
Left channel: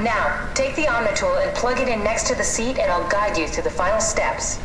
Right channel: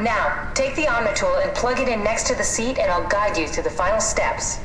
Now, take the Omnitool and plug it in next to the seat and I'll guide you through the final steps.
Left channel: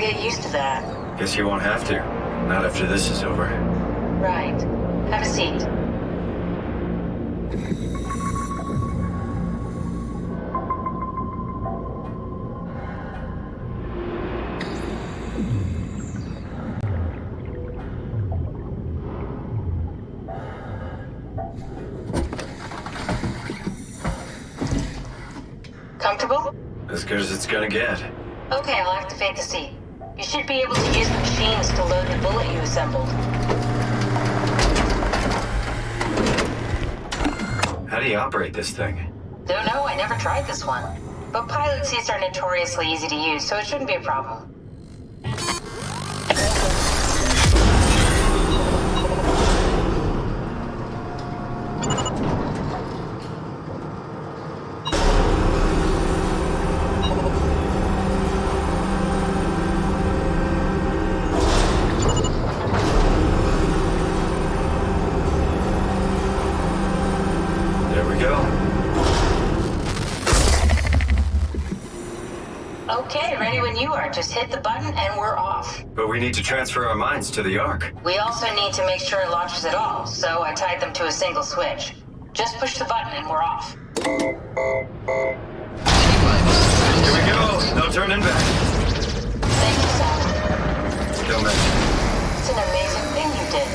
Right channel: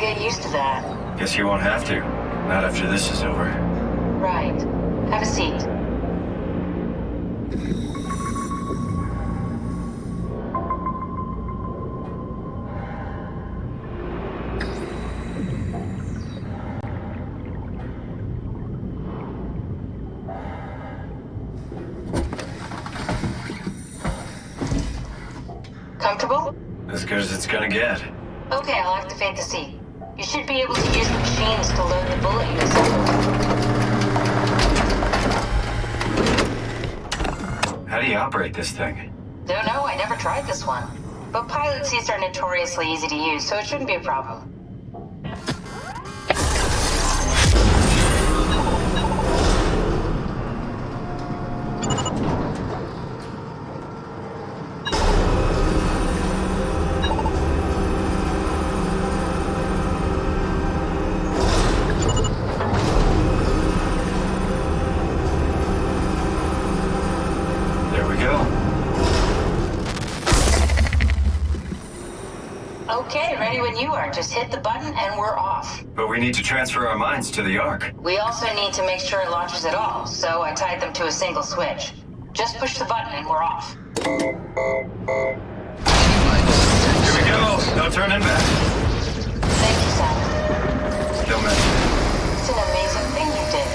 Get used to that. Guess you won't have to. Not after this is over. Right. Have a seat. Comfortable? As good as it's gonna get. Okay, I'll activate the seat. You should be able to use the machines to load the bullet you assembled. How do you operate this thing? Don't know, I never tried this one. But pilot seats are notoriously easy to use, so it shouldn't be a problem. Okay, ready when you are. Just hit the button and we're off. But we need to transfer our minds to the Ark. We also need to make sure it launches at all, so I tied them to a single switch. Just push the button and we're off. Here we go. No turning back. Thank you, Simon. Don't mention it. It's an amazing thing you did.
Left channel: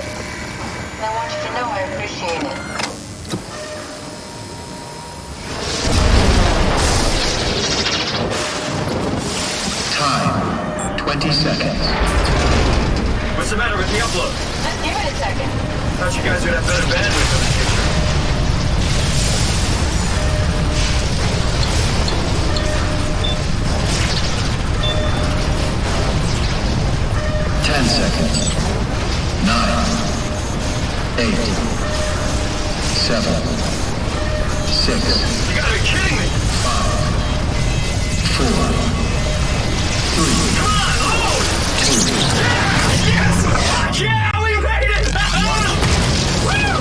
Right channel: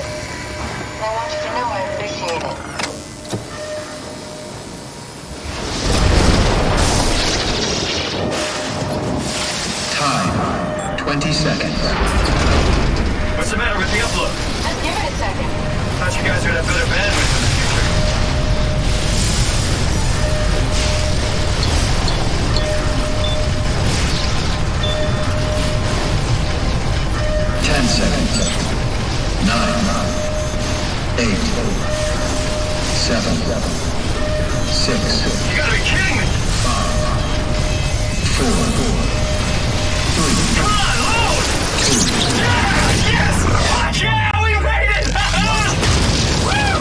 And I want you to know I appreciate it. Time, 20 seconds. What's the matter with the upload? Just give it a second. Thought you guys would have better bandwidth in the future. 10 seconds. 9, 8, 7, 6. You gotta be kidding me! 5, 4, 3. Come on, load! 2. Yeah! Yes! Fuck yeah! We made it! Woo!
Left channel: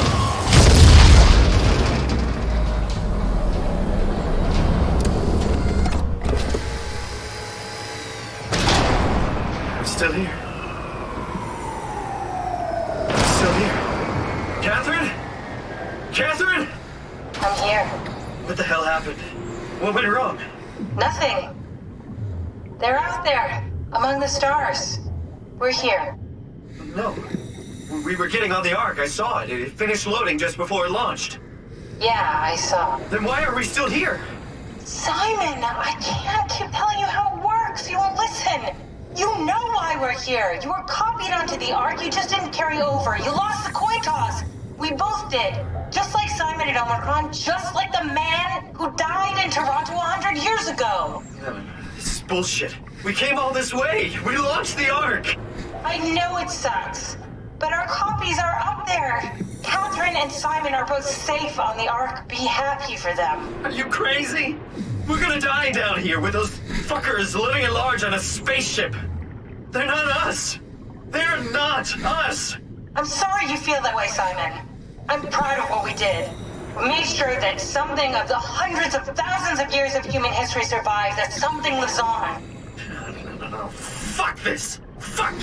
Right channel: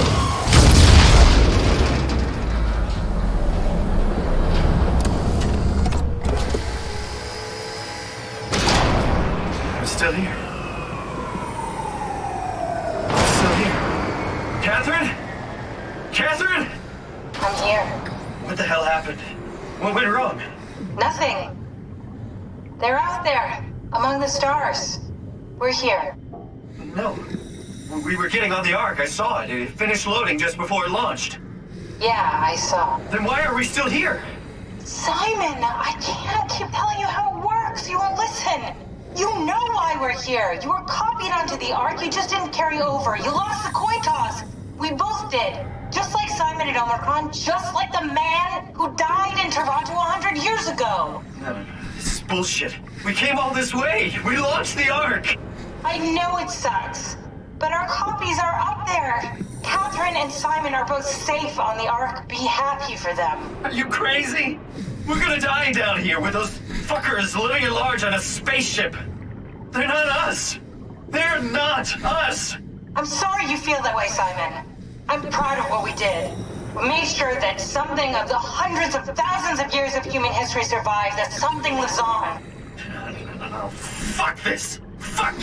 I'm still here. Still here. Catherine? Catherine? I'm here. What the hell happened? What went wrong? Nothing. They're out there, among the stars. We're here. No. We were getting on the Ark. I saw it. It finished loading just before it launched. Yeah, I saw. Then why are we still here? Simon, I can't keep telling you how it works. You won't listen. You know why we're here. You were copied onto the Ark. You just didn't carry over. You lost the coin toss. We both did. Just like Simon at Omicron, just like the man who died in Toronto 100 years ago. No. This is bullshit. We came all this way. We launched the Ark. I know it sucks, but our copies are up there. Catherine and Simon are both safe on the Ark. Be happy for them. Are you crazy? We're gonna die down here with those fuckers living at large on a spaceship. They're not us. They're not us. I'm sorry you feel that way, Simon. I'm proud of what we did. We made sure that something of the hundreds of thousands of years of human history survives, that something lives on. No. Fuck this. Fuck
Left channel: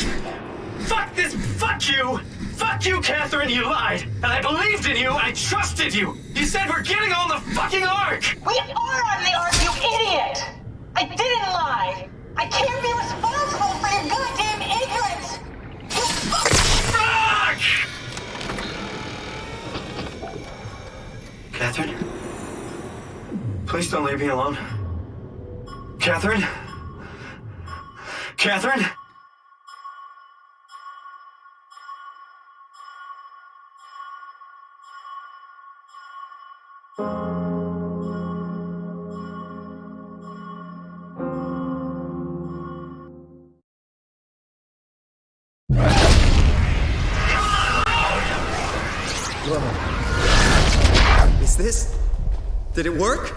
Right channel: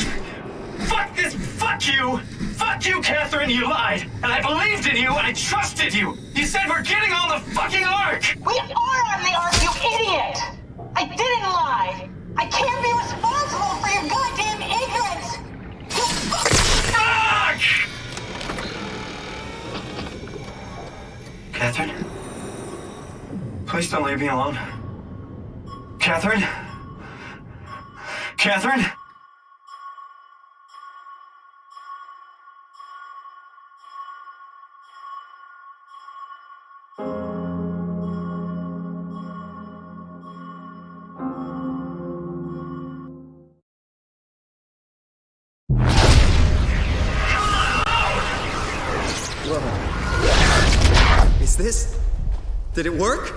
this. Fuck you. Fuck you, Catherine. You lied. And I believed in you. I trusted you. You said we're getting on the fucking Ark. We are on the Ark, you idiot. I didn't lie. I can't be responsible for your goddamn ignorance. You Fuck! Catherine? Please don't leave me alone. Catherine? Catherine? Whoa. Is this... Did it work?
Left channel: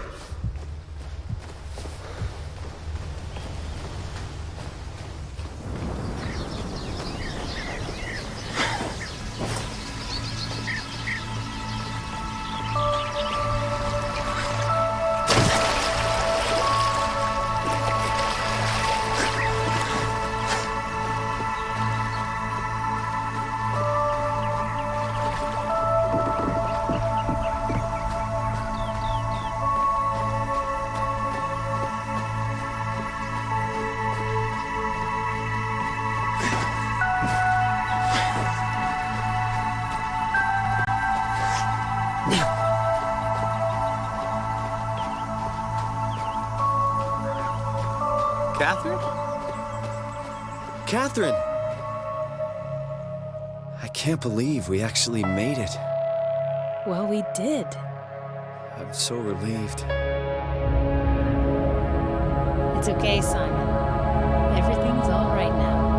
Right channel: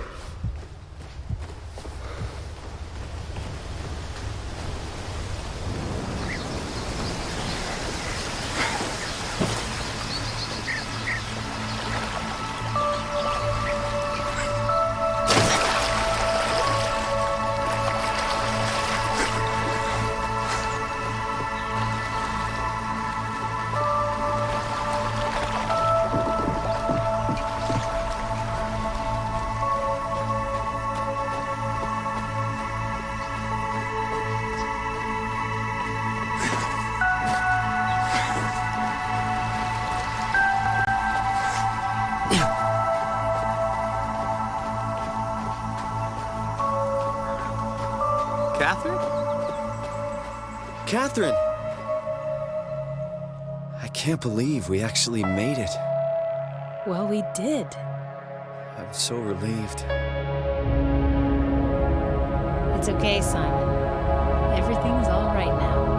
Catherine? Catherine! I can't believe we actually made it. Well, we did. I'm so relieved. It's okay, Simon. Everything's all right now.